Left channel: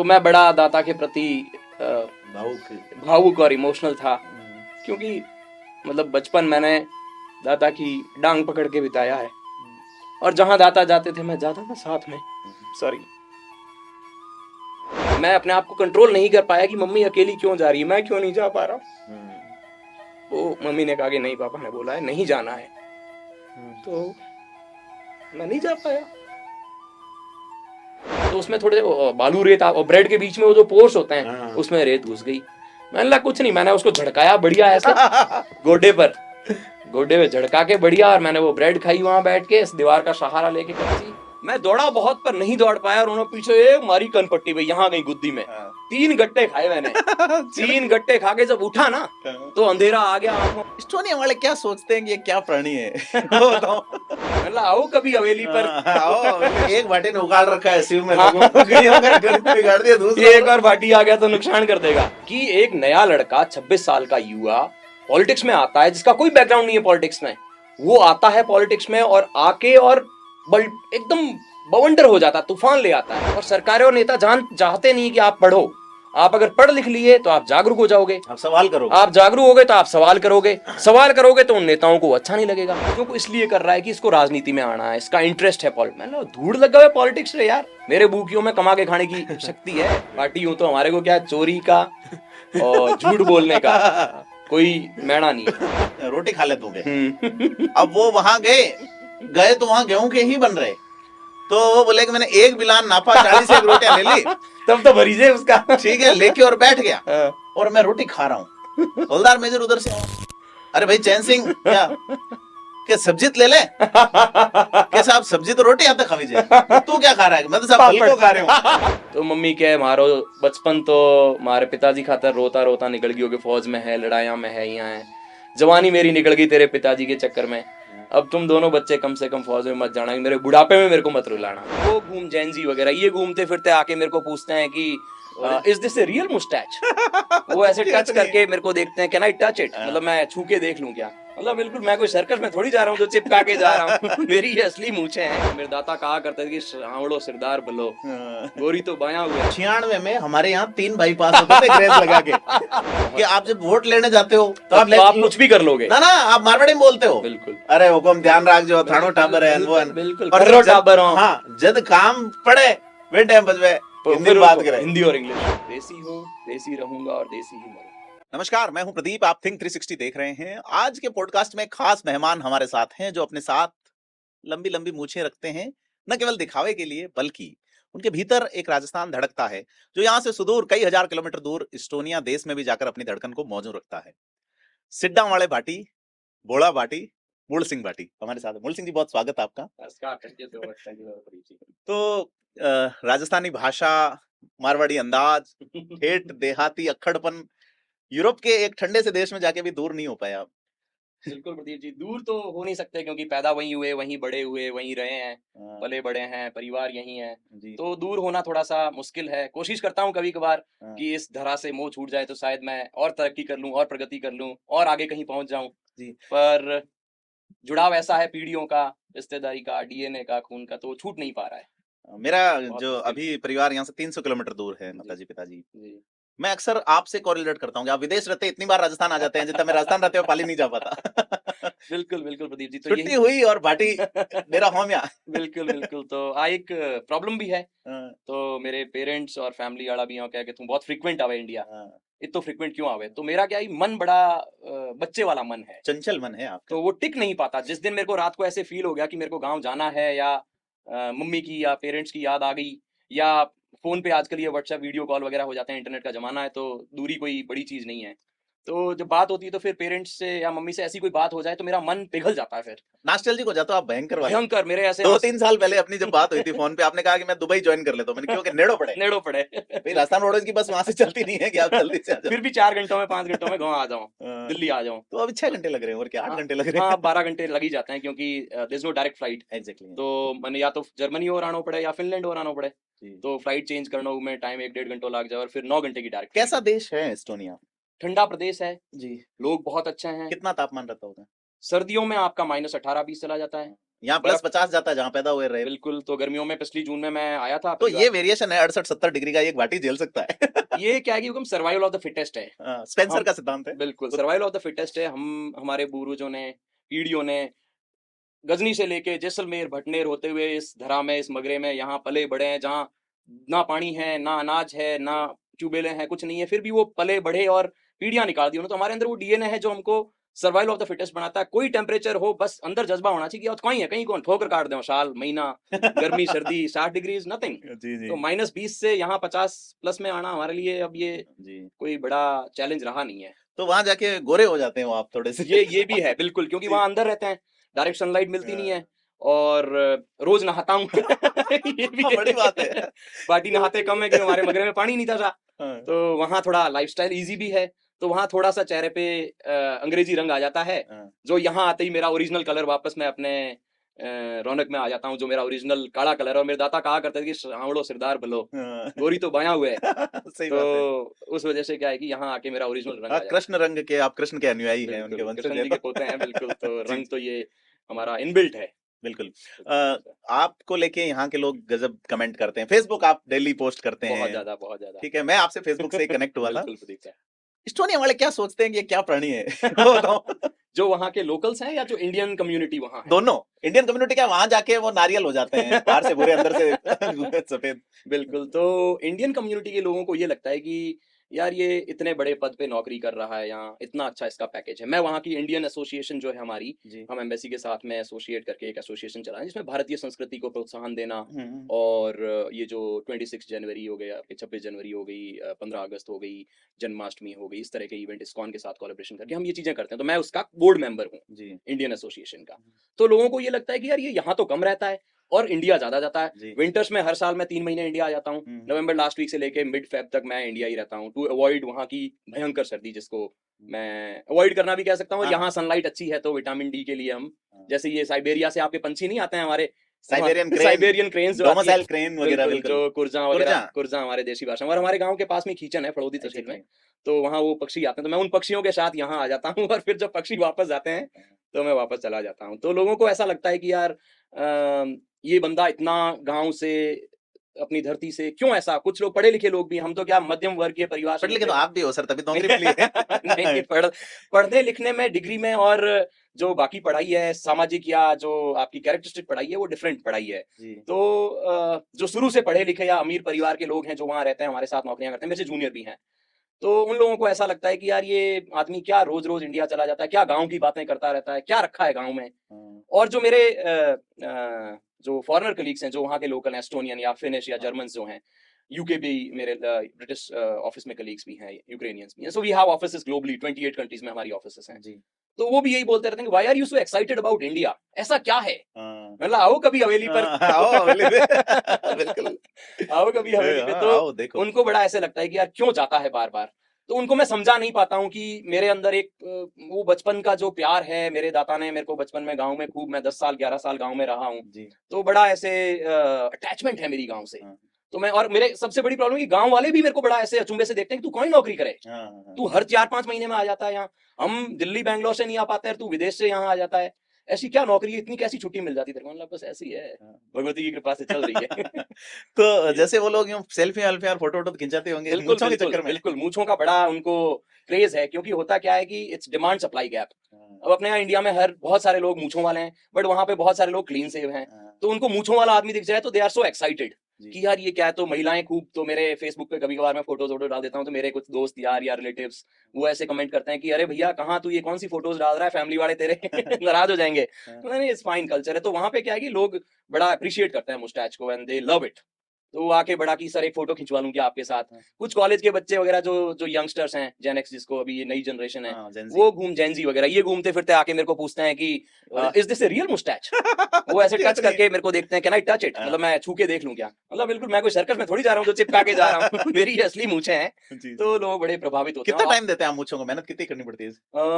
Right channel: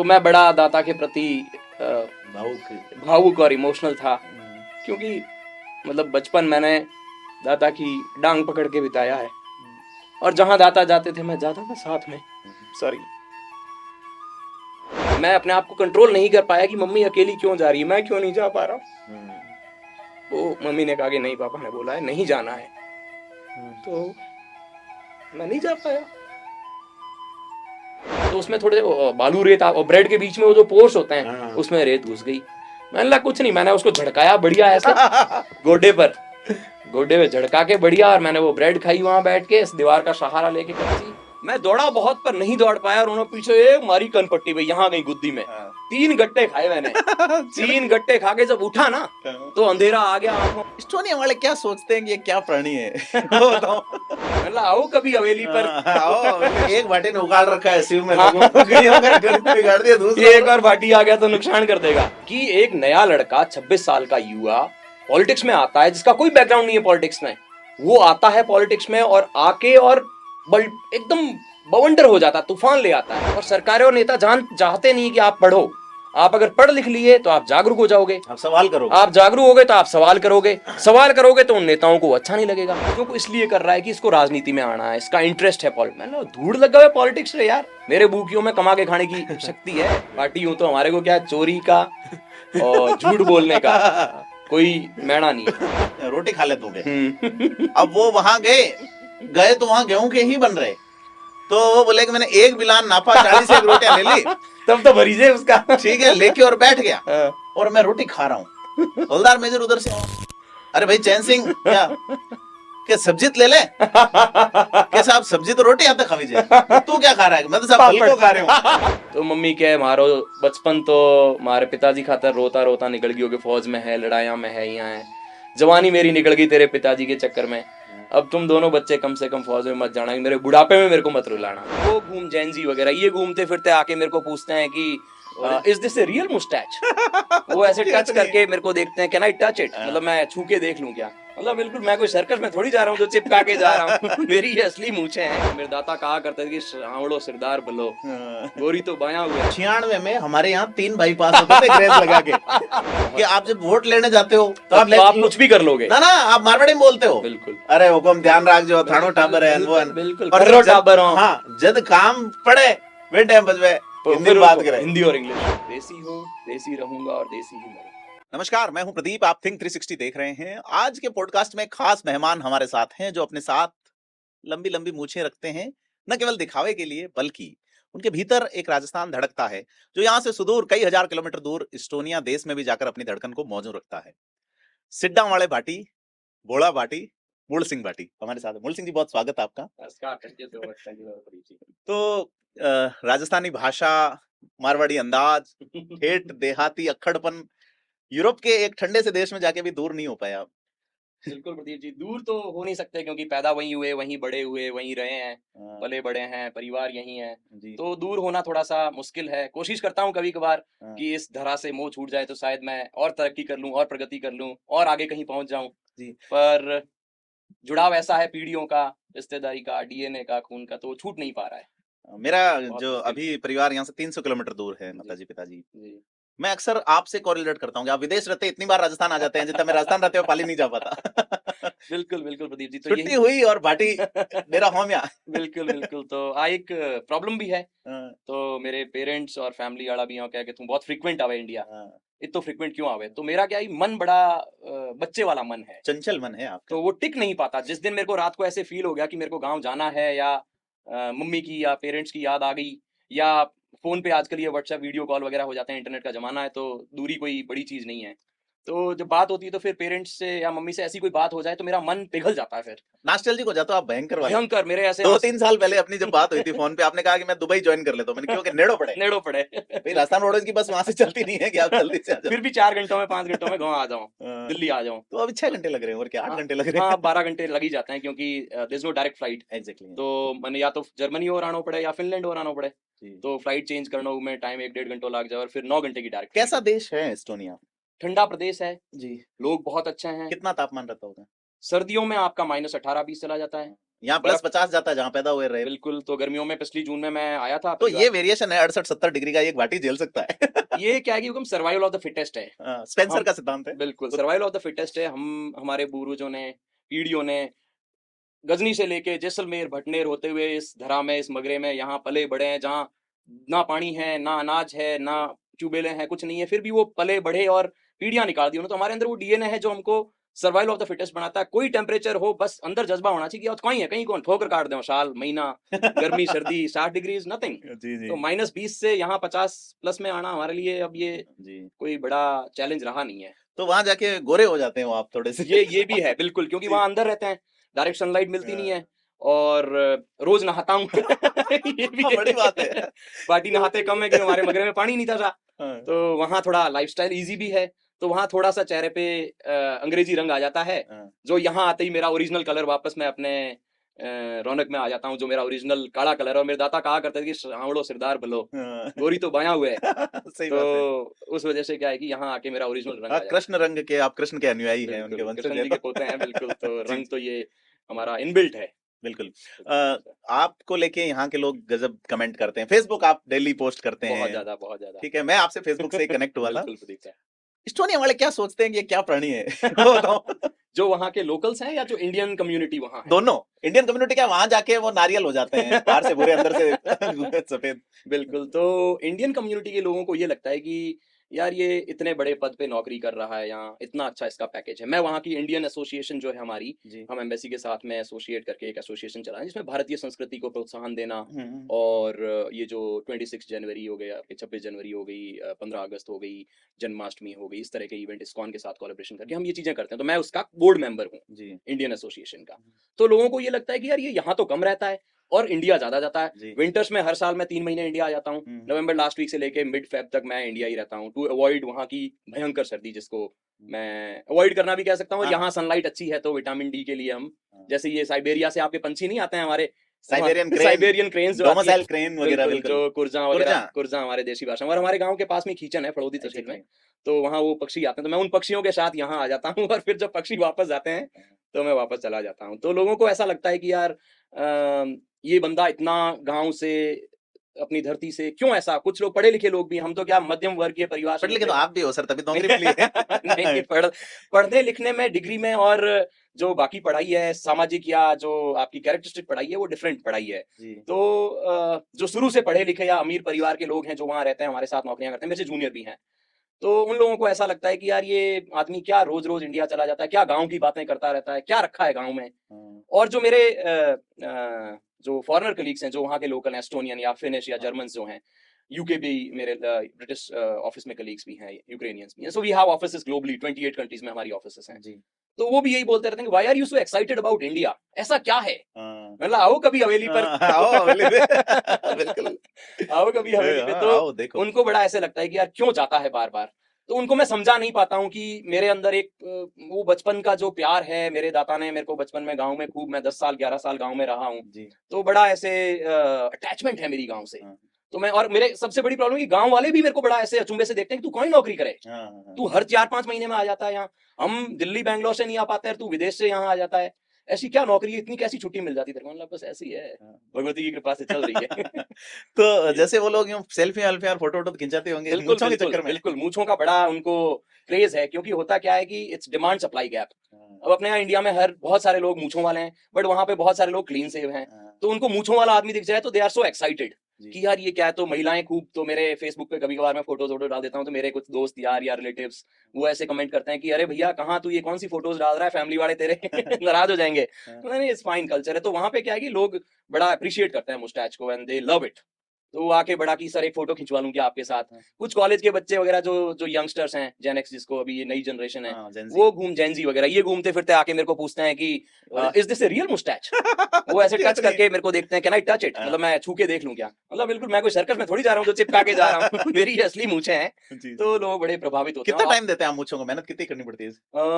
तो मैं बड़ा दाता के प्रति भावुक और इमोशनल था, क्योंकि मतलब बचपन मैंने दादा की डांग पकड़ के बिताया है और जहां दाता जाते थे मैं जाता था साथ में। सॉरी, मैं अपने आप को कंट्रोल नहीं कर पाया कि मम्मी अकेली क्यों जा रही है, मैं क्यों नहीं जा पा रहा हूँ। वो मम्मी ने कहा कि नहीं, पापा ने बोला है नहीं जाना है, तो मैं नहीं जा पाया। तो उसमें थोड़े बालू रेत और ब्रेड के बीच में वो जो पोर्स होते हैं उसमें रेत घुस गई। मैंने कहा कुछ नहीं, मैंने उसको झड़काया बढ़िया ऐसे गोड्डे पे झड़का के बढ़िया, और मैंने वो ब्रेड खाई वहां बैठ के इस दीवार का सहारा लेके कच्ची। मैं दौड़ा बहुत पर नहीं दौड़ पाया, और उन्होंने पीछे एक मारी कनपट्टी पे, यहाँ गई गुद्दी में। 3 गट्टे खाए मैंने। 3 गट्टे खा के जब उठा ना तो अंधेरा आ गया आंखों। एस्टोनिया वाले क्या सोचते हैं कि ये क्या प्राणी है? मतलब आओ कभी हवेली पर, आओ। एक भाटी ने उगाड़ रखा है शिव में, लोगों को बिगाड़ दिया। दूसरा एक और भाटी आ गया तो नुकसान कर देगा। कि एक नया लड़का 26 साल का युवा पॉलिटिक्स में आता है, जिसका कोई बैकग्राउंड नहीं है पॉलिटिक्स में, वो आता है पॉलिटिक्स में और आके और एकदम बवंडर हो जाता, तूफान ले आता है। और सरकारें और नेता चाहते नहीं कि आप पढ़ो। आप अगर पढ़ लिख लिए तो आप जागरूक हो जाओगे, आप सवाल करोगे, आप जागरूक होगे तो आप सवाल करोगे तो उन नेताओं को अच्छा नहीं लगेगा, क्योंकि इसलिए कर रहा है कि इसको राजनीति में आना है, इसका इंटरेस्ट है पॉलिटिक्स में। धूड़ लगा हुआ पॉलिटिक्स रे यार, मेरे बूकियों में कमा के खाने की शक्ति है। पार्टी हूं तो हमारे को क्या चोरी का और झूठ बोलने का कोई मैणा नहीं है। रोटी खा लेते होंगे। अब वो वहां गए तो वहां गेहूं के ही बन रहे, तो वो बोले कि मैंने एक बिलान नापा, 40 एक रोटियां ले ली। तब तो भरी जाए उसका, ठीक है, लेके और बैठ गया और मैं रोटी खा रहा हूँ। हवलदार मेजर उधर से, अरे भाई चैन सिंह, क्या सब्जी ले ले? कैसा आप सब्जी तो रोटी आते खावी जाए, तू क्या खा रहा है? मैं तो सब फल को खा रहा हूँ। तो मम्मी क्या मारो बचपन तो हमारे पिताजी खातर रोता रोता निकल गई होगी, फौज में है, लड़ाइयां में है, यहाँ है। जवानी मेरी निकल गई तेरे पिताजी के चक्कर में। अब तुम दोनों बच्चे कम से कम फौज में मत जाना, मेरे बुढ़ापे में मेरे को मत रुलाना। वो घूम जैनजी वगैरह ये घूमते फिरते आके मेरे को पूछते हैं कि is this a real moustache? वो ऐसे टच करके मेरे को देखते हैं, कैन आई टच इट? मतलब मैं छू के देख लूं क्या? मतलब बिल्कुल मैं कोई सर्कस में थोड़ी जा रहा हूँ जो चिपका के जा रहा हूँ। मेरी ये असली मूछें हैं। मेरे दाता कहा करते थे कि सांवड़ो सिरदार बलो, गोरी तो बायां हुए। 96 में हमारे यहाँ 3 भाई पास होते थे ग्रेस लगा के कि आप जब वोट लेने जाते हो तो आप कुछ भी कर लोगे ना, आप मारवाड़ी में बोलते हो। बिल्कुल, अरे हुकुम ध्यान रख जो थानो टाबर है, बिल्कुल और टाबर हो। हाँ, जब काम पड़े वे टाइम बजवे हिंदी बात करें, हिंदी और इंग्लिश। देसी हो, देसी रहूंगा और देसी ही मरूंगा। नमस्कार, मैं हूं प्रदीप, आप थिंक 360 देख रहे हैं। आज के पॉडकास्ट में खास मेहमान हमारे साथ हैं जो अपने साथ लंबी लंबी मूछें रखते हैं, न केवल दिखावे के लिए बल्कि उनके भीतर एक राजस्थान धड़कता है जो यहाँ से सुदूर कई हजार किलोमीटर दूर एस्टोनिया देश में भी जाकर अपनी धड़कन को मौजूद रखता है। सिड्डा वाले भाटी, बोड़ा भाटी, मूल सिंह भाटी हमारे साथ है। मूल सिंह जी, बहुत स्वागत है आपका। तो राजस्थानी भाषा, मारवाड़ी अंदाज, ठेठ देहाती अक्खड़पन, यूरोप के एक ठंडे से देश में जाके भी दूर नहीं हो पाया। बिल्कुल प्रदीप जी, दूर तो हो नहीं सकते क्योंकि पैदा वहीं हुए, वहीं बड़े हुए, वहीं रहे हैं, पले बड़े हैं, परिवार यहीं है, तो दूर होना थोड़ा सा मुश्किल है। कोशिश करता हूँ कभी कभार कि इस धरा से मोह छूट जाए तो शायद मैं और तरक्की कर लूँ और प्रगति कर लूँ और आगे कहीं पहुंच जाऊं, पर जुड़ाव ऐसा है पीढ़ियों का, रिश्तेदारी का, डीएनए का, खून का, तो छूट नहीं पा रहा है। मेरा जो अभी परिवार यहाँ से 300 किलोमीटर दूर है, माताजी पिताजी। मैं अक्सर आपसे कोरिलेट करता हूँ कि आप विदेश रहते इतनी बार राजस्थान आ जाते हैं, जितना मैं राजस्थान रहते हो पाली नहीं जा पाता। बिल्कुल बिल्कुल प्रदीप जी, तो छुट्टी हुई और बाटी मेरा होम या। बिल्कुल बिल्कुल, तो एक प्रॉब्लम भी है। तो मेरे पेरेंट्स और फैमिली वाला भी यहाँ क्या कि तुम बहुत फ्रीक्वेंट आवे इंडिया, इतो फ्रीक्वेंट क्यों आवे? तो मेरा क्या ही मन बड़ा बच्चे वाला मन है, चंचल मन है आपका, तो वो टिक नहीं पाता। जिस दिन मेरे को रात को ऐसे फील हो गया कि मेरे को गाँव जाना है, या मम्मी की या पेरेंट्स की याद आ गई, या फोन पे आजकल ये व्हाट्सएप वीडियो कॉल वगैरह हो जाते हैं, इंटरनेट का जमाना है, तो दूरी कोई बड़ी चीज नहीं है। तो जब बात होती है तो फिर पेरेंट्स से या मम्मी से ऐसी कोई बात हो जाए तो मेरा मन पिघल जाता है। फिर नॉस्टैल्जिक हो जाता, आप भयंकर भयंकर। मेरे ऐसे 2-3 साल पहले अपनी जब बात हुई थी फोन पे, आपने कहा कि मैं दुबई ज्वाइन कर लेता हूं। मैंने क्योंकि नेड़ो पड़े राजस्थान रोडवेज की बस वहां से चलती नहीं है कि आप जल्दी से आ जाओ। फिर भी 4 घंटों में 5 घंटों में गाँव आ जाऊं, दिल्ली आ जाऊं। तो अभी 6 घंटे लग रहे हैं और क्या 8 घंटे लग रहे हैं? हाँ, 12 घंटे लग ही जाते हैं क्योंकि there is no direct flight. Exactly. तो मैंने या तो जर्मनी और आना पड़े या फिनलैंड और आना पड़े, तो फ्लाइट चेंज करना में टाइम 1-1.5 घंटा लग जाए और फिर 9 घंटे की डायरेक्ट। कैसा देश है एस्टोनिया? ठंडा प्रदेश है जी, लोग बहुत अच्छे हैं। कितना तापमान रहता होगा? सर्दियों में आपका -18-20 चला जाता है, यहाँ +50 जाता है जहाँ पैदा हुए रहे। बिल्कुल। तो गर्मियों में पिछली जून में मैं आया था तो ये वेरिएशन है 68-70 डिग्री का, ये घाटी झेल सकता है। ये क्या है कि हम सर्वाइवल ऑफ द फिटेस्ट है। स्पेंसर का सिद्धांत है। बिल्कुल सर्वाइवल ऑफ द फिटेस्ट है। हम हमारे पूर्वजों ने, पीढ़ियों ने गजनी से लेके जैसलमेर भटनेर होते हुए इस धरा में, इस मगरे में यहाँ पले बढ़े हैं, जहाँ ना पानी है, ना अनाज है, ना ट्यूबवेलें हैं, कुछ नहीं है, फिर भी वो पले बढ़े और पीढ़ियां निकाल दी उन्होंने। तो हमारे अंदर वो डीएनए है जो हमको सर्वाइवल ऑफ द फिटेस्ट बनाता है। कोई टेम्परेचर हो, बस अंदर जज्बा होना चाहिए कि और कहीं है, कहीं कौन ठोकर काट दो, साल महीना गर्मी सर्दी 60 डिग्री इज नथिंग। जी जी तो -20 से यहाँ 50 प्लस में आना हमारे लिए अब ये जी। कोई बड़ा चैलेंज रहा नहीं है। तो वहां जाके गोरे हो जाते हो आप थोड़े से। ये भी है बिल्कुल, क्योंकि वहां अंदर रहते हैं, डायरेक्ट सनलाइट मिलती नहीं है, और रोज नहाता हूँ। ये भी है। बड़ी बात है। पार्टी नहाते कम है कि हमारे मगरे में पानी नहीं था। हाँ। तो वहाँ थोड़ा लाइफस्टाइल इजी भी है, तो वहाँ थोड़ा सा चेहरे पे अंग्रेजी रंग आ जाता है, हाँ। जो यहाँ आते ही मेरा ओरिजिनल कलर वापस मैं अपने रौनक में आ जाता हूँ, जो मेरा ओरिजिनल काला कलर है। और मेरे दादा कहा करते थे कि सांवड़ो सिरदार भलो, हाँ। गोरी तो बाया हुए है। सही तो बात है। उस वजह से क्या है कि यहाँ आके मेरा ओरिजिनल रंग आ हाँ, जाता है। कृष्ण रंग के, आप कृष्ण के अनुयायी हैं, उनके बिल्कुल, वंशज कृष्ण हैं जी तो। के पोते हैं बिल्कुल। तो जी। रंग तो ये हमारा इनबिल्ट है। बिल्कुल। आपको लेके यहाँ के लोग गजब कमेंट करते हैं, फेसबुक आप डेली पोस्ट करते बहुत हैं। ज्यादा, बहुत ज्यादा। ठीक है, मैं आपसे फेसबुक से कनेक्ट हुआ था। बिल्कुल प्रदीप साहब। एस्टोनिया वाले क्या सोचते हैं कि ये क्या प्राणी है? वो जो वहाँ के लोकल्स हैं या जो इंडियन कम्युनिटी वहाँ है? दोनों इंडियन कम्युनिटी क्या, वहां जाके वो नारियल हो जाते हैं, बाहर से भूरे अंदर से सफेद। बिल्कुल। तो इंडियन कम्युनिटी के लोगों को ये लगता है कि यार ये इतने बड़े पद पे नौकरी कर रहा है, यहाँ इतना अच्छा इसका पैकेज है। मैं वहाँ की इंडियन एसोसिएशन जो है हमारी, जी। हम एम्बेसी के साथ में एसोसिएट करके एक एसोसिएशन चला है, इसमें भारतीय संस्कृति को प्रोत्साहन देना, हम्म। और ये जो 26 जनवरी हो गया, 26 जनवरी हो गई, 15 अगस्त हो गई, जन्माष्टमी हो गई, इस तरह के इवेंट इस्कॉन के साथ कोलैबोरेशन करके हम ये चीजें करते हैं। तो मैं उसका बोर्ड मेंबर हूँ जी इंडियन एसोसिएशन का। तो लोगों को ये लगता है कि यार ये यहाँ तो कम रहता है और इंडिया ज्यादा जाता है। जी। विंटर्स में हर साल मैं 3 महीने इंडिया आ जाता हूँ। नवंबर लास्ट वीक से लेके मिड फेब तक मैं इंडिया ही रहता हूँ, टू अवॉइड वहाँ की भयंकर सर्दी, जिसको मैं अवॉइड करना भी कह सकता हूँ। और हाँ। यहाँ सनलाइट अच्छी है तो विटामिन डी के लिए हम, जैसे ये साइबेरिया से आपके पंछी नहीं आते हैं हमारे, Siberian crane, Siberian cranes, domicile crane वगैरह बिल्कुल, मिलते हैं। जो कुर्जा वगैरह, कुर्जा। कुर्जा हमारे देसी भाषा में। और हमारे गांव के पास में खींचन है फड़ौदी तहसील अच्छा, में, तो वहाँ वो पक्षी आते हैं, तो मैं उन पक्षियों के साथ यहाँ आ जाता हूँ। और फिर जब पक्षी वापस जाते हैं तो मैं वापस चला जाता हूँ। तो लोगों को ऐसा लगता है कि यार ये बंदा इतना गांव से, अपनी धरती से क्यों ऐसा। कुछ लोग पढ़े लिखे लोग भी, हम तो क्या मध्यम वर्गीय परिवार से पढ़ लिखे तो निकले। आप भी हो सर, तभी नौकरी मिली है। नहीं, पढ़ने लिखने में, डिग्री में, और जो बाकी पढ़ाई है सामाजिक या जो आपकी कैरेक्टरिस्टिक पढ़ाई है वो डिफरेंट पढ़ाई है। जी। तो जो शुरू से पढ़े लिखे या अमीर परिवार के लोग हैं जो वहाँ रहते हैं, हमारे साथ नौकरियां करते हैं, मेरे से जूनियर भी हैं, तो उन लोगों को ऐसा लगता है कि यार ये आदमी क्या रोज रोज इंडिया चला जाता है, क्या गांव की बातें करता रहता है, क्या रखा है गांव में। और जो मेरे जो फॉरेनर कलीग्स हैं, जो वहाँ के लोकल एस्टोनियन या फिनिश या जर्मन जो हैं, यूके भी, मेरे ब्रिटिश ऑफिस में कलीग्स भी हैं, यूक्रेनियंस भी हैं। So we have offices globally, 28 countries में हमारी ऑफिसेस हैं। जी। तो वो भी यही बोलते रहते हैं कि why are you so excited about India, ऐसा क्या है। मतलब आओ कभी हवेली पर। आओ हवेली पे। बिल्कुल। आओ कभी हवेली पे। तो आओ देखो। उनको बड़ा ऐसा लगता है कि यार क्यों जाता है बार बार। तो उनको मैं समझा नहीं पाता हूँ कि मेरे अंदर एक वो बचपन का जो प्यार है, मेरे दादा ने मेरे को बचपन में गांव में खूब, मैं 10 साल 11 साल गांव में रहा हूँ, जी। तो बड़ा ऐसे अटैचमेंट है मेरी गांव से। तो मैं, और मेरे सबसे बड़ी प्रॉब्लम है गांव वाले भी मेरे को बड़ा ऐसे अचंभे से देखते हैं, तू कहीं नौकरी करे, तू हर 4-5 महीने में आ जाता है यहाँ, हम दिल्ली बैंगलोर से नहीं आ पाते हैं, तू विदेश से यहाँ आ जाता है, ऐसी क्या नौकरी है, इतनी कैसी छुट्टी मिल जाती है। बस ऐसी है, भगवती की कृपा से चल रही है। तो जैसे वो लोग यूं सेल्फी अल्फी और फोटो वोटो खिंचाते होंगे बिल्कुल मूंछों के बिल्कुल चक्कर में। बिल्कुल, मूंछों का बड़ा उनको क्रेज है, क्योंकि होता क्या है कि इट्स डिमांड सप्लाई गैप। अब अपने यहाँ इंडिया में हर बहुत सारे लोग मूंछों वाले हैं, बट वहाँ पे बहुत सारे लोग क्लीन सेव हैं, तो उनको मूंछों वाला आदमी दिख जाए तो दे आर सो एक्साइटेड कि यार ये क्या है। तो महिलाएं खूब, तो मेरे फेसबुक पे कभी कभार मैं फोटोज वोटो डाल देता हूँ, तो मेरे कुछ दोस्त यार या रिलेटिव्स वो ऐसे कमेंट करते हैं कि अरे भैया कहाँ तू ये कौन सी फोटोज डाल रहा है, फैमिली वाले तेरे नाराज हो जाएंगे। तो नहीं, इट्स फाइन कल्चर है। तो वहाँ पे क्या है कि लोग बड़ा अप्रिशिएट करते हैं मुस्टैच को एंड दे लव इट। तो वो आके बड़ा की सर एक फोटो खिंचवा लूं क्या आपके साथ। कुछ कॉलेज के बच्चे वगैरह जो जो यंगस्टर्स हैं, जेन एक्स जिसको अभी ये नई जनरेशन है, वो जेनजी वगैरह ये घूमते फिरते आके मेरे को पूछते हैं कि is this a real moustache. वो ऐसे टच करके मेरे को देखते हैं, कैन आई टच इट, मतलब मैं छू के देख लूं क्या। मतलब बिल्कुल मैं कोई सर्कस में थोड़ी जा रहा हूँ जो चिपका के जा रहा हूँ। मेरी असली मूंछें हैं। तो लोग बड़े प्रभावित होते हैं। कितना टाइम देते हैं आप मूंछों को, मेहनत कितनी करनी पड़ती है?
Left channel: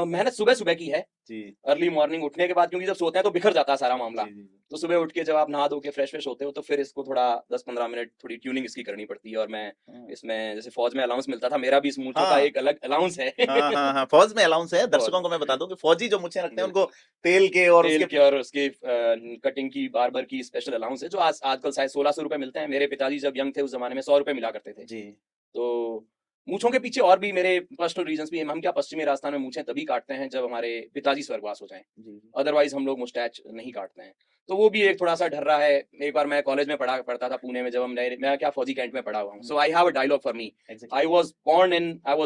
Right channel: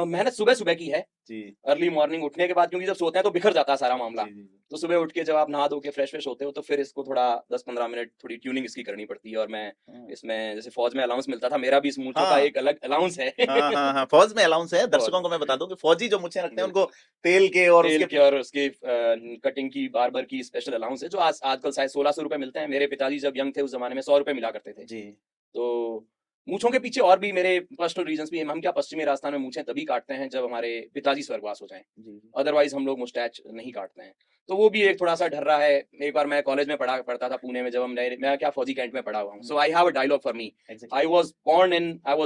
मेहनत सुबह सुबह की है जी। अर्ली मॉर्निंग उठने के बाद, क्योंकि जब सोते हैं तो बिखर जाता है सारा मामला। जी। तो सुबह उठ के जब आप नहा धो के फ्रेश फ्रेश होते हो तो फिर इसको थोड़ा 10-15 मिनट मैंने थोड़ी ट्यूनिंग इसकी करनी पड़ती है, और मैं इसमें जैसे फौज में अलाउंस मिलता था, मेरा भी इस मूंछों का हाँ। एक अलग अलाउंस है। हाँ, फौज में अलाउंस है। फौज दर्शकों को मैं बता दूं कि फौजी जो मुझे रखते हैं उनको तेल के और तेल उसके के और उसकी कटिंग की, बार्बर की स्पेशल अलाउंस है, जो आजकल शायद 1600 रुपए मिलते हैं। मेरे पिताजी जब यंग थे उस जमाने में 100 रुपए मिला करते थे। जी। तो मूंछों के पीछे और भी मेरे पर्सनल रीजंस भी हैं। हम क्या पश्चिमी राजस्थान में मूंछें तभी काटते हैं जब हमारे पिताजी स्वर्गवास हो जाएं, अदरवाइज हम लोग मुस्टैच नहीं काटते हैं। तो वो भी एक थोड़ा सा ढर रहा है। एक बार मैं कॉलेज में पढ़ता था पुणे में, जब मैं क्या फौजी कैंट में पढ़ा हुआ हूँ। So I have a dialogue for me. I was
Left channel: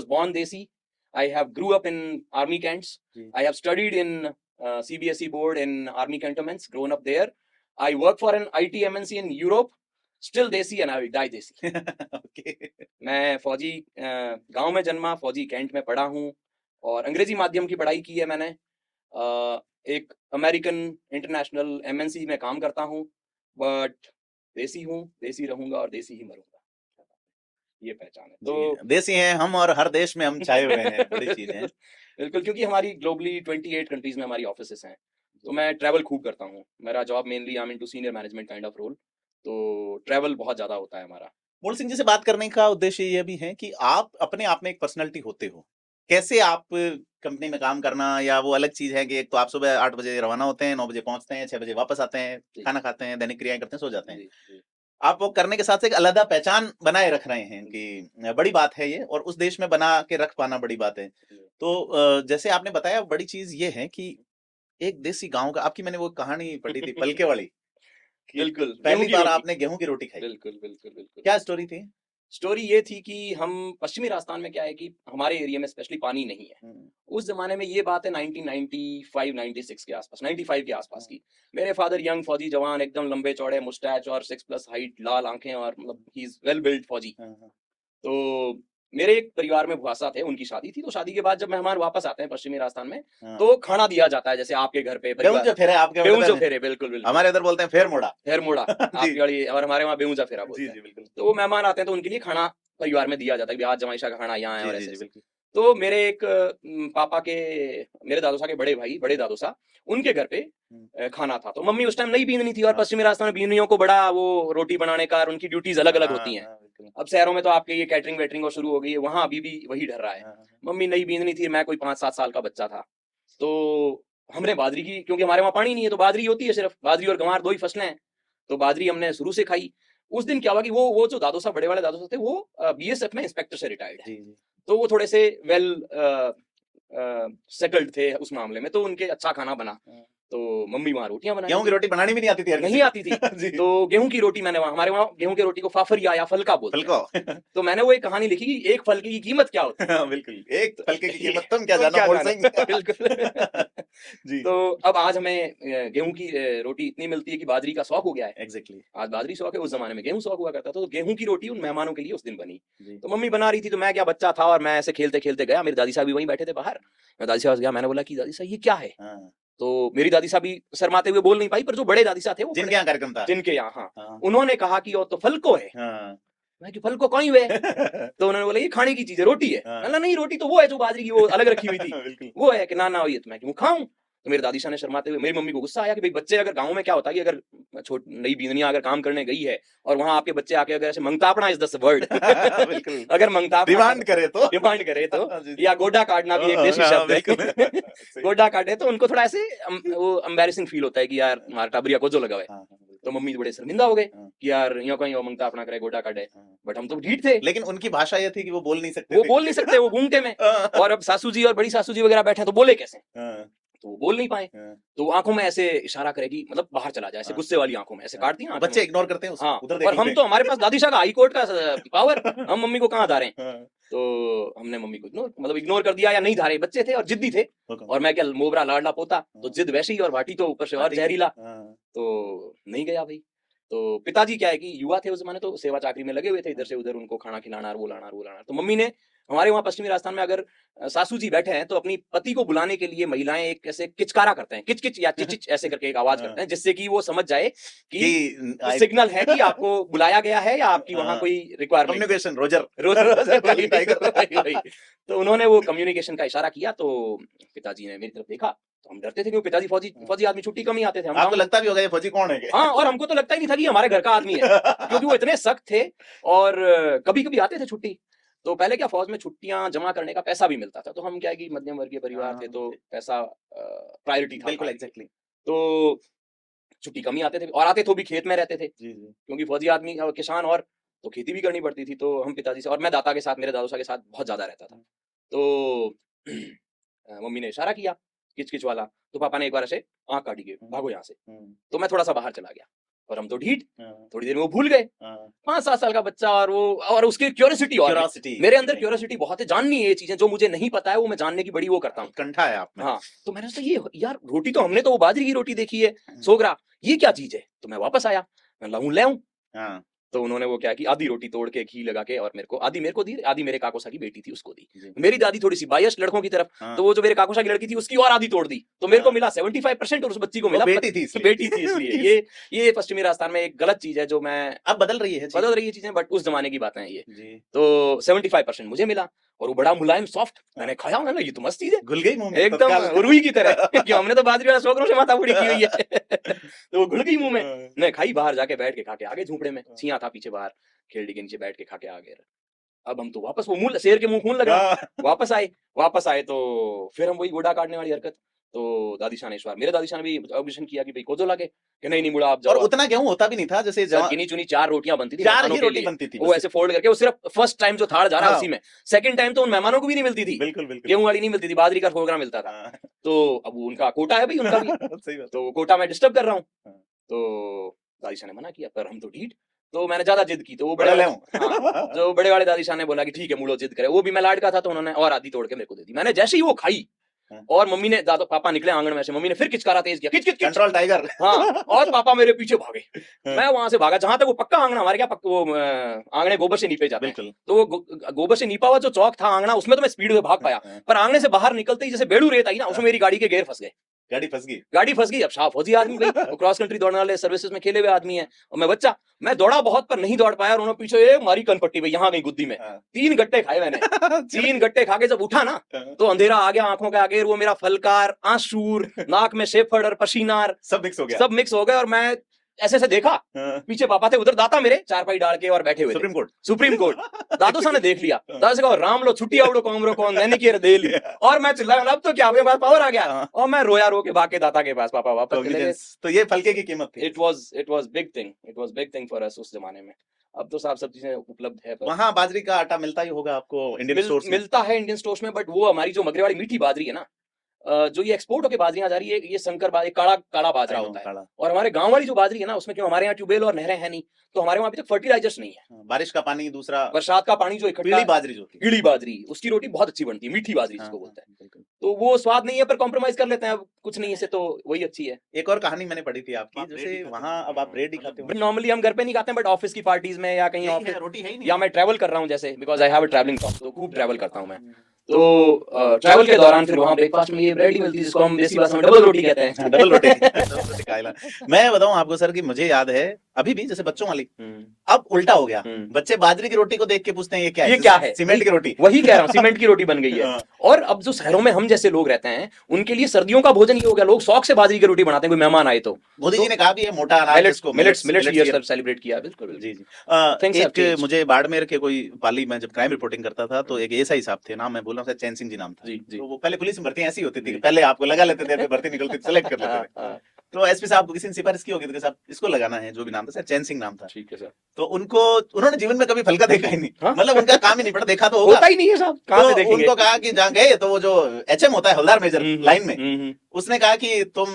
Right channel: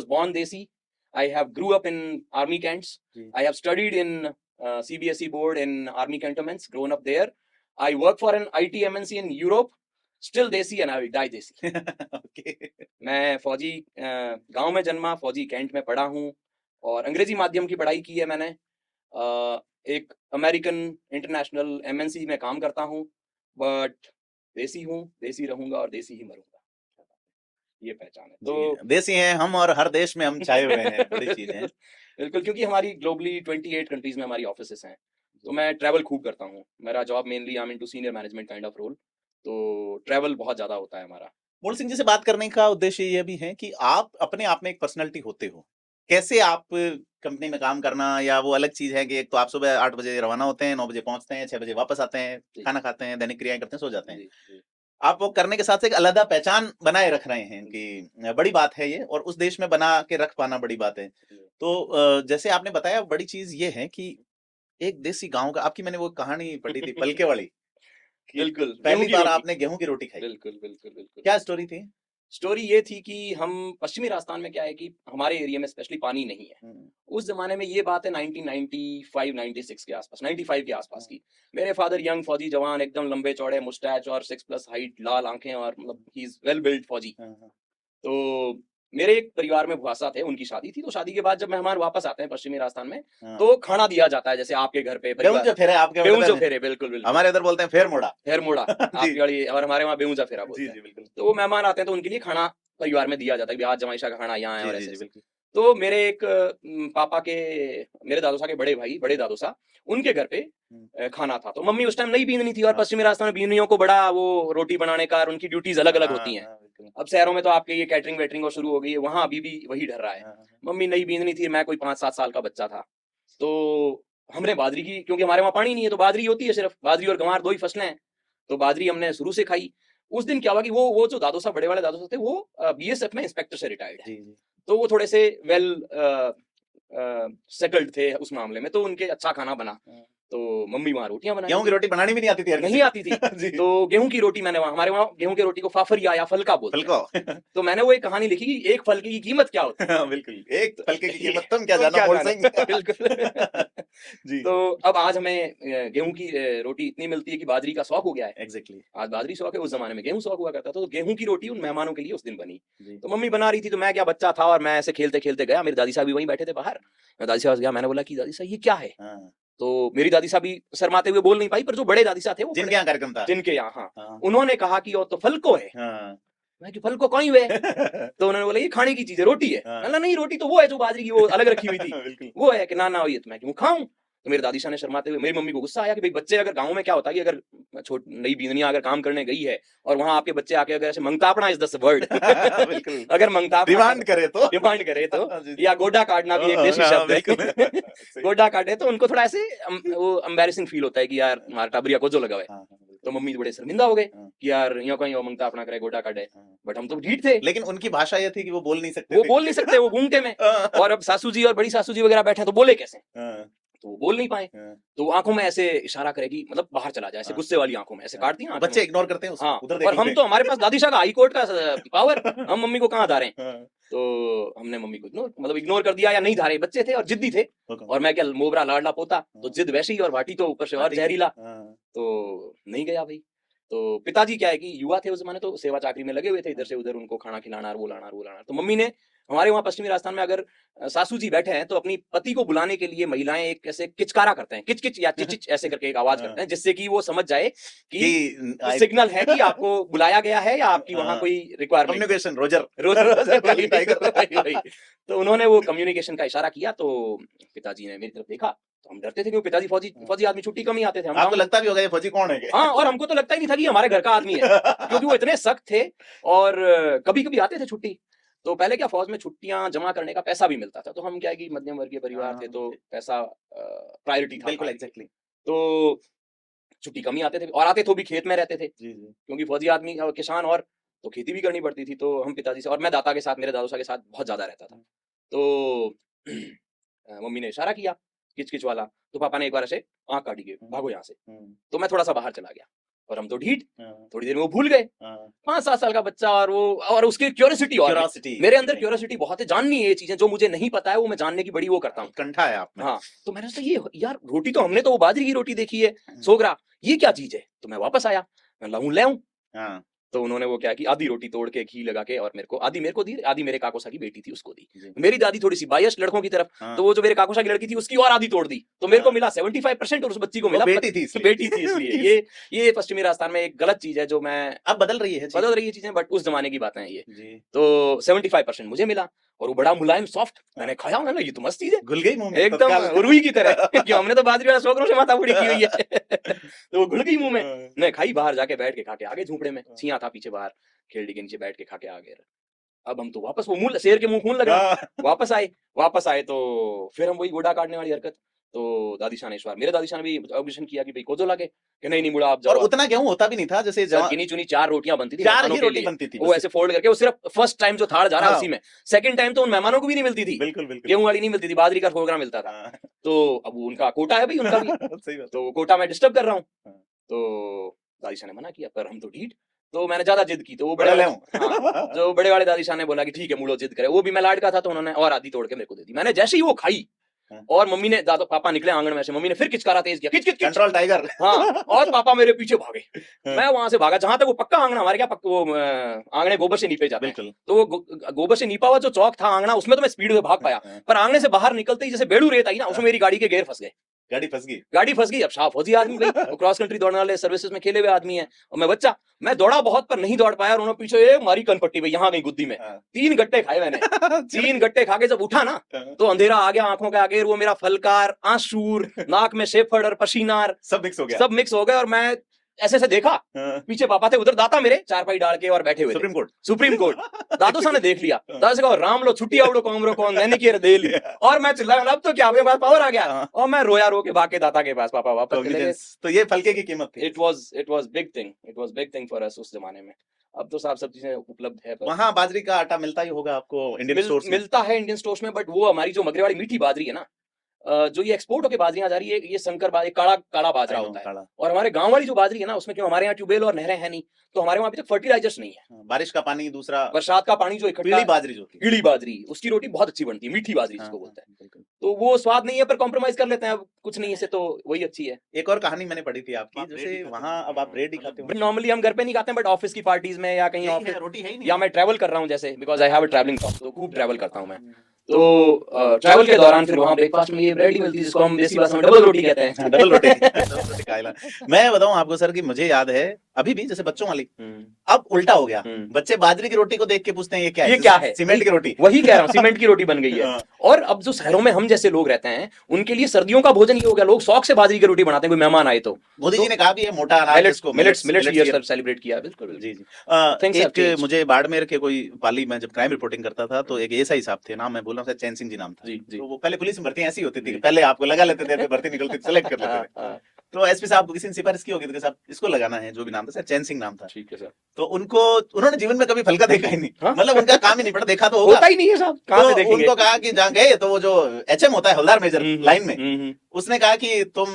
born desi, I have grew up in army cantts, I have studied in CBSE board in army cantonments, grown up there. I work for an IT MNC in Europe, still desi and I will die desi. Okay. मैं फौजी गांव में जन्मा, फौजी cantt में पढ़ा हूँ, और अंग्रेजी माध्यम की पढ़ाई की है मैंने। एक अमेरिकन इंटरनेशनल MNC में काम करता हूँ, बट देसी हूँ, देसी रहूंगा और देसी ही मरूंगा। ये पहचान है। तो देसी हैं हम और हर देश में हम छाए हुए हैं, बड़ी चीज है। बिल्कुल, क्योंकि हमारी ग्लोबली 28 कंट्रीज में हमारी ऑफिसेस हैं, तो मैं ट्रैवल खूब करता हूँ। मेरा job mainly I am into senior management kind of role, तो ट्रैवल बहुत ज्यादा होता है हमारा। मूल सिंह जी से बात करने का उद्देश्य ये भी है कि आप अपने आप में एक पर्सनालिटी होते हो। कैसे आप कंपनी में काम करना, या वो अलग चीज है कि एक तो आप सुबह 8 बजे रवाना होते हैं, 9 बजे पहुंचते हैं, 6 बजे वापस आते हैं, खाना खाते हैं, दैनिक क्रियाएं करते हैं, सो जाते हैं। आप वो करने के साथ एक अलग पहचान बनाए रख रहे हैं कि बड़ी बात है ये, और उस देश में बना के रख पाना बड़ी बात है। तो जैसे आपने बताया, बड़ी चीज ये है कि एक देसी गांव का, आपकी मैंने वो कहानी पढ़ी थी पलके वाली, कि बिल्कुल, पहली बार आपने गेहूं की रोटी खाई। बिल्कुल बिल्कुल बिल्कुल। क्या स्टोरी थी? स्टोरी ये थी कि हम पश्चिमी राजस्थान में क्या है कि हमारे एरिया में स्पेशली पानी नहीं है। उस जमाने में ये बात है 1995-96 के आसपास, 95 के आसपास की। मेरे फादर यंग फौजी जवान, एकदम लंबे चौड़े, मुस्टैच और 6+ हाइट, लाल आंखें, और मतलब ही इज वेल बिल्ड फौजी। तो मेरे एक परिवार में भाषा थे, उनकी शादी थी, तो शादी के बाद जब मेहमान वापस आते हैं पश्चिमी राजस्थान में, तो खाना दिया जाता है, जैसे आपके घर पे बेऊंजा फेरे, आपके बेऊंजा फेरे, बिल्कुल बिल्कुल। हमारे इधर बोलते हैं फेर मोड़ा। फेर मोड़ा आपकी वाली, और हमारे वहाँ बेऊंजा फेरा बोलते हैं। बिल्कुल। तो वो मेहमान आते हैं तो उनके लिए खाना परिवार में दिया जाता है, आज जमाईशा का खाना यहाँ है, और ऐसे। बिल्कुल। तो मेरे एक पापा के, मेरे दादू साहब के बड़े भाई, बड़े दादू साहब, उनके घर पे खाना था। तो मम्मी उस टाइम नई बींदनी थी, और पश्चिमी राजस्थान में बींदनियों को बड़ा वो रोटी बनाने का, और उनकी ड्यूटीज अलग अलग होती हैं। अब शहरों में तो आपके ये कैटरिंग वेटरिंग और शुरू हो गई है, वहाँ अभी भी वही ढर रहा है। मम्मी नई बींदनी थी, मैं कोई 5-7 साल का बच्चा था। तो हमने बाजरी की, क्योंकि हमारे वहाँ पानी नहीं है, तो बाजरी होती है सिर्फ, बाजरी और गंवार 2 ही फसलें हैं, तो बाजरी हमने शुरू से खाई। उस दिन क्या हुआ कि वो जो दादू साहब, बड़े वाले दादू साहब थे, वो BSF में इंस्पेक्टर से रिटायर्ड है। तो वो थोड़े से वेल सेटल्ड थे उस मामले में, तो उनके अच्छा खाना बना। तो मम्मी वहाँ रोटियां बना, गेहूं की रोटी बनानी भी नहीं आती थी, और नहीं आती थी। तो गेहूं की रोटी मैंने हमारे वहाँ गेहूं की रोटी को फाफरिया या फलका बोलते हैं। फलको। तो मैंने वो एक कहानी लिखी कि एक फलके की कीमत क्या होती है। बिल्कुल, एक फलके की कीमत तुम क्या तुम जानो, बोल जानो। सही। बिल्कुल। जी। तो अब आज हमें गेहूं की रोटी इतनी मिलती है कि बाजरी का शौक हो गया है। एग्जैक्टली। आज बाजरी शौक है, उस जमाने में गेहूं शौक हुआ करता था। तो गेहूं की रोटी उन मेहमानों के लिए उस दिन बनी। तो मम्मी बना रही थी, तो मैं क्या बच्चा था, और मैं ऐसे खेलते खेलते गया, मेरी दादी साहब भी वहीं बैठे थे बाहर, मैं दादी साहब गया, मैंने बोला कि दादी साहब ये क्या है। तो मेरी दादी साहब भी शर्माते हुए बोल नहीं पाई, पर जो बड़े दादी साहब थे, वो जिनके यहाँ कार्यक्रम था, जिनके यहाँ, हाँ, उन्होंने कहा कि वो तो फलको है। मैं कि फलको कहीं हुए। तो उन्होंने बोला ये खाने की चीज है, रोटी है। बोला नहीं, रोटी तो वो है जो बाजरी की वो अलग रखी हुई थी, वो है कि ना ना ये तो मैं क्यों खाऊं। तो मेरी दादी साहब ने शर्माते हुए, मेरी मम्मी को गुस्सा आया कि भाई बच्चे, अगर गांव में क्या होता है कि अगर नई बींदनिया अगर काम करने गई है, और वहां आपके बच्चे आके अगर ऐसे मंगतापना इज द वर्ड, अगर मंगतापना डिमांड करे तो, या गोडा काटना भी एक देसी शब्द है, गोडा काटे तो उनको थोड़ा ऐसे वो एम्बैरेसिंग फील होता है कि यार हमारा टाबरिया को जो लगा है। तो मम्मी बड़े शर्मिंदा हो गए कि यार यहाँ कहीं मंगतापना करे, गोडा काटे। बट हम तो ढीठ थे, लेकिन उनकी भाषा ये थी कि वो बोल नहीं सकते, वो घूंघटे में। और अब सासू जी और बड़ी सासू जी वगैरह बैठे तो बोले कैसे, तो वो बोल नहीं पाए। तो आंखों में ऐसे इशारा करेगी, मतलब बाहर चला जाए, ऐसे गुस्से वाली आंखों में ऐसे काट दिया। बच्चे इग्नोर करते हैं उसको, हाँ, उधर पर हम तो, हमारे पास दादी शाह का हाई कोर्ट का पावर, हम मम्मी को कहाँ धारे। तो हमने मम्मी को मतलब इग्नोर कर दिया, या नहीं धारे, बच्चे थे और जिद्दी थे। और मैं क्या मोबरा लाडला पोता, तो जिद वैसी और भाटी तो ऊपर से और जहरीला, तो नहीं गया भाई। तो पिताजी क्या है कि युवा थे उस जमाने, तो सेवा चाकरी में लगे हुए थे, इधर से उधर उनको खाना खिलाना, वो लाना। तो मम्मी ने, हमारे वहाँ पश्चिमी राजस्थान में अगर सासू जी बैठे हैं तो अपनी पति को बुलाने के लिए महिलाएं एक ऐसे किचकारा करते हैं, किच किच या चिच चिच ऐसे करके एक आवाज करते हैं, जिससे कि वो समझ जाए कि सिग्नल है कि आपको बुलाया गया है, या आपकी वहाँ कोई रिक्वायरमेंट, कम्युनिकेशन रोजर। तो उन्होंने वो कम्युनिकेशन का इशारा किया। तो पिताजी ने मेरी तरफ देखा, तो हम डरते थे कि पिताजी फौजी आदमी छुट्टी कम ही आते थे। आपको लगता भी होगा ये फौजी कौन है? हाँ, और हमको तो लगता ही नहीं था कि ये हमारे घर का आदमी है क्योंकि वो इतने सख्त थे और कभी कभी आते थे छुट्टी। तो पहले क्या फौज में छुट्टियां जमा करने का पैसा भी मिलता था, तो हम क्या है कि मध्यम वर्गीय परिवार थे तो पैसा प्रायोरिटी था। बिल्कुल एग्जैक्टली। तो छुट्टी कम ही आते थे और आते तो भी खेत में रहते थे जी जी। क्योंकि फौजी आदमी किसान, और तो खेती भी करनी पड़ती थी। तो हम पिताजी से, और मैं दादा के साथ, मेरे दादू साहब के साथ बहुत ज्यादा रहता था। तो मम्मी ने इशारा किया किच किच वाला, तो पापा ने एक बार ऐसे आंख काटी के भागो यहाँ से। तो मैं थोड़ा सा बाहर चला गया और हम तो ढीठ, थोड़ी देर में वो भूल गए। 5-7 साल का बच्चा और वो, और उसकी क्यूरियोसिटी, और मेरे अंदर क्यूरियोसिटी बहुत है, जाननी है ये चीजें जो मुझे नहीं पता है, वो मैं जानने की बड़ी वो करता हूँ, कंठा है आपने। हाँ, तो मैंने सोचा ये यार रोटी तो हमने तो वो बाजरे की रोटी देखी है, सोगरा, ये क्या चीज है? तो मैं वापस आया, मैं लाऊं ले आऊं। तो उन्होंने वो क्या कि आधी रोटी तोड़ के घी लगा के और आधी मेरे को दी, आधी मेरे काकोसा की बेटी थी उसको दी। मेरी दादी थोड़ी सी बायस लड़कों की तरफ, तो वो जो मेरे काकोसा की लड़की थी उसकी और आधी तोड़ दी, तो मेरे को मिला 75% और उस बच्ची को मिला बेटी थी इसलिए। ये पश्चिमी राजस्थान में एक गलत चीज है जो मैं, अब बदल रही है चीजें, बट उस जमाने की बातें हैं ये। तो 75% मुझे मिला और वो बड़ा मुलायम सॉफ्ट, मैंने खाया, मैंने ये तो मस्त चीज है, घुल गई मुंह में एकदम रुई की तरह कि हमने तो बाजरे वाला सोगरों से माथा पूरी की हुई है। तो वो घुल गई मुंह में। मैं खाई, बाहर जाके बैठ के खा के आ गए झोपड़े में, छिया था पीछे बाहर खेलड़ी के नीचे बैठ के खा के आ गए। अब हम तो वापस वो मुंह, शेर के मुंह खून लगा, वापस आए तो फिर हम वही घोड़ा काटने वाली हरकत। तो दादी शाह ने इस बार, मेरे दादी शाह ने भी ऑब्जेक्शन किया कि भाई कोजो लगे कि नहीं मुड़ा आप जाओ। और उतना गेहूं होता भी नहीं था, जैसे गिनी चुनी 4 रोटियां बनती थी, 4 ही रोटी बनती थी, वो ऐसे फोल्ड करके, वो सिर्फ फर्स्ट टाइम जो थाल जा रहा है हाँ। उसी में, सेकंड टाइम तो उन मेहमानों को भी नहीं मिलती थी, बिल्कुल बिल्कुल गेहूं वाली नहीं मिलती थी, बाजरी का फोगरा मिलता था। हाँ। तो अब उनका कोटा है भाई, उनका भी सही बात। तो वो कोटा मैं डिस्टर्ब कर रहा हूँ। हाँ। तो दादी शाह ने मना किया, पर हम तो ढीठ, तो मैंने ज्यादा जिद की, तो वो बड़े बड़े, ले जो बड़े वाले दादी शाह ने बोला कि ठीक है मुड़ो जिद करे, वो भी मैं लाड का था, तो उन्होंने और आधी तोड़ के मेरे को दे दी। मैंने जैसे ही वो खाई और मम्मी ने, दादा पापा निकले आंगन में से, मम्मी ने फिर किचकाना तेज किया, किच किच किच, कंट्रोल टाइगर। हाँ, और पापा मेरे पीछे भागे, मैं वहां से भागा जहां तक वो पक्का आंगना, हमारे क्या पक्का वो आंगने गोबर से नीपे जाते, बिल्कुल। तो वो गोबर से नीपा हुआ जो चौक था आंगना, उसमें तो मैं स्पीड में भाग पाया, पर आंगने से बाहर निकलते ही जैसे बेड़ू रेत आई ना, उसमें मेरी गाड़ी के गेयर फंस गए, गाड़ी फंस गई। अब शाह फौजी आदमी भाई, क्रॉस कंट्री दौड़ने वाले, सर्विसेज में खेले हुए आदमी है, और मैं बच्चा, मैं दौड़ा बहुत पर नहीं दौड़ पाया, और उन्होंने पीछे एक मारी कनपट्टी भाई, यहाँ गई गुद्दी में। 3 गट्टे खाए मैंने। 3 गट्टे खा के जब उठा ना, तो अंधेरा आ गया आंखों का आगे, वो मेरा फलकार, आंसूर, नाक में शेफड़ और पसीनार सब मिक्स हो गया, सब मिक्स हो गए, और मैं ऐसे से देखा, पीछे पापा थे, उधर दाता मेरे चारपाई डाल के और बैठे हुए, सुप्रीम कोर्ट दादो साहब ने देख लिया, दादा से कहा राम लो छुट्टी आवड़ो कॉमरो कौन, मैंने किया दे ली, और मैं चिल्लाया, अब तो क्या हो गया, पावर आ गया, और मैं रोया रो के भाग के दाता के पास, पापा वापस चले गए। तो ये फलके की कीमत थी। It was big thing for us उस जमाने में। अब तो सब चीजें उपलब्ध है, वहाँ बाजरी का आटा मिलता ही होगा आपको इंडियन स्टोर्स में? मिलता है इंडियन स्टोर्स में, बट वो हमारी जो मगरे वाली मीठी बाजरी है ना, जो ये एक्सपोर्ट होके बाजरियां जा रही है, ये संकर बाजरी, काला बाजरा होता है, और हमारे गांव वाली जो बाजरी है ना, उसमें क्यों, हमारे यहाँ ट्यूबवेल और नहरें हैं नहीं, तो हमारे वहाँ अभी तक फर्टिलाइजर्स नहीं है, बारिश का पानी, दूसरा बरसात का पानी जो इकट्ठा, ईड़ी बाजरी उसकी रोटी बहुत अच्छी बनती है, मीठी बाजरी जिसको बोलते हैं, तो वो स्वाद नहीं है, पर कॉम्प्रोमाइज कर लेते हैं, कुछ नहीं से तो वही अच्छी है। एक और कहानी मैंने पढ़ी थी आपकी, जैसे वहाँ अब आप ब्रेड ही खाते हो? नॉर्मली हम घर पे नहीं खाते हैं, बट ऑफिस की पार्टीज में या कहीं ऑफिस रोटी है ही नहीं, या मैं ट्रैवल कर रहा हूँ जैसे, because I have a travelling job, तो खूब ट्रैवल करता हूँ मैं, तो ट्रैवल के दौरान फिर वहाँ ब्रेकफास्ट में ये ब्रेड ही मिलती है, जिसको हम देसी भाषा में डबल रोटी कहते हैं। डबल रोटी खाइला। मैं बताऊं आपको सर कि मुझे याद है अभी भी, जैसे बच्चों वाली, अब उल्टा हो गया, बच्चे बाजरे की रोटी को देख के पूछते हैं ये क्या है? सीमेंट की रोटी। वही कह रहा हूँ, सीमेंट की रोटी बन गई है। और अब जो शहरों में हम जैसे लोग रहता है, उनके लिए सर्दियों का भोजन ही हो गया, लोग शौक से बाजरे की रोटी बनाते हैं, कोई मेहमान आए तो। मोदी जी ने कहा कि ये मोटा मिलेट्स सब सेलिब्रेट किया, बिल्कुल जी। एक मुझे बाड़मेर के कोई पाली में जब क्राइम रिपोर्टिंग करता था, तो एक ऐसा ही साहब थे, नाम मैं बोल रहा था, चैन सिंह जी नाम था। तो वो पहले पुलिस में भर्ती ऐसी होती थी, पहले आपको लगा लेते थे, भर्ती निकलती सेलेक्ट कर लेते थे। तो एसपी साहब को किसी ने सिफारिश की होगी, तो साहब इसको लगाना है, जो भी नाम था, चैन सिंह नाम था। ठीक है सर। तो उन्होंने जीवन में कभी फलका देखा ही नहीं, मतलब उनका काम ही नहीं पड़ा, देखा तो होता ही नहीं है साहब, कहाँ पे देखेंगे? उनको कहा कि जहाँ गए, तो वो जो एचएम होता है, हवलदार मेजर लाइन में, उसने कहा कि तुम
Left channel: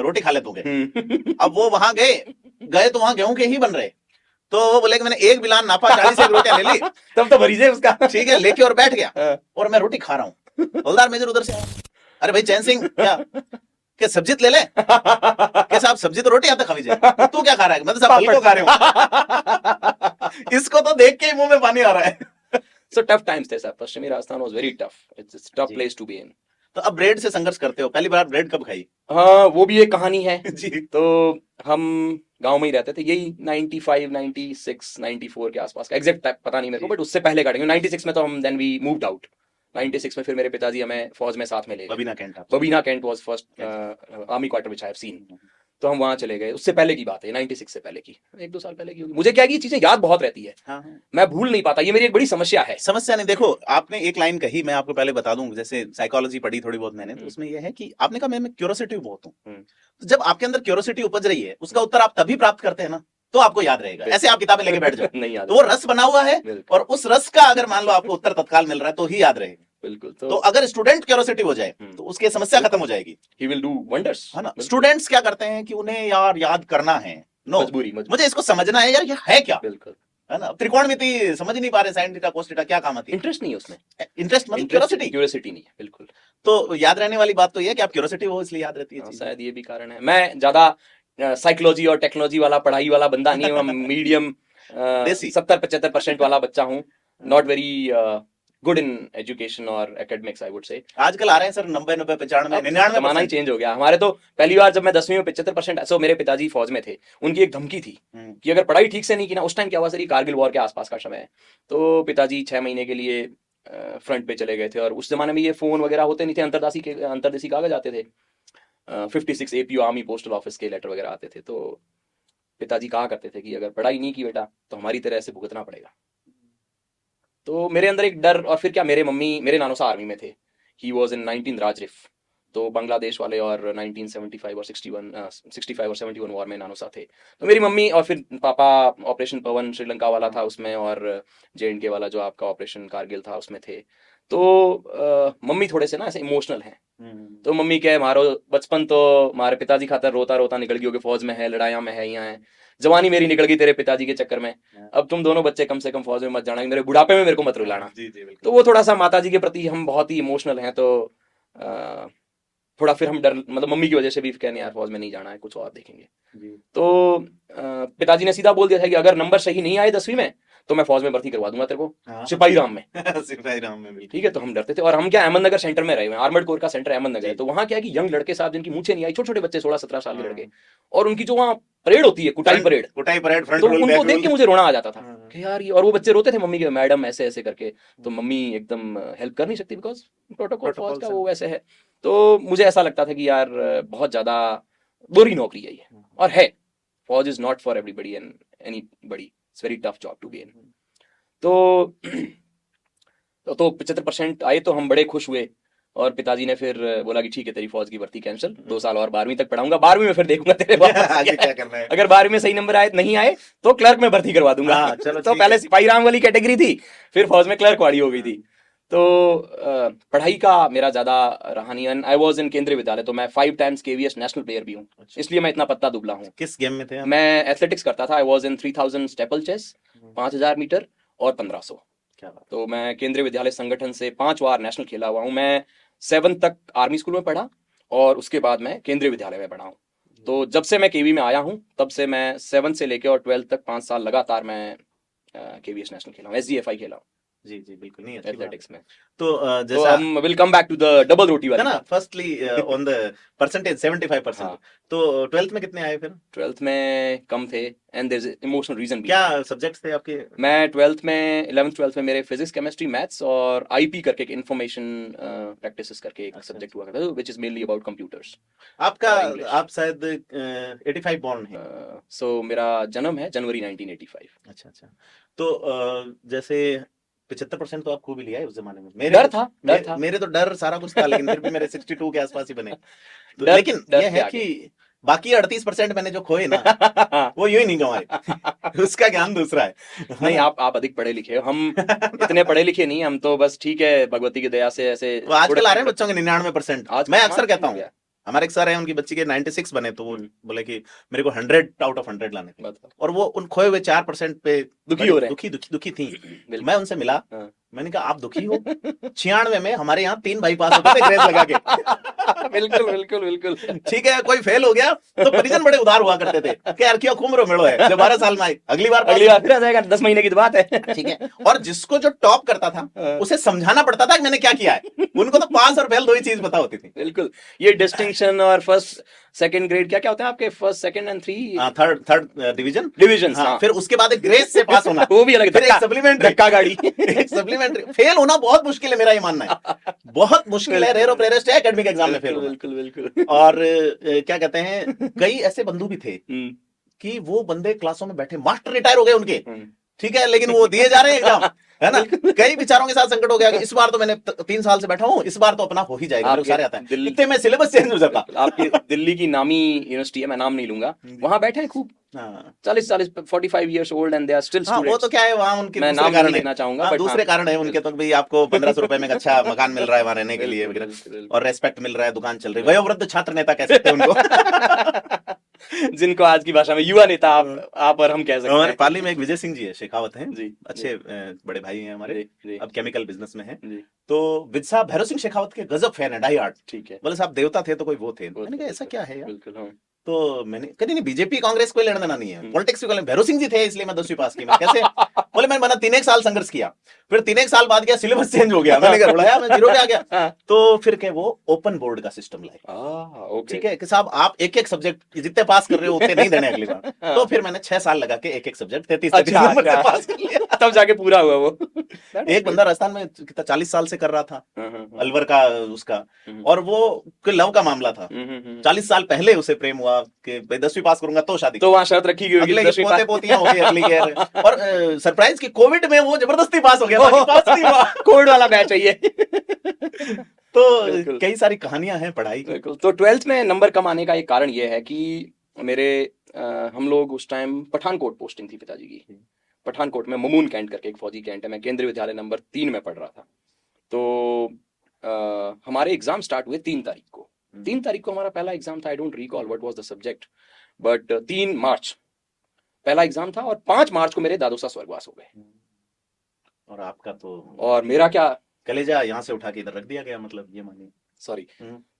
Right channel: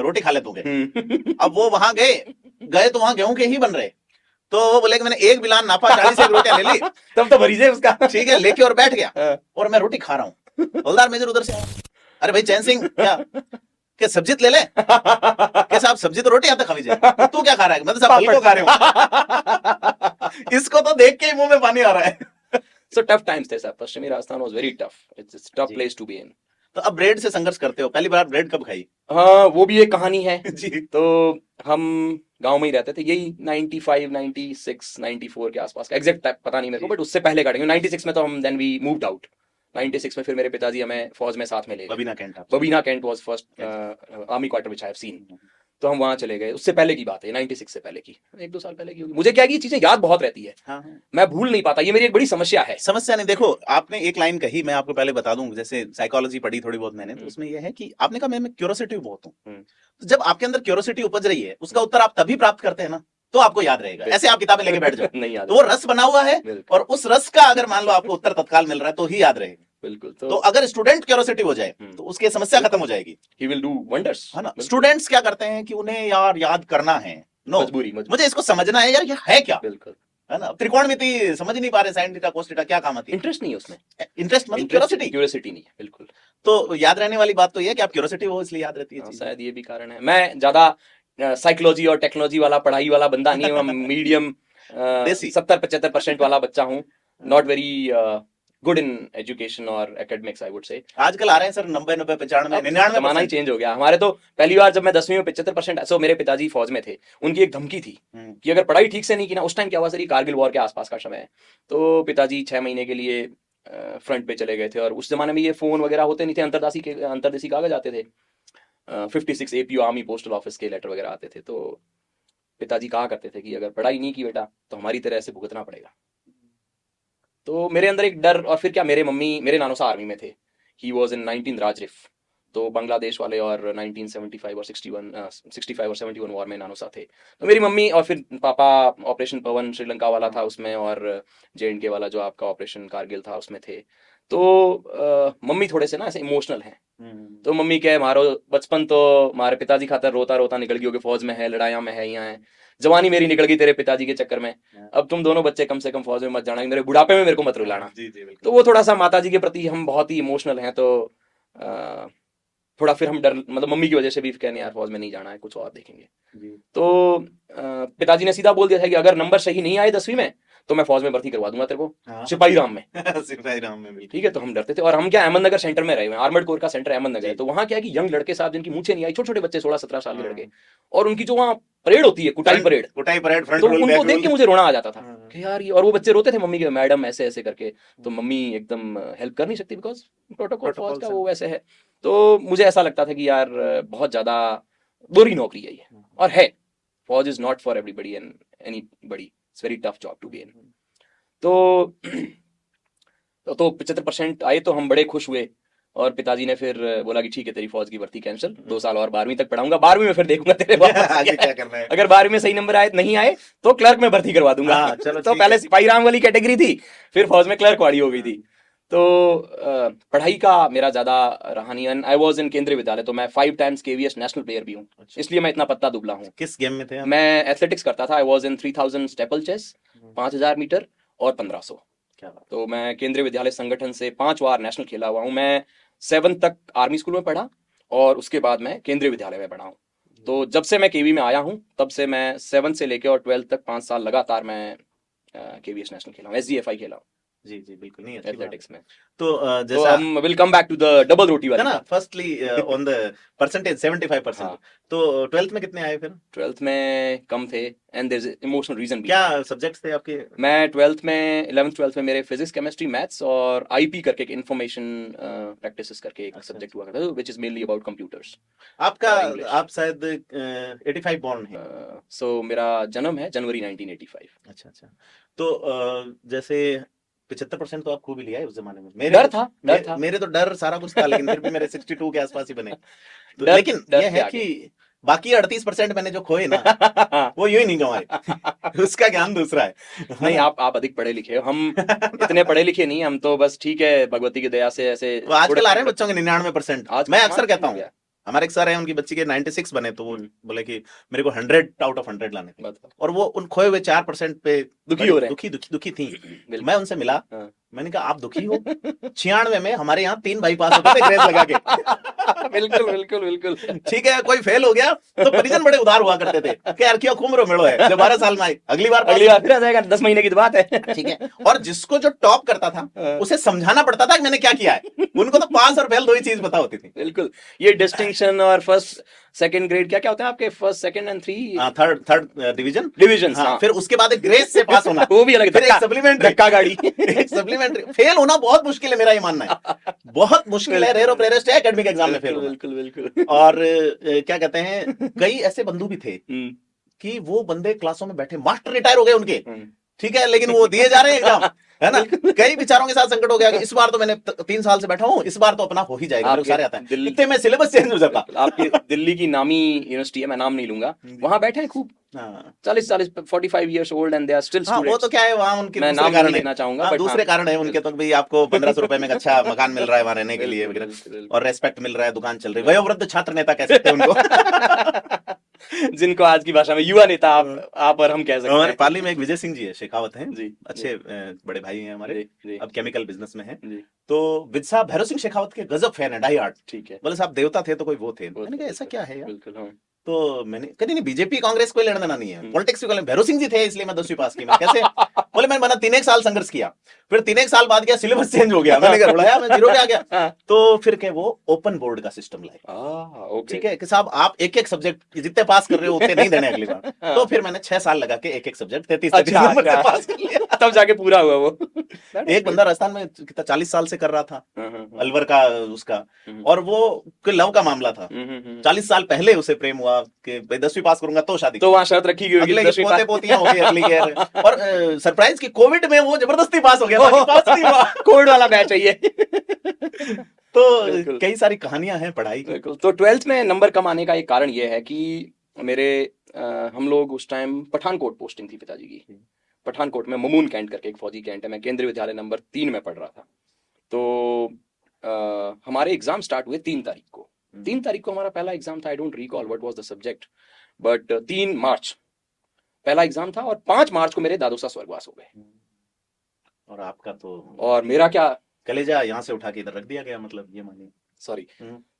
रोटी खा ले दूंगे। अब वो वहां गए तो वहां गेहूं के ही बन रहे, तो वो बोले कि मैंने एक बिलान नापा, 40 रोटियां ले ली, तुम तो मरीज है उसका, ठीक है, लेके और बैठ गया, और मैं रोटी खा रहा हूँ। हवलदार मेजर उधर से, अरे भाई चैन सिंह, क्या सब्जी ले ले? कैसे आप सब्जी तो रोटी आते खा लीजिए, तू क्या खा रहा है? मैं तो सब फल को खा रहा हूँ। इसको तो देख के ही मुंह में पानी आ रहा है। So tough times थे साहब, पश्चिमी Rajasthan was very tough. It's a tough place to be in. तो अब ब्रेड से संघर्ष करते हो, पहली बार ब्रेड कब खाई? हाँ, वो भी एक कहानी है जी। तो हम गांव में ही रहते थे, यही 95, 96, 94 के आसपास, एग्जैक्ट पता नहीं मेरे को, बट उससे पहले का 96 में तो हम देन वी मूव्ड आउट, 96 में फिर मेरे पिताजी हमें फौज में साथ में ले गए। बबीना कैंट आप। Babina cantt was first army quarter which I have seen. तो हम वहां चले गए, उससे पहले की बात है, 96 से पहले की, 1-2 साल पहले की होगी। मुझे क्या है कि ये चीजें याद बहुत रहती है, हाँ। मैं भूल नहीं पाता, ये मेरी एक बड़ी समस्या है। समस्या नहीं, देखो आपने एक लाइन कही, मैं आपको पहले बता दूं, जैसे साइकोलॉजी पढ़ी थोड़ी बहुत मैंने, तो उसमें ये है कि आपने कहा मैं क्यूरोसिटी बहुत हूँ। तो जब आपके अंदर क्यूरोसिटी उपज रही है, उसका उत्तर आप तभी प्राप्त करते हैं ना, तो आपको याद रहेगा। ऐसे आप किताबें लेके बैठ जाओ नहीं याद, तो वो रस बना हुआ है, और उस रस का अगर मान लो आपको उत्तर तत्काल मिल रहा है तो ही याद रहेगा। बिल्कुल। तो अगर स्टूडेंट क्यूरोसिटी हो जाए तो उसकी समस्या खत्म हो जाएगी, ही विल डू वंडर्स, है ना। स्टूडेंट्स क्या करते हैं कि उन्हें यार याद करना है, नो मुझे इसको समझना है यार, ये है क्या, है ना। त्रिकोणमिति समझ ही नहीं पा रहे, साइन थीटा कोस थीटा क्या काम आती है, इंटरेस्ट नहीं है उसमें, इंटरेस्ट मतलब क्यूरियोसिटी नहीं है, बिल्कुल। तो याद रहने वाली बात तो ये है कि आप क्यूरियोसिटी हो इसलिए याद रहती है। शायद ये भी कारण है। मैं ज्यादा साइकोलॉजी और टेक्नोलॉजी वाला पढ़ाई वाला बंदा नहीं हूँ, मीडियम 70-75% वाला बच्चा हूँ, not very good in education और एकेडमिक्स आई वुड से। आजकल आ रहे हैं सर 90, 95, 95, जमाना ही चेंज हो गया। हमारे तो पहली बार जब मैं 10वीं में 75%, सो मेरे पिताजी फौज में थे, उनकी एक धमकी थी कि अगर पढ़ाई ठीक से नहीं की ना, उस टाइम क्या हुआ सर, कारगिल वॉर के आसपास का समय है, तो पिताजी 6 महीने के लिए फ्रंट पे चले गए थे। और उस जमाने में ये फोन वगैरह होते नहीं थे, अंतर्देशी कागज आते थे, 56 APU आर्मी पोस्टल ऑफिस के लेटर वगैरह आते थे। तो पिताजी कहा करते थे कि अगर पढ़ाई नहीं की बेटा तो हमारी तरह ऐसे भुगतना पड़ेगा। तो मेरे अंदर एक डर, और फिर क्या, मेरे नानोसा आर्मी में थे, ही वाज इन 19 राजरिफ, तो बांग्लादेश वाले, और 1975 और 65 और 71 वॉर में नानोसा थे। तो मेरी मम्मी और फिर पापा ऑपरेशन पवन श्रीलंका वाला था उसमें, और JNK वाला जो आपका ऑपरेशन कारगिल था उसमें थे। तो मम्मी थोड़े से ना ऐसे इमोशनल है, तो मम्मी क्या है, मारो बचपन तो हमारे पिताजी खातर रोता रोता निकल गई होगी, फौज में है, लड़ाइयां में है, यहाँ है, जवानी मेरी निकल गई तेरे पिताजी के चक्कर में, अब तुम दोनों बच्चे कम से कम फौज में मत जाना, मेरे बुढ़ापे में मेरे को मत रुलाना। तो वो थोड़ा सा माताजी के प्रति हम बहुत ही इमोशनल हैं, तो थोड़ा फिर हम डर, मतलब मम्मी की वजह से भी कहने यार फौज में नहीं जाना है, कुछ और देखेंगे। तो पिताजी ने सीधा बोल दिया था कि अगर नंबर सही नहीं आए 10वीं में तो मैं फौज में भर्ती करवा दूंगा तेरे को, सिपाही राम में। सिपाही राम में, ठीक है। तो हम डरते थे, और हम क्या अहमदनगर सेंटर में रहे हुए हैं, आर्मर्ड कोर का सेंटर अहमदनगर है, तो वहाँ क्या है कि यंग लड़के साथ जिनकी मूछें नहीं आई, छोटे छोटे बच्चे 16-17 साल के लड़के, और उनकी जो वहाँ परेड होती है, कुटाई परेड, तो उनको देख के मुझे रोना आ जाता था कि यार ये, और वो बच्चे रोते थे मम्मी के, मैडम ऐसे ऐसे करके, तो मम्मी एकदम हेल्प कर नहीं सकती बिकॉज प्रोटोकॉल फौज का वो वैसे है। तो मुझे ऐसा लगता था कि यार बहुत ज्यादा बुरी नौकरी है ये, और है, फौज is not for everybody and anybody, it's very tough job to be in. तो 75% आए तो हम बड़े खुश हुए, और पिताजी ने फिर बोला कि ठीक है तेरी फौज की भर्ती कैंसिल, 2 साल और 12वीं तक पढ़ाऊंगा, 12वीं में फिर देखूंगा तेरे आगे क्या करना है। अगर 12वीं में सही नंबर आए नहीं आए तो क्लर्क में भर्ती करवा दूंगा। चलो तो पहले सिपाही राम वाली कैटेगरी थी, फिर फौज में क्लर्क वाली हो गई थी। तो पढ़ाई का मेरा ज्यादा रहा नहीं। आई वॉज इन केंद्रीय विद्यालय, तो मैं 5 टाइम्स KVS नेशनल प्लेयर भी हूँ, इसलिए मैं इतना पत्ता दुबला हूँ। किस गेम में थे आप? मैं एथलेटिक्स करता था, I was in 3000 steeplechase, 5000 metre और 1500। तो मैं केंद्रीय विद्यालय संगठन से 5 बार नेशनल खेला हुआ हूँ। मैं 7 तक आर्मी स्कूल में पढ़ा, और उसके बाद मैं केंद्रीय विद्यालय में पढ़ा हूँ। तो जब से मैं KV में आया हूँ तब से मैं 7 से लेकर और 12 तक 5 साल लगातार मैं KVS नेशनल खेला हूँ, SDFI खेला हूँ। जी बिल्कुल, नहीं एथलेटिक्स में। तो तो जैसा हम will come back to the double roti वाला ना, फर्स्टली ऑन द परसेंटेज 75%। तो 12th में कितने आए फिर? 12th में कम थे, and there is emotional reason भी। क्या सब्जेक्ट्स थे आपके? मैं 12th में 11th 12th में मेरे फिजिक्स, केमिस्ट्री, मैथ्स और IP करके इंफॉर्मेशन प्रैक्टिसेस करके एक सब्जेक्ट हुआ था, which is mainly about computers. आपका आप शायद 85 बॉर्न है। सो मेरा जन्म है जनवरी 1985। अच्छा। तो जैसे 75% तो आप खूब ही लिया है उस जमाने में। डर था मेरे तो डर सारा कुछ था, लेकिन फिर भी मेरे 62 के आसपास से बने। तो लेकिन ये है कि बाकी 38% मैंने जो खोए ना वो यूं ही नहीं कमाए। उसका ज्ञान दूसरा है। नहीं, आप अधिक पढ़े लिखे हो, हम इतने पढ़े लिखे नहीं, हम तो बस ठीक है भगवती की दया से ऐसे। तो आजकल आ रहे हैं बच्चों के 99%। मैं अक्सर कहता हूँ, हमारे एक सर हैं, उनकी बच्ची के 96 बने, तो वो बोले कि मेरे को 100 आउट ऑफ 100 लाने थे, और वो उन खोए हुए 4% पे दुखी थी। मैं उनसे मिला, मैंने कहा आप दुखी हो? 96 में हमारे यहाँ 3 भाई पास होते थे ग्रेस लगा के। बिल्कुल। ठीक है, कोई फेल हो गया तो परिजन बड़े उदार हुआ करते थे कि यार क्यों घूम मिलो है, जो 12 साल में आई अगली बार फिर आ जाएगा, 10 महीने की बात है। ठीक है। और जिसको जो टॉप करता था उसे समझाना पड़ता था कि मैंने क्या किया है, उनको तो पास और फेल 2 ही चीज पता होती थी। बिल्कुल, ये डिस्टिंक्शन और फर्स्ट सेकंड ग्रेड क्या क्या होता है आपके, first second and three third division division. हाँ, फिर उसके बाद एक ग्रेड से पास होना, वो भी अलग, फिर एक सप्लीमेंट्री, धक्का गाड़ी। सप्लीमेंट्री। फेल होना बहुत मुश्किल है, मेरा ये मानना है, बहुत मुश्किल है, रेयर ऑफ रेयरेस्ट है एकेडमिक एग्जाम में फेल होना। बिल्कुल बिल्कुल। और क्या कहते हैं, कई ऐसे बंधु भी थे कि वो बंदे क्लासों में बैठे, मास्टर रिटायर हो गए उनके, ठीक है, लेकिन वो दिए जा रहे हैं एग्जाम, है ना। कई विचारों के साथ संकट हो गया कि इस बार तो मैंने 3 साल से बैठा हूँ, इस बार तो अपना हो ही जाएगा, लोग सारे आते हैं, इतने में सिलेबस चेंज हो जाता। आपकी दिल्ली की नामी यूनिवर्सिटी है, मैं नाम नहीं लूंगा, वहाँ बैठे हैं खूब हाँ 40 45 years old and they are still हाँ, वो students। तो क्या है, वहाँ उनके मैं दूसरे नाम कारण नहीं है, लेना चाहूंगा, हाँ, but दूसरे हाँ। कारण है उनके, तो भाई आपको 1500 रुपए में एक अच्छा मकान मिल रहा है वहाँ रहने के लिए वगैरह, और रेस्पेक्ट मिल रहा है, दुकान चल रही है, वयोवृद्ध छात्र नेता कह सकते हैं उनको। जिनको आज की भाषा में युवा नेता आप और हम कह सकते और हैं। पाली में एक विजय सिंह जी है, शेखावत हैं जी अच्छे बड़े भाई हैं हमारे, जी अब केमिकल बिजनेस में हैं, जी तो विद साहब भैरव सिंह शेखावत के गजब फैन है, डाई हार्ड। ठीक है, बोले साहब देवता थे तो कोई वो थे, वो मैंने तो कहा ऐसा क्या है यार, बिल्कुल हाँ। तो मैंने कहा नहीं बीजेपी कांग्रेस कोई लेना देना नहीं है, पॉलिटिक्स में भैरव सिंह जी थे इसलिए मैं 10वीं पास की। मैं कैसे, बोले मैंने 3 साल संघर्ष किया, फिर 3 साल बाद क्या सिलेबस चेंज हो गया, मैंने कहा उड़ाया, मैं 0 पे आ गया, तो फिर के वो ओपन बोर्ड का सिस्टम लाए, ठीक है कि साहब आप एक एक सब्जेक्ट जितने पास कर रहे हो उतने नहीं देने अगली बार। तो फिर मैंने 6 साल लगा के एक एक सब्जेक्ट 33 तब जाके पूरा हुआ वो। एक बंदा राजस्थान में कितना 40 साल से कर रहा था, अलवर का उसका, और वो लव का मामला था, 40 साल पहले उसे प्रेम हुआ कि भाई 10वीं पास करूंगा तो शादी, तो वहाँ शर्त रखी गई अगले की पोते पोतियां हो गई अगली ईयर, और सरप्राइज की कोविड में वो जबरदस्ती पास हो गया, बाकी पास नहीं हुआ। कोविड वाला बैच है ये। तो कई सारी कहानियां हैं पढ़ाई। तो 12th में नंबर कम आने का एक कारण ये है कि मेरे हम लोग उस टाइम पठानकोट पोस्टिंग थी पिताजी की, पठानकोट में ममून कैंट करके एक फौजी कैंट है, मैं केंद्रीय विद्यालय नंबर 3 में पढ़ रहा था। तो हमारे एग्जाम स्टार्ट हुए 3 तारीख को, 3 तारीख को हमारा पहला एग्जाम था, I don't recall what was the subject, but 3 मार्च पहला एग्जाम था, और 5 मार्च को मेरे दादू साहब स्वर्गवास हो गए। और आपका तो, और मेरा क्या, कलेजा यहाँ से उठा के इधर रख दिया गया, मतलब ये मानिए, सॉरी,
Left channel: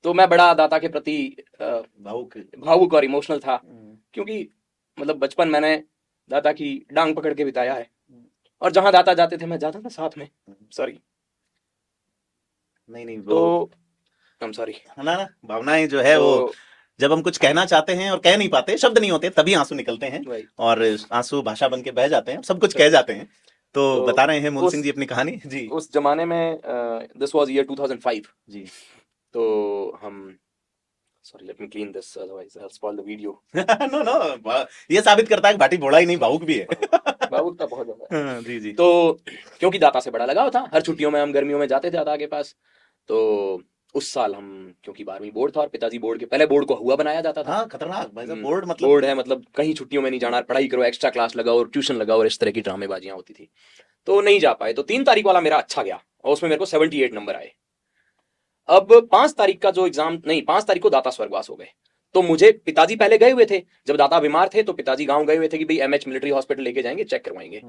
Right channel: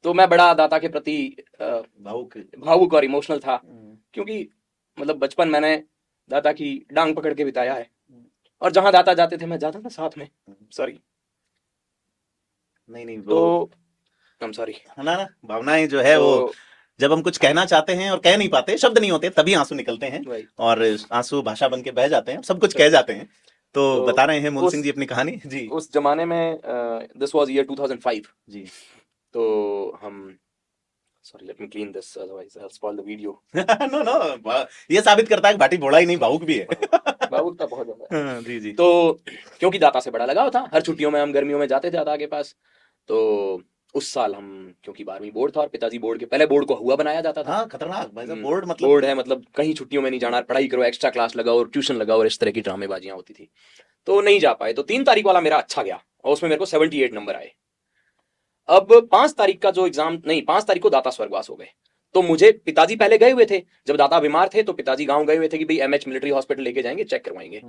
तो मैं बड़ा दादा के प्रति भावुक और इमोशनल था, क्योंकि मतलब बचपन मैंने दादा की डांग पकड़ के बिताया है, और जहां दादा जाते थे मैं जाता था साथ में। सॉरी, नहीं तो हम सॉरी, है ना, भावनाएं जो है वो, जब हम कुछ कहना चाहते हैं और कह नहीं पाते, शब्द नहीं होते, तभी आंसू निकलते हैं, और आंसू भाषा बन के बह जाते हैं, सब कुछ कह जाते हैं। तो बता रहे हैं मोहन सिंह जी अपनी कहानी जी। उस जमाने में दिस वाज ईयर 2005 जी, तो हम, sorry let me clean this otherwise I will spoil the video. No, ये साबित करता है कि भाटी भोला ही नहीं, भावुक भी है। भावुक तो बहुत ज्यादा है। जी जी। तो क्योंकि दाता से बड़ा लगाव था, हर छुट्टियों में हम गर्मियों में जाते थे दादा के पास, तो उस साल हम, क्योंकि 12वीं बोर्ड था और पिताजी बोर्ड के पहले बोर्ड को हुआ बनाया जाता था। हाँ, खतरनाक भाई साहब, बोर्ड मतलब बोर्ड है, मतलब कहीं छुट्टियों में नहीं जाना, पढ़ाई करो, एक्स्ट्रा क्लास लगाओ और ट्यूशन लगाओ और इस तरह की ड्रामेबाजियां होती थी, तो नहीं जा पाए। तो 3 तारीख वाला मेरा अच्छा गया और उसमें मेरे को 78 नंबर आए। अब 5 तारीख का जो एग्जाम, नहीं 5 तारीख को दाता स्वर्गवास हो गए, तो मुझे, पिताजी पहले गए हुए थे, जब दादा बीमार थे तो पिताजी गांव गए हुए थे कि भाई एमएच मिलिट्री हॉस्पिटल लेके जाएंगे, चेक करवाएंगे,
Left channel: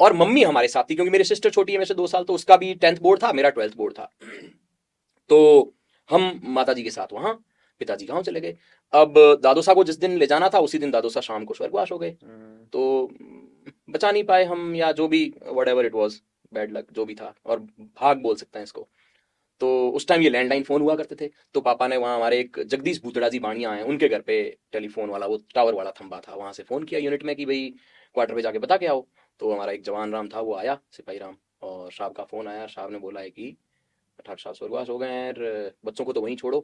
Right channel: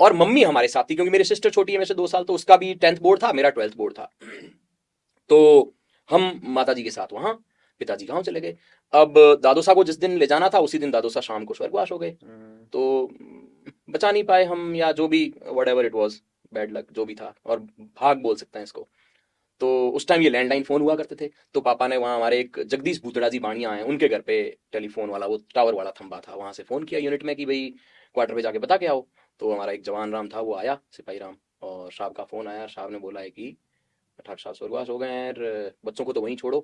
और मम्मी हमारे साथ थी, क्योंकि मेरी सिस्टर छोटी है मेरे से 2 साल, तो उसका भी 10th बोर्ड था, मेरा 12th बोर्ड था, तो हम माता जी के साथ वहां, पिताजी गांव चले गए। अब दादू साहब को जिस दिन ले जाना था उसी दिन दादू साहब शाम को स्वर्गवास हो गए, तो बचा नहीं पाए हम, या जो भी whatever it was, bad luck जो भी था, और भाग बोल सकते हैं इसको। तो उस टाइम ये लैंडलाइन फोन हुआ करते थे, तो पापा ने वहाँ हमारे एक जगदीश भूतड़ा जी बाणिया आए, उनके घर पे टेलीफोन वाला वो टावर वाला खंबा था, वहां से फोन किया यूनिट में कि भाई क्वार्टर पे जाके बता के आओ। तो हमारा एक जवान राम था, वो आया, सिपाही राम, और साहब का फोन आया, साहब ने बोला है कि साहब स्वर्गवास हो गए हैं, बच्चों को तो वहीं छोड़ो,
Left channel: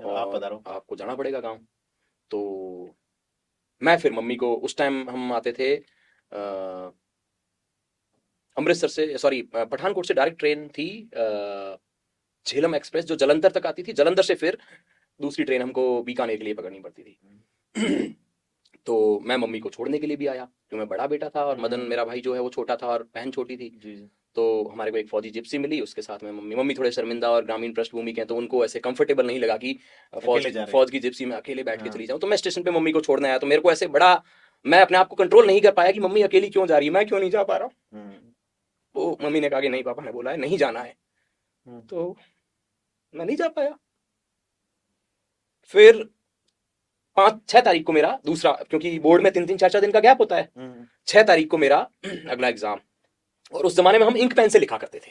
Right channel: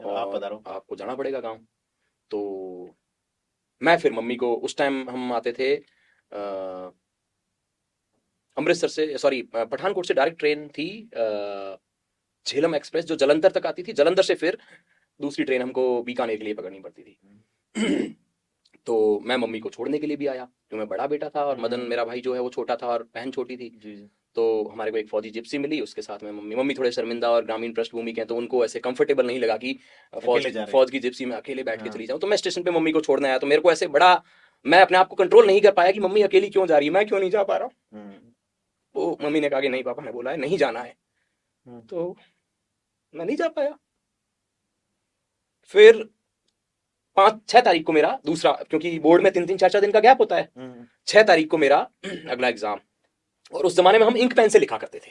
आपको जाना पड़ेगा गाँव। तो मैं फिर मम्मी को, उस टाइम हम आते थे अमृतसर से, सॉरी पठानकोट से डायरेक्ट ट्रेन थी झेलम एक्सप्रेस, जो जलंधर तक आती थी, जलंधर से फिर दूसरी ट्रेन हमको बीकानेर के लिए पकड़नी पड़ती थी। तो मैं मम्मी को छोड़ने के लिए भी आया, तो मैं बड़ा बेटा था और मदन मेरा भाई जो है वो छोटा था और बहन छोटी थी। तो हमारे को एक फौजी जिप्सी मिली, उसके साथ में मम्मी थोड़े शर्मिंदा और ग्रामीण पृष्ठभूमि के, तो उनको ऐसे कंफर्टेबल नहीं लगा कि फौज की जिप्सी में अकेले बैठ के चली जाऊं। तो मैं स्टेशन पे मम्मी को छोड़ने आया, तो मेरे को ऐसे बड़ा, मैं अपने आप को कंट्रोल नहीं कर पाया कि मम्मी अकेली क्यों जा रही है, मैं क्यों नहीं जा पा रहा हूँ। तो मम्मी ने कहा कि नहीं पापा ने बोला है नहीं जाना है, तो मैं नहीं जा पाया। फिर 5-6 तारीख को मेरा दूसरा, क्योंकि बोर्ड में 3-3 4-4 दिन का गैप होता है, 6 तारीख को मेरा अगला एग्जाम, और उस जमाने में हम इंक पेन से लिखा करते थे,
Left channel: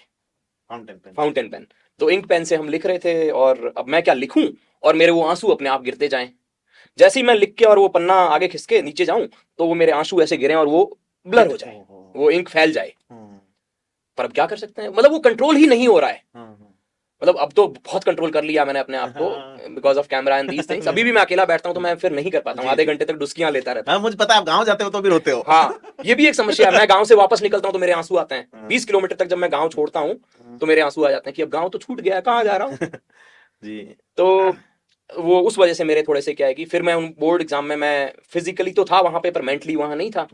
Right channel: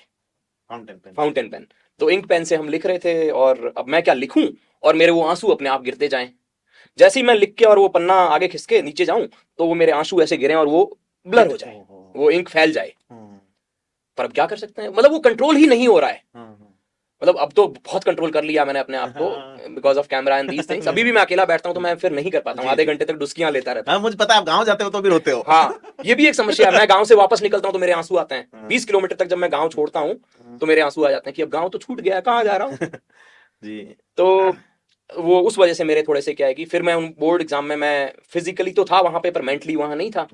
फाउंटेन पेन। तो इंक पेन से हम लिख रहे थे, और अब मैं क्या लिखूं और मेरे वो आंसू अपने आप गिरते जाएं। जैसे ही मैं लिख के और वो पन्ना आगे खिसके नीचे जाऊं तो वो मेरे आंसू ऐसे गिरे और वो ब्लर हो जाए, वो इंक फैल जाए। पर अब क्या कर सकते हैं, मतलब वो कंट्रोल ही नहीं हो रहा है। मतलब अब तो बहुत कंट्रोल कर लिया मैंने अपने आप को because of camera and these things. अभी भी मैं अकेला बैठता हूं तो मैं फिर नहीं कर पाता, आधे घंटे तक डुस्कियां लेता रहता। हाँ, मुझे पता है आप गांव जाते हो तो भी रोते हो। हाँ, ये भी एक समस्या है। मैं गांव से वापस निकलता हूँ तो मेरे आंसू आते हैं। 20 किलोमीटर तक जब मैं गांव छोड़ता हूँ तो मेरे आंसू आ जाते हैं कि अब गांव तो छूट गया, कहाँ जा रहा हूँ। जी। तो वो उस वजह से मेरे थोड़े से क्या है कि फिर मैं उन बोर्ड एग्जाम में, मैं फिजिकली तो था वहां पे पर मेंटली वहां नहीं था।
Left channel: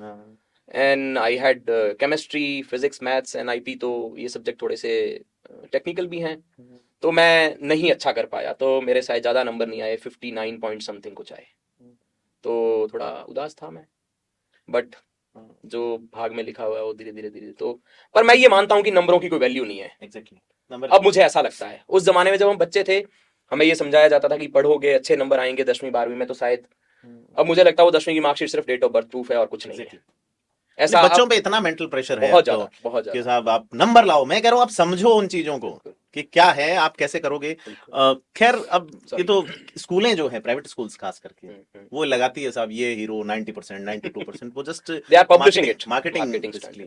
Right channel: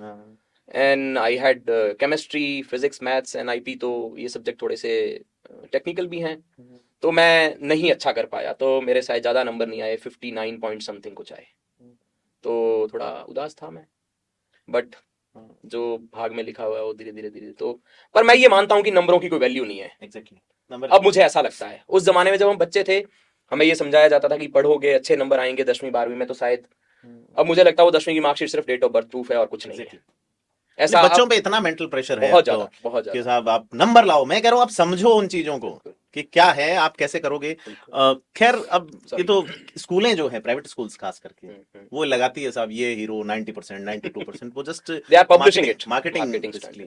And I had chemistry, physics, maths and IP, तो ये सब्जेक्ट थोड़े से टेक्निकल भी हैं, तो मैं नहीं अच्छा कर पाया, तो मेरे शायद ज्यादा नंबर नहीं आए, 59 पॉइंट समथिंग कुछ आए, तो थोड़ा उदास था मैं। बट जो भाग में लिखा हुआ है वो धीरे धीरे धीरे तो, पर मैं ये मानता हूँ कि नंबरों की कोई वैल्यू नहीं है। एग्जैक्टली नंबर अब मुझे ऐसा लगता है, उस जमाने में जब हम बच्चे थे हमें ये समझाया जाता था कि पढ़ोगे अच्छे नंबर आएंगे 10वीं 12वीं में, तो शायद अब मुझे लगता है वो 10वीं की मार्कशीट सिर्फ डेट ऑफ बर्थ प्रूफ है और कुछ नहीं है। ऐसा बच्चों पे इतना मेंटल प्रेशर है बहुत ज्यादा, बहुत कि ज्यादा। साहब आप नंबर लाओ, मैं कह रहा हूँ आप समझो उन चीजों को कि क्या है, आप कैसे करोगे। खैर अब ये तो स्कूलें जो है प्राइवेट स्कूल्स खास करके वो लगाती है साहब ये हीरो 90% 92%, वो just they are publishing it, marketing.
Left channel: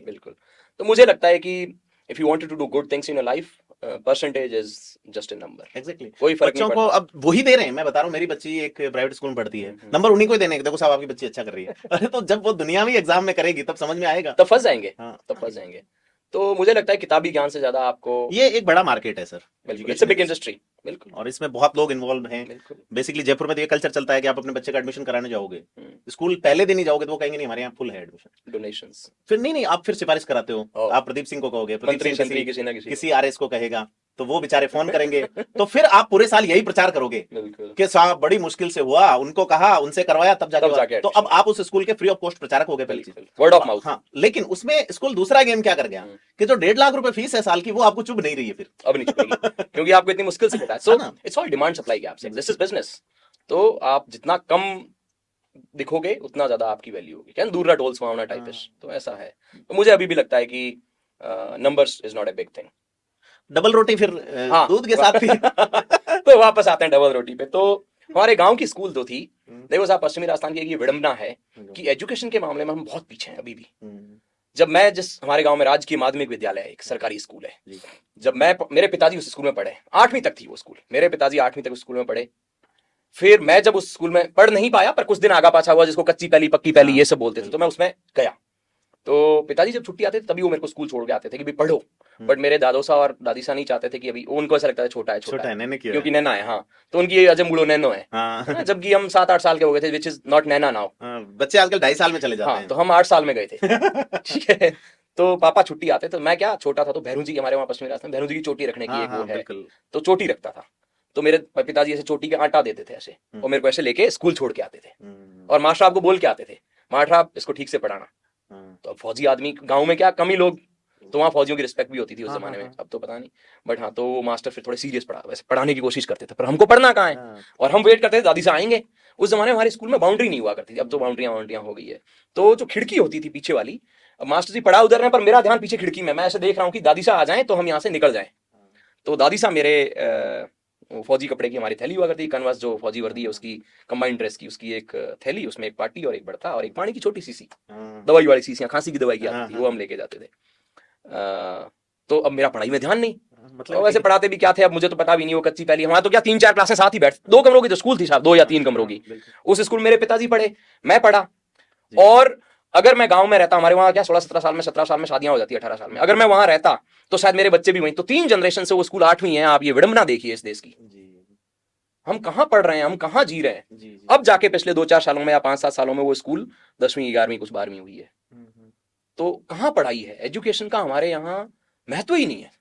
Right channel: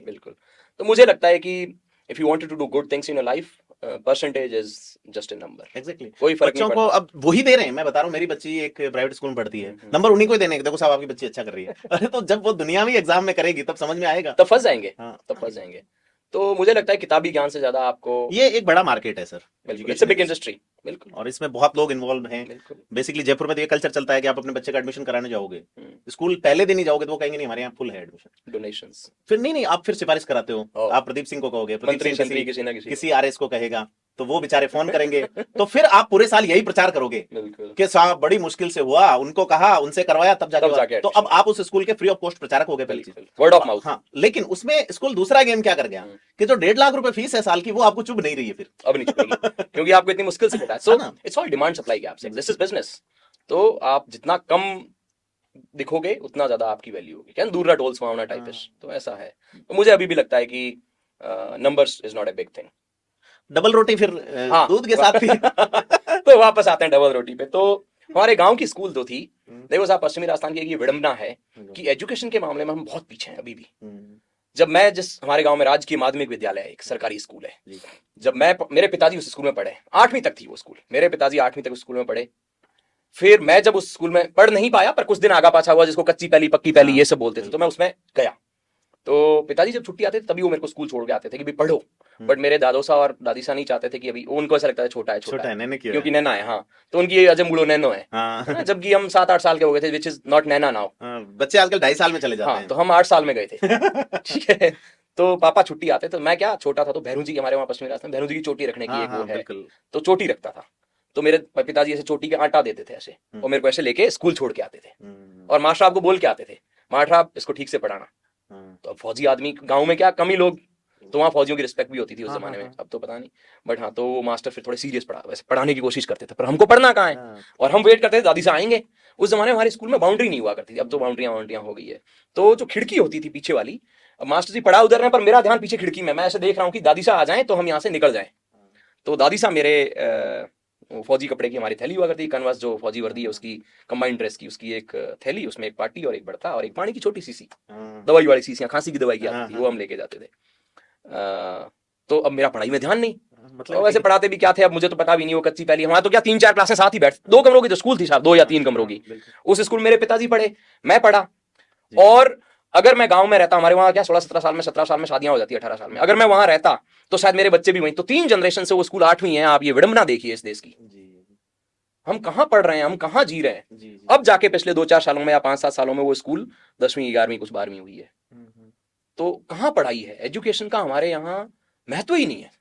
बिल्कुल। तो मुझे लगता है कि if you wanted to do good things in a life, percentage is just a number. Exactly कोई फर्क बच्चों नहीं को पड़ता। अब वही दे रहे हैं। मैं बता रहा हूँ मेरी बच्ची एक प्राइवेट स्कूल में पढ़ती है, नंबर उन्हीं को ही देने हैं, देखो साहब आपकी बच्ची अच्छा कर रही है। अरे तो जब वो दुनियावी एग्जाम में करेगी तब समझ में आएगा, तब फंस जाएंगे, हाँ। तब फंस जाएंगे। तो मुझे लगता है किताबी ज्ञान से ज्यादा आपको, ये एक बड़ा मार्केट है sir, it's a big industry. बिल्कुल, और इसमें बहुत लोग इन्वॉल्व हैं। बिल्कुल। बेसिकली जयपुर में तो ये कल्चर चलता है कि आप अपने बच्चे का एडमिशन कराने जाओगे, स्कूल पहले दिन ही जाओगे तो वो कहेंगे नहीं हमारे यहाँ फुल है एडमिशन, डोनेशंस, फिर नहीं आप फिर सिफारिश कराते हो, और आप प्रदीप सिंह को कहोगे, प्रदीप मंत्री सिंह संतरी किसी ना किसी। किसी आरएस को कहेगा, तो वो बेचारे फोन करेंगे, तो फिर आप पूरे साल यही प्रचार करोगे बिल्कुल, कि साहब बड़ी मुश्किल से हुआ, उनको कहा, उनसे करवाया, तब तब जाके जाके तो अब आप उस स्कूल के फ्री ऑफ कॉस्ट प्रचारक हो गए पहली चीज। Word of mouth. हाँ, लेकिन उसमें स्कूल दूसरा गेम क्या कर गया कि जो 1.5 लाख रुपए फीस है साल की वो आपको चुभ नहीं रही है फिर। अब नहीं चुकेगी क्योंकि आपको इतनी मुश्किल से मिला। So it's all demand supply gaps, this is business. तो आप जितना कम दिखोगे उतना ज्यादा आपकी वैल्यू होगी, क्या दूर टोल सुहावना टाइपिश, तो ऐसा है। तो मुझे अभी भी लगता है कि numbers is not a big thing. Double रोटी फिर हाँ, दूध के साथ भी। तो वापस आते हैं डबल रोटी पे। तो हमारे गांव की स्कूल तो थी, देखो साहब पश्चिमी राजस्थान की एक ये विडंबना है कि एजुकेशन के मामले में हम बहुत पीछे हैं अभी भी। जब मैं जिस हमारे गांव में राजकीय माध्यमिक विद्यालय है, एक सरकारी स्कूल है, जब मैं, मेरे पिताजी उस स्कूल में पढ़े, 8वीं तक थी वो स्कूल, मेरे पिताजी 8वीं तक उस स्कूल में पढ़े। फिर मैं जब उस स्कूल में पढ़ नहीं पाया, पर कुछ दिन आगा पाछा हुआ, जिसको कच्ची पहली पक्की पहली ये सब बोलते थे, तो मैं उसमें गया। तो पिताजी जब छुट्टी आते थे तभी वो मेरे को स्कूल छोड़ के आते थे कि भी पढ़ो। बट मेरे दादो सा और दादी सा नहीं चाहते थे कि अभी, उनको ऐसा लगता है छोटा है नैने क्यों क्योंकि नैना है। हाँ, तो उनकी ये अजय मुड़ो नैनो है। हाँ। जबकि हम 7-8 साल के हो गए थे, which is not Naina now. बच्चे आजकल 2.5 साल में चले जाते हाँ, हैं। तो हम 8 साल में गए थे। ठीक है, तो पापा छुट्टी आते तो मैं क्या छोटा था, तो भैरू जी हमारे वहाँ पश्चिमी राजस्थान भैरू जी की चोटी रखने की एक वो है, तो चोटी रखता था। तो मेरे पिताजी ऐसे चोटी का आटा देते थे ऐसे, और मेरे को ऐसे लेके स्कूल छोड़ के आते थे, और मास्टर साहब को बोल के आते थे, मास्टर साहब इसको ठीक से पढ़ाना। तो अब फौजी आदमी गांव में क्या कम ही लोग, तो वहाँ फौजियों की रिस्पेक्ट भी होती थी उस जमाने में, अब तो पता नहीं। बट हाँ, तो वो मास्टर फिर थोड़े सीरियस पढ़ा, वैसे पढ़ाने की कोशिश करते थे, पर हमको पढ़ना कहाँ है, और हम वेट करते थे दादी से आएंगे। उस जमाने में हमारे स्कूल में बाउंड्री नहीं हुआ करती थी, अब तो बाउंड्रियां हो गई है। तो जो खिड़की होती थी पीछे वाली, अब मास्टर जी पढ़ा उधर रहे पर मेरा ध्यान पीछे खिड़की में, मैं ऐसे देख रहा हूँ कि दादी साहब आ जाए तो हम यहाँ से निकल जाए। तो दादी साहब मेरे फौजी कपड़े की हमारी थैली हुआ करती, कन्वर्स जो फौजी वर्दी है उसकी, कंबाइंड ड्रेस की उसकी एक थैली, उसमें एक पार्टी और एक बड़ता और एक पानी की छोटी सी दवाई वाली शीशियां, खांसी की दवाई की आती थी, वो हम लेके जाते थे। तो अब मेरा पढ़ाई में ध्यान नहीं, मतलब वैसे पढ़ाते भी क्या थे अब मुझे तो पता भी नहीं, वो कच्ची पहली, हमारा तो क्या 3-4 क्लासें साथ ही बैठ, 2 कमरों की तो स्कूल थी साहब, 2 या 3 कमरों की। उस स्कूल मेरे पिताजी पढ़े, मैं पढ़ा, और अगर मैं गांव में रहता, हमारे वहां क्या 16-17 साल में 17 साल में शादियां हो जाती है, 18 साल में, अगर मैं वहां रहता तो शायद मेरे बच्चे भी वहीं, तो 3 जनरेशन से वो स्कूल 8वीं है। आप ये विडंबना देखिए इस देश की, हम कहाँ पढ़ रहे हैं, हम कहाँ जी रहे हैं। अब जाके पिछले 2-4 सालों में या 5-7 सालों में वो स्कूल 10वीं 11वीं कुछ 12वीं हुई है, तो कहाँ पढ़ाई है, एजुकेशन का हमारे यहाँ महत्व ही नहीं है।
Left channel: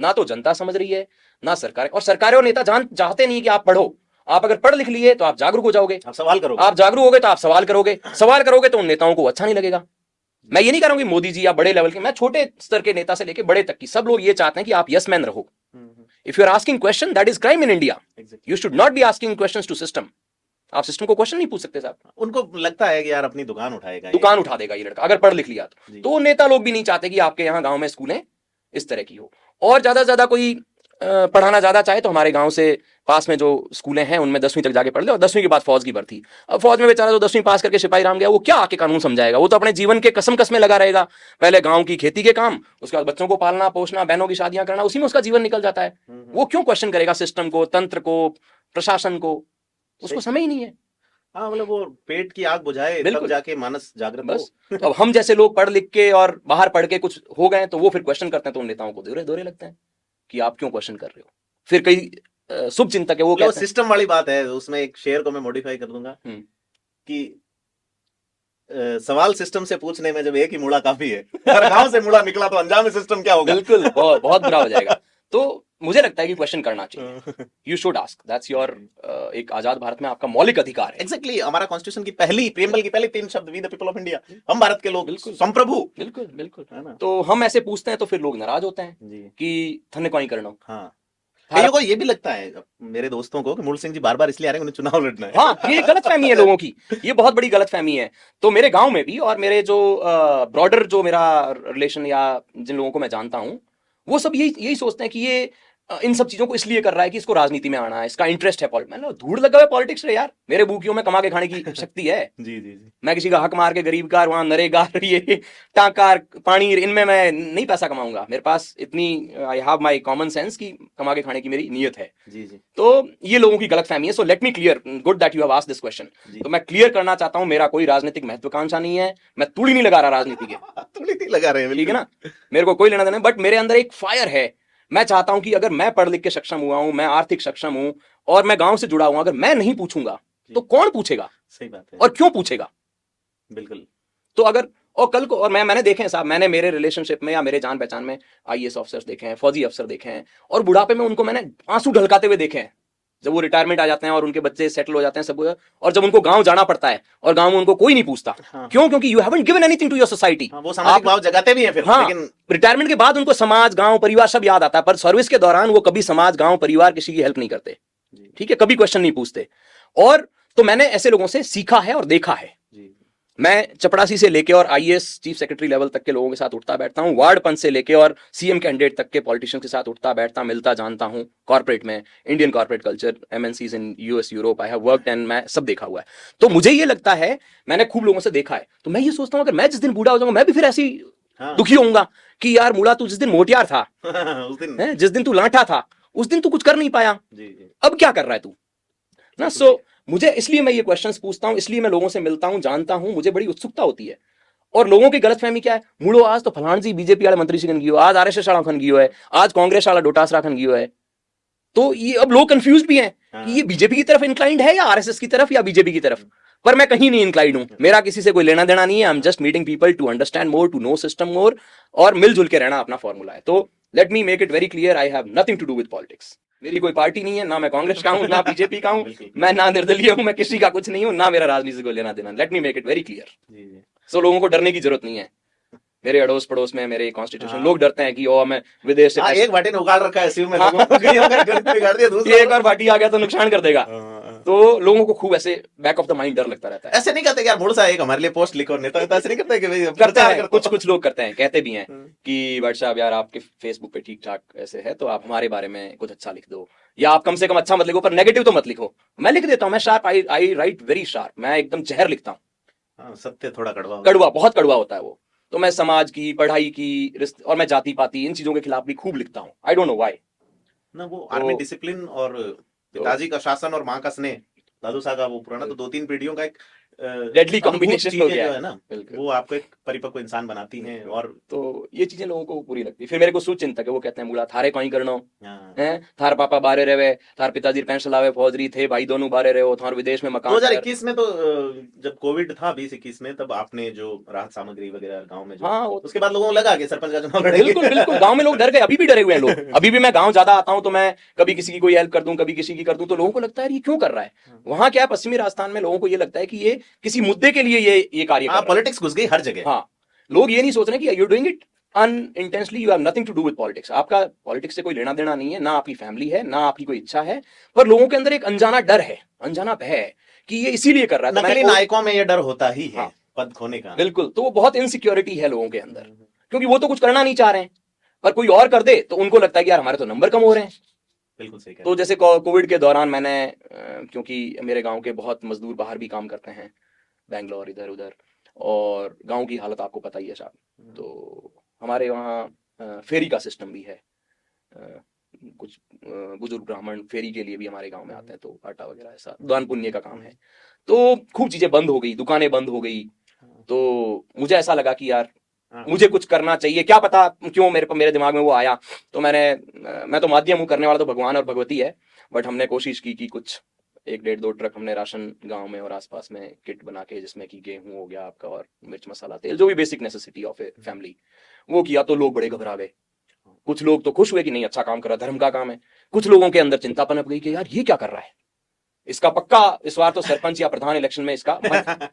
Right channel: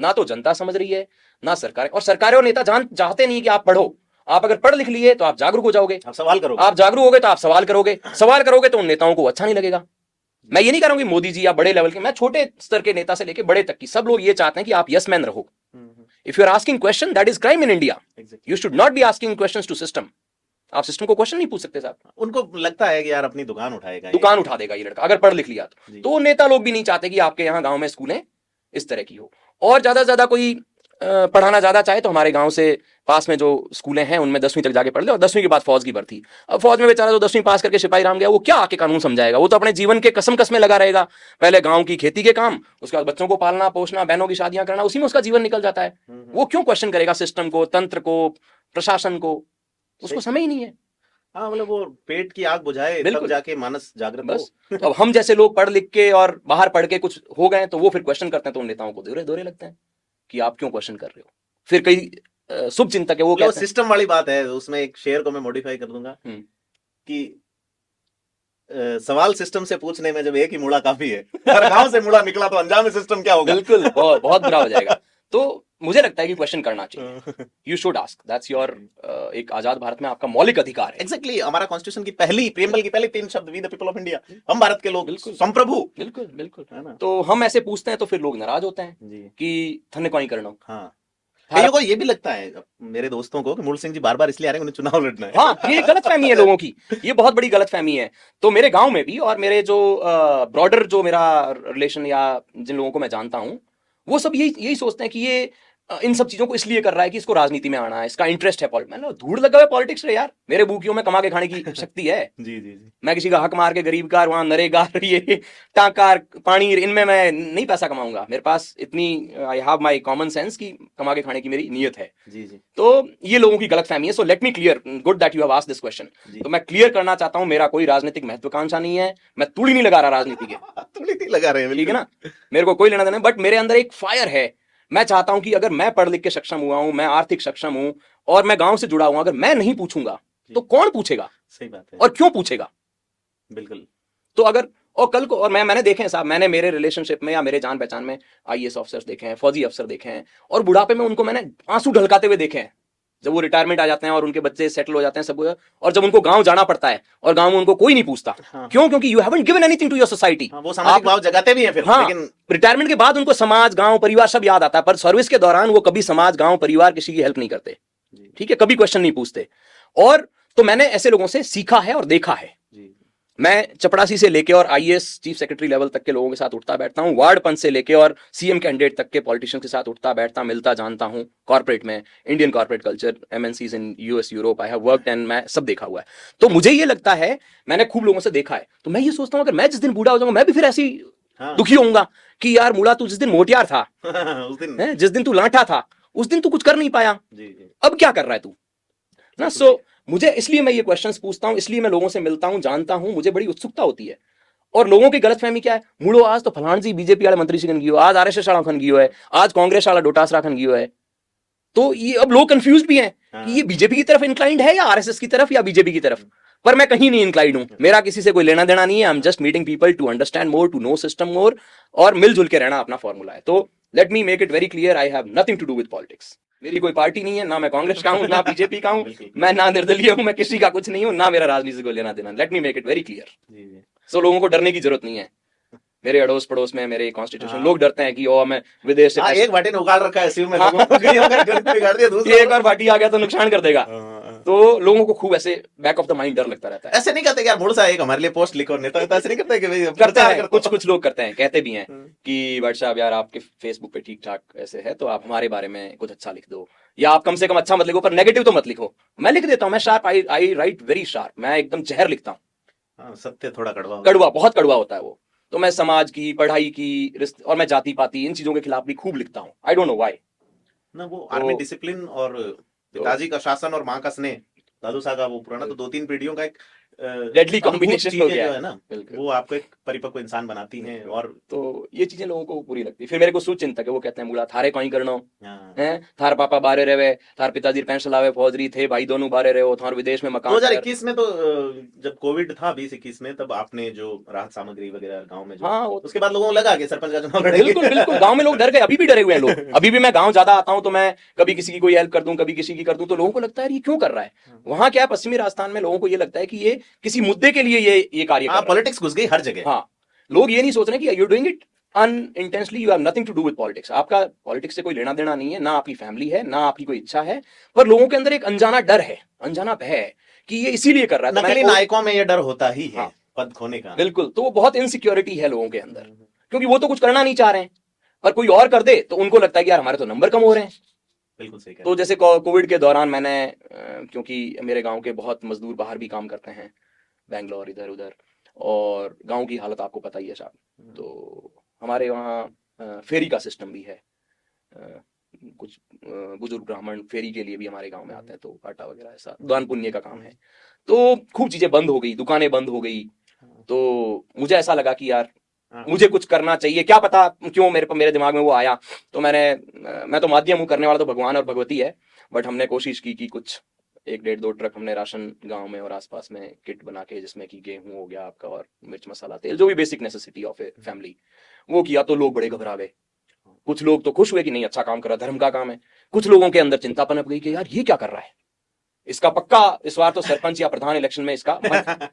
ना तो जनता समझ रही है, ना सरकार, और सरकारें और नेता चाहते नहीं कि आप पढ़ो। आप अगर पढ़ लिख लिए तो आप जागरूक हो जाओगे, आप सवाल करोगे, आप जागरूक हो गए तो आप सवाल करोगे, सवाल करोगे तो उन नेताओं को अच्छा नहीं लगेगा। मैं ये नहीं कह रहा हूँ कि मोदी जी या बड़े लेवल के, मैं छोटे स्तर के नेता से लेके बड़े तक की सब लोग ये चाहते हैं कि आप यस मैन रहो। If you are asking question, that is crime in India. You should not be asking questions to system. आप सिस्टम को क्वेश्चन नहीं पूछ सकते साहब, उनको लगता है कि यार अपनी दुकान उठाएगा, दुकान उठा देगा ये लड़का अगर पढ़ लिख लिया तो नेता लोग भी नहीं चाहते कि आपके यहाँ गांव में स्कूलें इस तरह की हो। और ज्यादा से ज्यादा कोई पढ़ाना ज्यादा चाहे तो हमारे गांव से पास में जो स्कूलें हैं उनमें 10वीं तक जाके पढ़ लिया और 10वीं के बाद फौज की भर्ती। अब फौज में बेचारा जो 10वीं पास करके सिपाही राम गया, वो क्या आके कानून समझाएगा? वो तो अपने जीवन के कसम कसमें लगा रहेगा, पहले गांव की खेती के काम, उसके बाद बच्चों को पालना पोषना, बहनों की शादियां करना, उसी में उसका जीवन निकल जाता है। वो क्यों क्वेश्चन करेगा सिस्टम को, तंत्र को, प्रशासन को? उसको समय ही नहीं है। हाँ, मतलब वो पेट की आग बुझाए तब बिल्कुल। जाके मानस जागृत बस हो। तो अब हम जैसे लोग पढ़ लिख के और बाहर पढ़ के कुछ हो गए तो वो फिर क्वेश्चन करते हैं, तो उन नेताओं को दोहरे दोहरे लगते हैं कि आप क्यों क्वेश्चन कर रहे हो। फिर कई शुभ चिंतक है वो जो कहते हैं, सिस्टम वाली बात है, उसमें एक शेयर को मैं मॉडिफाई कर दूंगा कि सवाल सिस्टम से पूछने में जब एक ही मुड़ा काफी है और गांव से मुड़ा निकला तो अंजाम सिस्टम क्या होगा? बिल्कुल बहुत बहुत बुरा हो जाएगा। तो मुझे लगता है कि क्वेश्चन करना चाहिए, you should ask, that's your, एक आजाद भारत में आपका मौलिक अधिकार है। एग्जैक्टली, हमारा कॉन्स्टिट्यूशन की पहली प्रियम्बल की पहली 3 शब्द, we the people of India, हम भारत के लोग, बिल्कुल। संप्रभु। बिल्कुल बिल्कुल। है ना? तो हम ऐसे पूछते हैं तो फिर लोग नाराज होते हैं जी। कि थने कोई करना। हाँ, कई लोगों को ये भी लगता है, मेरे दोस्तों को, कि मूल सिंह जी बार बार इसलिए आ रहे हैं उन्हें चुनाव लड़ना है। हाँ, ये गलत फहमी है लोगों की, ये बहुत बड़ी गलत फहमी है। तो मेरे गांव में भी और मेरे जो ब्रॉडर जो मेरा रिलेशन या जिन लोगों को मैं जानता हूँ, वो सब यही यही सोचते हैं कि ये इन सब चीजों को इसलिए कर रहा है कि इसको राजनीति में आना है, इसका इंटरेस्ट है। मैंने धूड़ लगा हुआ पॉलिटिक्स में यार, मेरे भूखियों में कमा के खाने की शक्ति है। जी जी जी। मैं किसी का हक मार के गरीब का वहां नरेगा ये टाकार पानी इनमें मैं नहीं पैसा कमाऊंगा। मेरे पास इतनी I have my common sense की कमा के खाने की मेरी नीयत है। जी जी। तो ये लोगों की गलत फहमी है। So let me clear, good that you have asked this question. तो मैं क्लियर करना चाहता हूं, मेरा कोई राजनीतिक महत्वाकांक्षा नहीं है, मैं तूड़ी नहीं लगा रहा राजनीति के, तुमने नहीं लगा रहे हैं, ठीक है ना, मेरे को कोई लेना देना, बट मेरे अंदर एक फायर है। मैं चाहता हूं कि अगर मैं पढ़ लिख के सक्षम हुआ हूं, मैं आर्थिक सक्षम हूं और मैं गांव से जुड़ा हुआ, अगर मैं नहीं पूछूंगा तो कौन पूछेगा? सही बात है। और क्यों पूछेगा? बिल्कुल। तो अगर और कल को, और मैंने देखे हैं साहब, मैंने मेरे रिलेशनशिप में या मेरे जान पहचान में आईएएस ऑफिसर्स देखे हैं, फौजी अफसर देखे हैं, और बुढ़ापे में उनको मैंने आंसू ढलकाते हुए देखे हैं। जब वो रिटायरमेंट आ जाते हैं और उनके बच्चे सेटल हो जाते हैं सब कुछ, और जब उनको गांव जाना पड़ता है और गांव में उनको कोई नहीं पूछता। हाँ। क्यों? क्योंकि you haven't given anything to your society. वो सामाजिक भाव जगाते भी हैं फिर। हाँ, लेकिन रिटायरमेंट के बाद उनको समाज, गांव, परिवार सब याद आता है, पर सर्विस के दौरान वो कभी समाज, गांव, परिवार किसी की हेल्प नहीं करते। ठीक है, कभी क्वेश्चन नहीं पूछते। और तो मैंने ऐसे लोगों से सीखा है और देखा है। मैं चपड़ासी से लेके और आईएएस चीफ सेक्रेटरी लेवल तक के लोगों के साथ उठता बैठता हूँ, वार्ड पंच से लेके और सीएम कैंडिडेट तक के पॉलिटिशियन के साथ उठता बैठता, मिलता, जानता हूँ। कॉर्पोरेट में, Indian corporate culture, MNCs in US, Europe, I have worked and मैं सब देखा हुआ है। तो मुझे ये लगता है, मैंने खूब लोगों से देखा है, तो मैं ये सोचता हूँ अगर मैं जिस दिन बूढ़ा हो जाऊंगा, मैं भी फिर ऐसी दुखी होऊंगा कि यार मुड़ा, तू जिस दिन मोटियार था, जिस दिन तू लाठा था, उस दिन तू कुछ कर नहीं पाया, अब क्या कर रहा है तू? सो मुझे, इसलिए मैं ये क्वेश्चंस पूछता हूं, इसलिए मैं लोगों से मिलता हूं, जानता हूं, मुझे बड़ी उत्सुकता होती है। और लोगों की गलतफहमी क्या है, मुड़ो आज तो फलान जी बीजेपी वाले मंत्री से खन गयो, आज आरएसएस वाला खन गयो है, आज कांग्रेस वाला डोटासरा खन गयो है। तो ये अब लोग कंफ्यूज भी हैं कि ये बीजेपी की तरफ इंक्लाइंड है या आरएसएस की तरफ या बीजेपी की तरफ। पर मैं कहीं नहीं इंक्लाइंड हूं, मेरा किसी से कोई लेना देना नहीं है। I am just meeting people to understand more, to know system more, और मिलजुल के रहना अपना फॉर्मूला है। तो let me make it very clear, I have nothing to do with politics. मेरी कोई पार्टी नहीं है, ना मैं कांग्रेस का हूं, ना बीजेपी का हूं, मैं ना निर्दलीय हूं, मैं किसी का कुछ नहीं हूं, ना मेरा राजनीति को लेना देना। Let me make it very clear. So लोगों को डरने की जरूरत नहीं है। मेरे अड़ोस पड़ोस में, मेरे कॉन्स्टिट्यूशन, लोग डरते हैं कि ओ मैं विदेश से एक बाटी उखाड़ रखा है शिव में, एक और पार्टी आ गया तो नुकसान कर देगा। तो लोगों को खूब ऐसे बैक ऑफ द माइंड डर लगता रहता है। ऐसा नहीं करते यार, बहुत सा एक हमारे लिए पोस्ट लिखो, नेता ऐसा नहीं करते कि करते हैं, कुछ लोग करते हैं, कहते भी हैं कि भाई साहब यार आपके फेसबुक पे ठीक ठाक ऐसे है, तो आप हमारे बारे में कुछ अच्छा लिख दो, या आप कम से कम अच्छा मत लिखो पर नेगेटिव तो मत लिखो। मैं लिख देता हूँ, मैं शार्प, आई राइट वेरी शार्प, मैं एकदम जहर लिखता हूँ। सत्य थोड़ा कड़वा, कड़वा, बहुत कड़वा होता है वो। तो मैं समाज की, पढ़ाई की, और मैं जाति पाति, इन चीजों के खिलाफ भी खूब लिखता हूँ। आई डोंट नो व्हाई ना, वो आर्मी डिसिप्लिन और पिताजी का शासन और माँ का स्नेह, दादू साहब का वो पुराना तो 2-3 पीढ़ियों का एक डेडली कॉम्बिनेशन हो गया है ना, वो आपको एक परिपक्व इंसान बनाती है। और तो ये चीजें लोगों को बुरी लगती है। फिर मेरे को सुचिंतक है, वो कहते हैं मुला थारे कोई करनो हैं, थार पापा बारे रहे, थार पिताजी पेंशन लावे फौजरी थे, भाई दोनों बारे रहे हो, थार विदेश में मकान। 2021 में तो जब कोविड था 2021 में, तब आपने जो राहत सामग्री वगैरह गांव में, हाँ, उसके बाद लोगों को लगा कि सरपंच का चुनाव लड़ेंगे। बिल्कुल बिल्कुल, गांव में लोग डर गए, अभी भी डरे हुए हैं लोग। अभी भी मैं गांव ज्यादा आता हूं तो मैं कभी किसी की कोई हेल्प कर दूं, कभी किसी की कर दूं, तो लोगों को लगता है ये क्यों कर रहा है। वहां क्या है, पश्चिमी राजस्थान में लोगों को ये लगता है कि ये किसी मुद्दे के लिए ये कार्य कर रहा है। पॉलिटिक्स घुस गई हर जगह। हाँ, लोग ये नहीं सोच रहे कि you doing it unintentionally, you have nothing to do with politics. आपका पॉलिटिक्स से कोई लेना देना नहीं है, ना आपकी फैमिली है, ना आपकी कोई इच्छा है, पर लोगों के अंदर एक अनजाना डर है, अनजाना भय है कि ये इसीलिए कर रहा है। नकली नायकों में ये डर होता ही है, पद खोने का। बिल्कुल, तो बहुत इनसिक्योरिटी है लोगों के अंदर, क्योंकि वो तो कुछ करना नहीं चाह रहे हैं, पर कोई और कर दे तो उनको लगता है कि यार हमारे तो नंबर कम हो रहे हैं। बिल्कुल सही कह तो जैसे कोविड के दौरान मैंने क्योंकि मेरे गांव के बहुत मजदूर बाहर भी काम करते हैं, बेंगलोर इधर उधर, और गांव की हालत आपको पता ही है शायद। तो हमारे वहाँ फेरी का सिस्टम भी है। अ, कुछ बुजुर्ग ब्राह्मण फेरी के लिए भी हमारे गांव में आते हैं, तो आटा वगैरह ऐसा दान पुण्य का काम है। तो खूब चीजें बंद हो गई, दुकानें बंद हो गई। तो मुझे ऐसा लगा कि यार मुझे कुछ करना चाहिए, क्या पता क्यों मेरे को मेरे दिमाग में वो आया। तो मैं तो माध्यम हूँ, करने वाला तो भगवान और भगवती है। बट हमने कोशिश की कि कुछ 1 1.2 ट्रक हमने राशन गांव में और आसपास में किट बना के, जिसमें कि गेहूं हो गया आपका और मिर्च मसाला तेल, जो भी basic necessity of a family, वो किया। तो लोग बड़े घबरा गए। कुछ लोग तो खुश हुए कि नहीं अच्छा काम कर रहा है, धर्म का काम है। कुछ लोगों के अंदर चिंता पनप गई कि यार ये क्या कर रहा है, इसका पक्का इस बार तो सरपंच या प्रधान इलेक्शन में इसका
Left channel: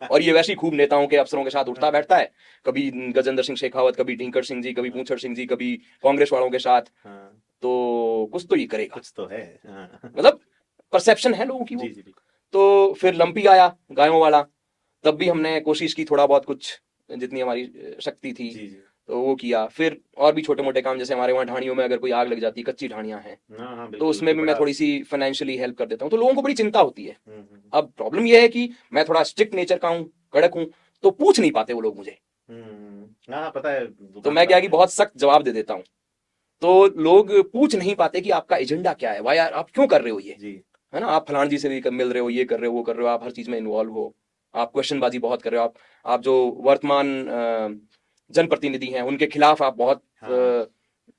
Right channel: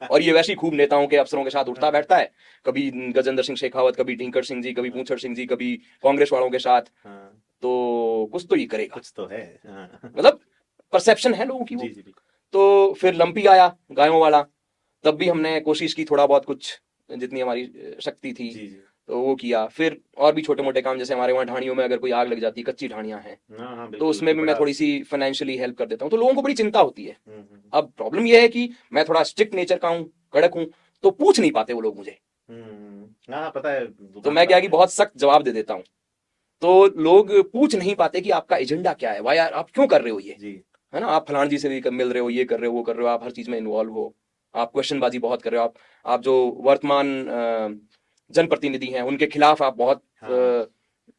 और ये वैसे ही खूब नेताओं के अफसरों के साथ उठता बैठता है, कभी गजेंद्र सिंह शेखावत, कभी ढींकर सिंह जी, कभी पूछड़ सिंह जी, कभी कांग्रेस वालों के साथ। तो कुछ तो ये करेगा, कुछ तो है। मतलब परसेप्शन है लोगों की वो। तो फिर लंपी आया गायों वाला, तब भी हमने कोशिश की थोड़ा बहुत कुछ जितनी हमारी शक्ति थी तो वो किया। फिर और भी छोटे मोटे काम, जैसे हमारे वहाँ ढाणियों में अगर कोई आग लग जाती, कच्ची ढाणियां हैं, तो उसमें भी मैं थोड़ी सी फाइनेंशियली हेल्प कर देता हूँ। तो लोगों को बड़ी चिंता होती है। अब प्रॉब्लम ये है कि मैं थोड़ा स्ट्रिक्ट नेचर का हूँ, कड़क हूँ, तो पूछ नहीं पाते वो लोग मुझे। पता है, तो मैं क्या कि बहुत सख्त जवाब दे देता हूँ। तो लोग पूछ नहीं पाते कि आपका एजेंडा क्या है, भाई यार आप क्यों कर रहे हो ये, है ना। आप फलान जी से भी मिल रहे हो, ये कर रहे हो, वो कर रहे हो, आप हर चीज में इन्वॉल्व हो, आप क्वेश्चन बाजी बहुत कर रहे हो। आप जो वर्तमान जनप्रतिनिधि हैं उनके खिलाफ आप बहुत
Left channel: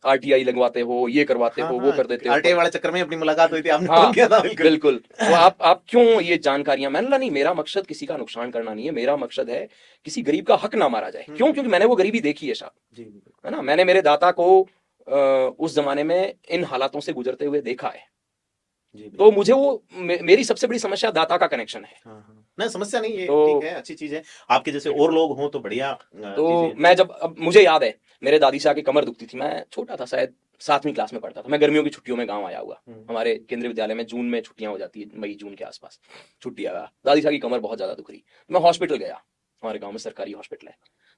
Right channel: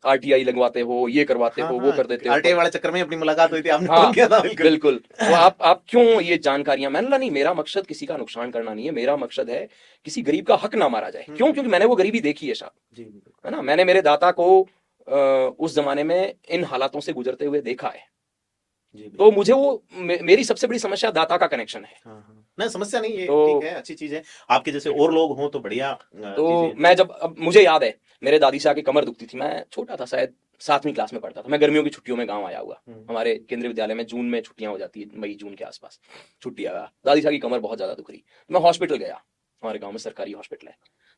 आरटीआई लगवाते हो, ये करवाते हो, वो कर देते हो। आरटीआई वाले चक्कर में अपनी मुलाकात हुई थी, आपने हाँ फोन किया था। बिल्कुल बिल्कुल। तो आप क्यों ये जानकारियां, मैंने नहीं, मेरा मकसद किसी का नुकसान करना नहीं है, मेरा मकसद है किसी गरीब का हक ना मारा जाए। क्यों? क्योंकि मैंने वो गरीबी देखी है साहब, है ना। मैंने मेरे दाता को उस जमाने में इन हालातों से गुजरते हुए देखा है। तो मुझे वो मेरी सबसे बड़ी समस्या दाता का कनेक्शन है। नहीं, समस्या नहीं है, तो ठीक है, अच्छी चीज है। आपके जैसे और लोग हों तो बढ़िया तो चीजें। मैं जब, अब मुझे याद है मेरे दादी से आके कमर दुखती थी, मैं छोटा था शायद 7वीं क्लास में पढ़ता था, मैं गर्मियों की छुट्टियों में गांव आया हुआ। हमारे केंद्रीय विद्यालय में जून में छुट्टियां हो जाती है, मई जून के आसपास छुट्टी आया। दादी साहब की कमर बहुत ज्यादा दुख रही, मैं हॉस्पिटल गया, हमारे गाँव में सरकारी हॉस्पिटल है।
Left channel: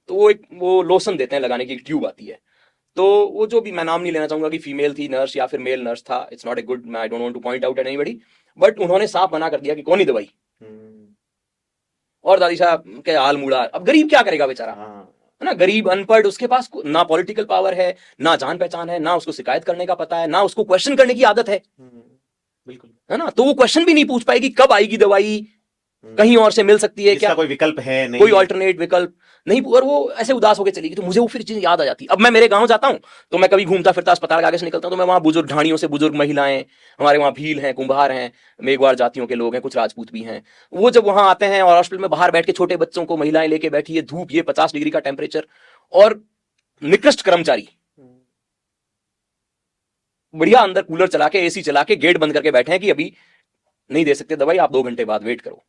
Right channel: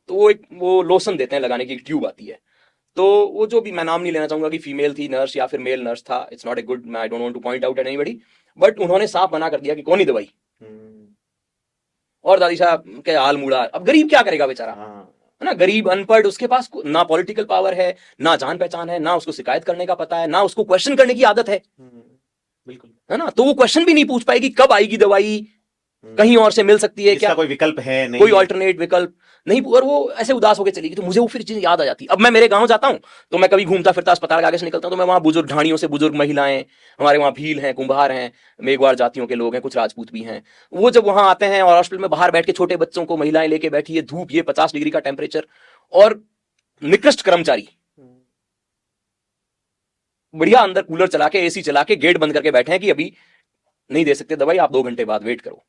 तो वो लोशन देते हैं लगाने की, एक ट्यूब आती है। तो वो जो भी, मैं नाम नहीं लेना चाहूंगा कि फीमेल थी नर्स या फिर मेल नर्स था, it's not a good, I don't want two point out anybody, but उन्होंने साफ मना कर दिया कि कौन ही दवाई। और दादी साहब के हाल मुड़ा। अब गरीब क्या करेगा बेचारा, है ना, गरीब अनपढ़, उसके पास ना पॉलिटिकल पावर है, ना जान पहचान है, ना उसको शिकायत करने का पता है, ना उसको क्वेश्चन करने की आदत है। बिल्कुल, है ना। तो वो क्वेश्चन भी नहीं पूछ पाएगी कब आएगी दवाई, कहीं और से मिल सकती है क्या, कोई विकल्प है नहीं, कोई ऑल्टरनेट विकल्प नहीं। और वो ऐसे उदास होकर चली गई। तो मुझे वो फिर चीज याद आ जाती। अब मैं मेरे गांव जाता हूँ तो मैं कभी घूमता फिरता अस्पताल के आगे से निकलता हूँ, तो मैं वहाँ बुजुर्ग ढाणियों से बुजुर्ग महिलाएं, हमारे वहाँ भील हैं, कुंभार हैं, मेघवार जातियों के लोग हैं, कुछ राजपूत भी हैं, वो जब वहां आते हैं और हॉस्पिटल में बाहर बैठ के छोटे बच्चों को महिलाएं लेके बैठी है, धूप, ये 50 डिग्री का टेम्परेचर, और निकृष्ट कर्मचारी बढ़िया अंदर कूलर चला के, एसी चला के, गेट बंद करके बैठे हैं कि अभी नहीं दे सकते दवाई, आप 2 घंटे बाद वेट करो।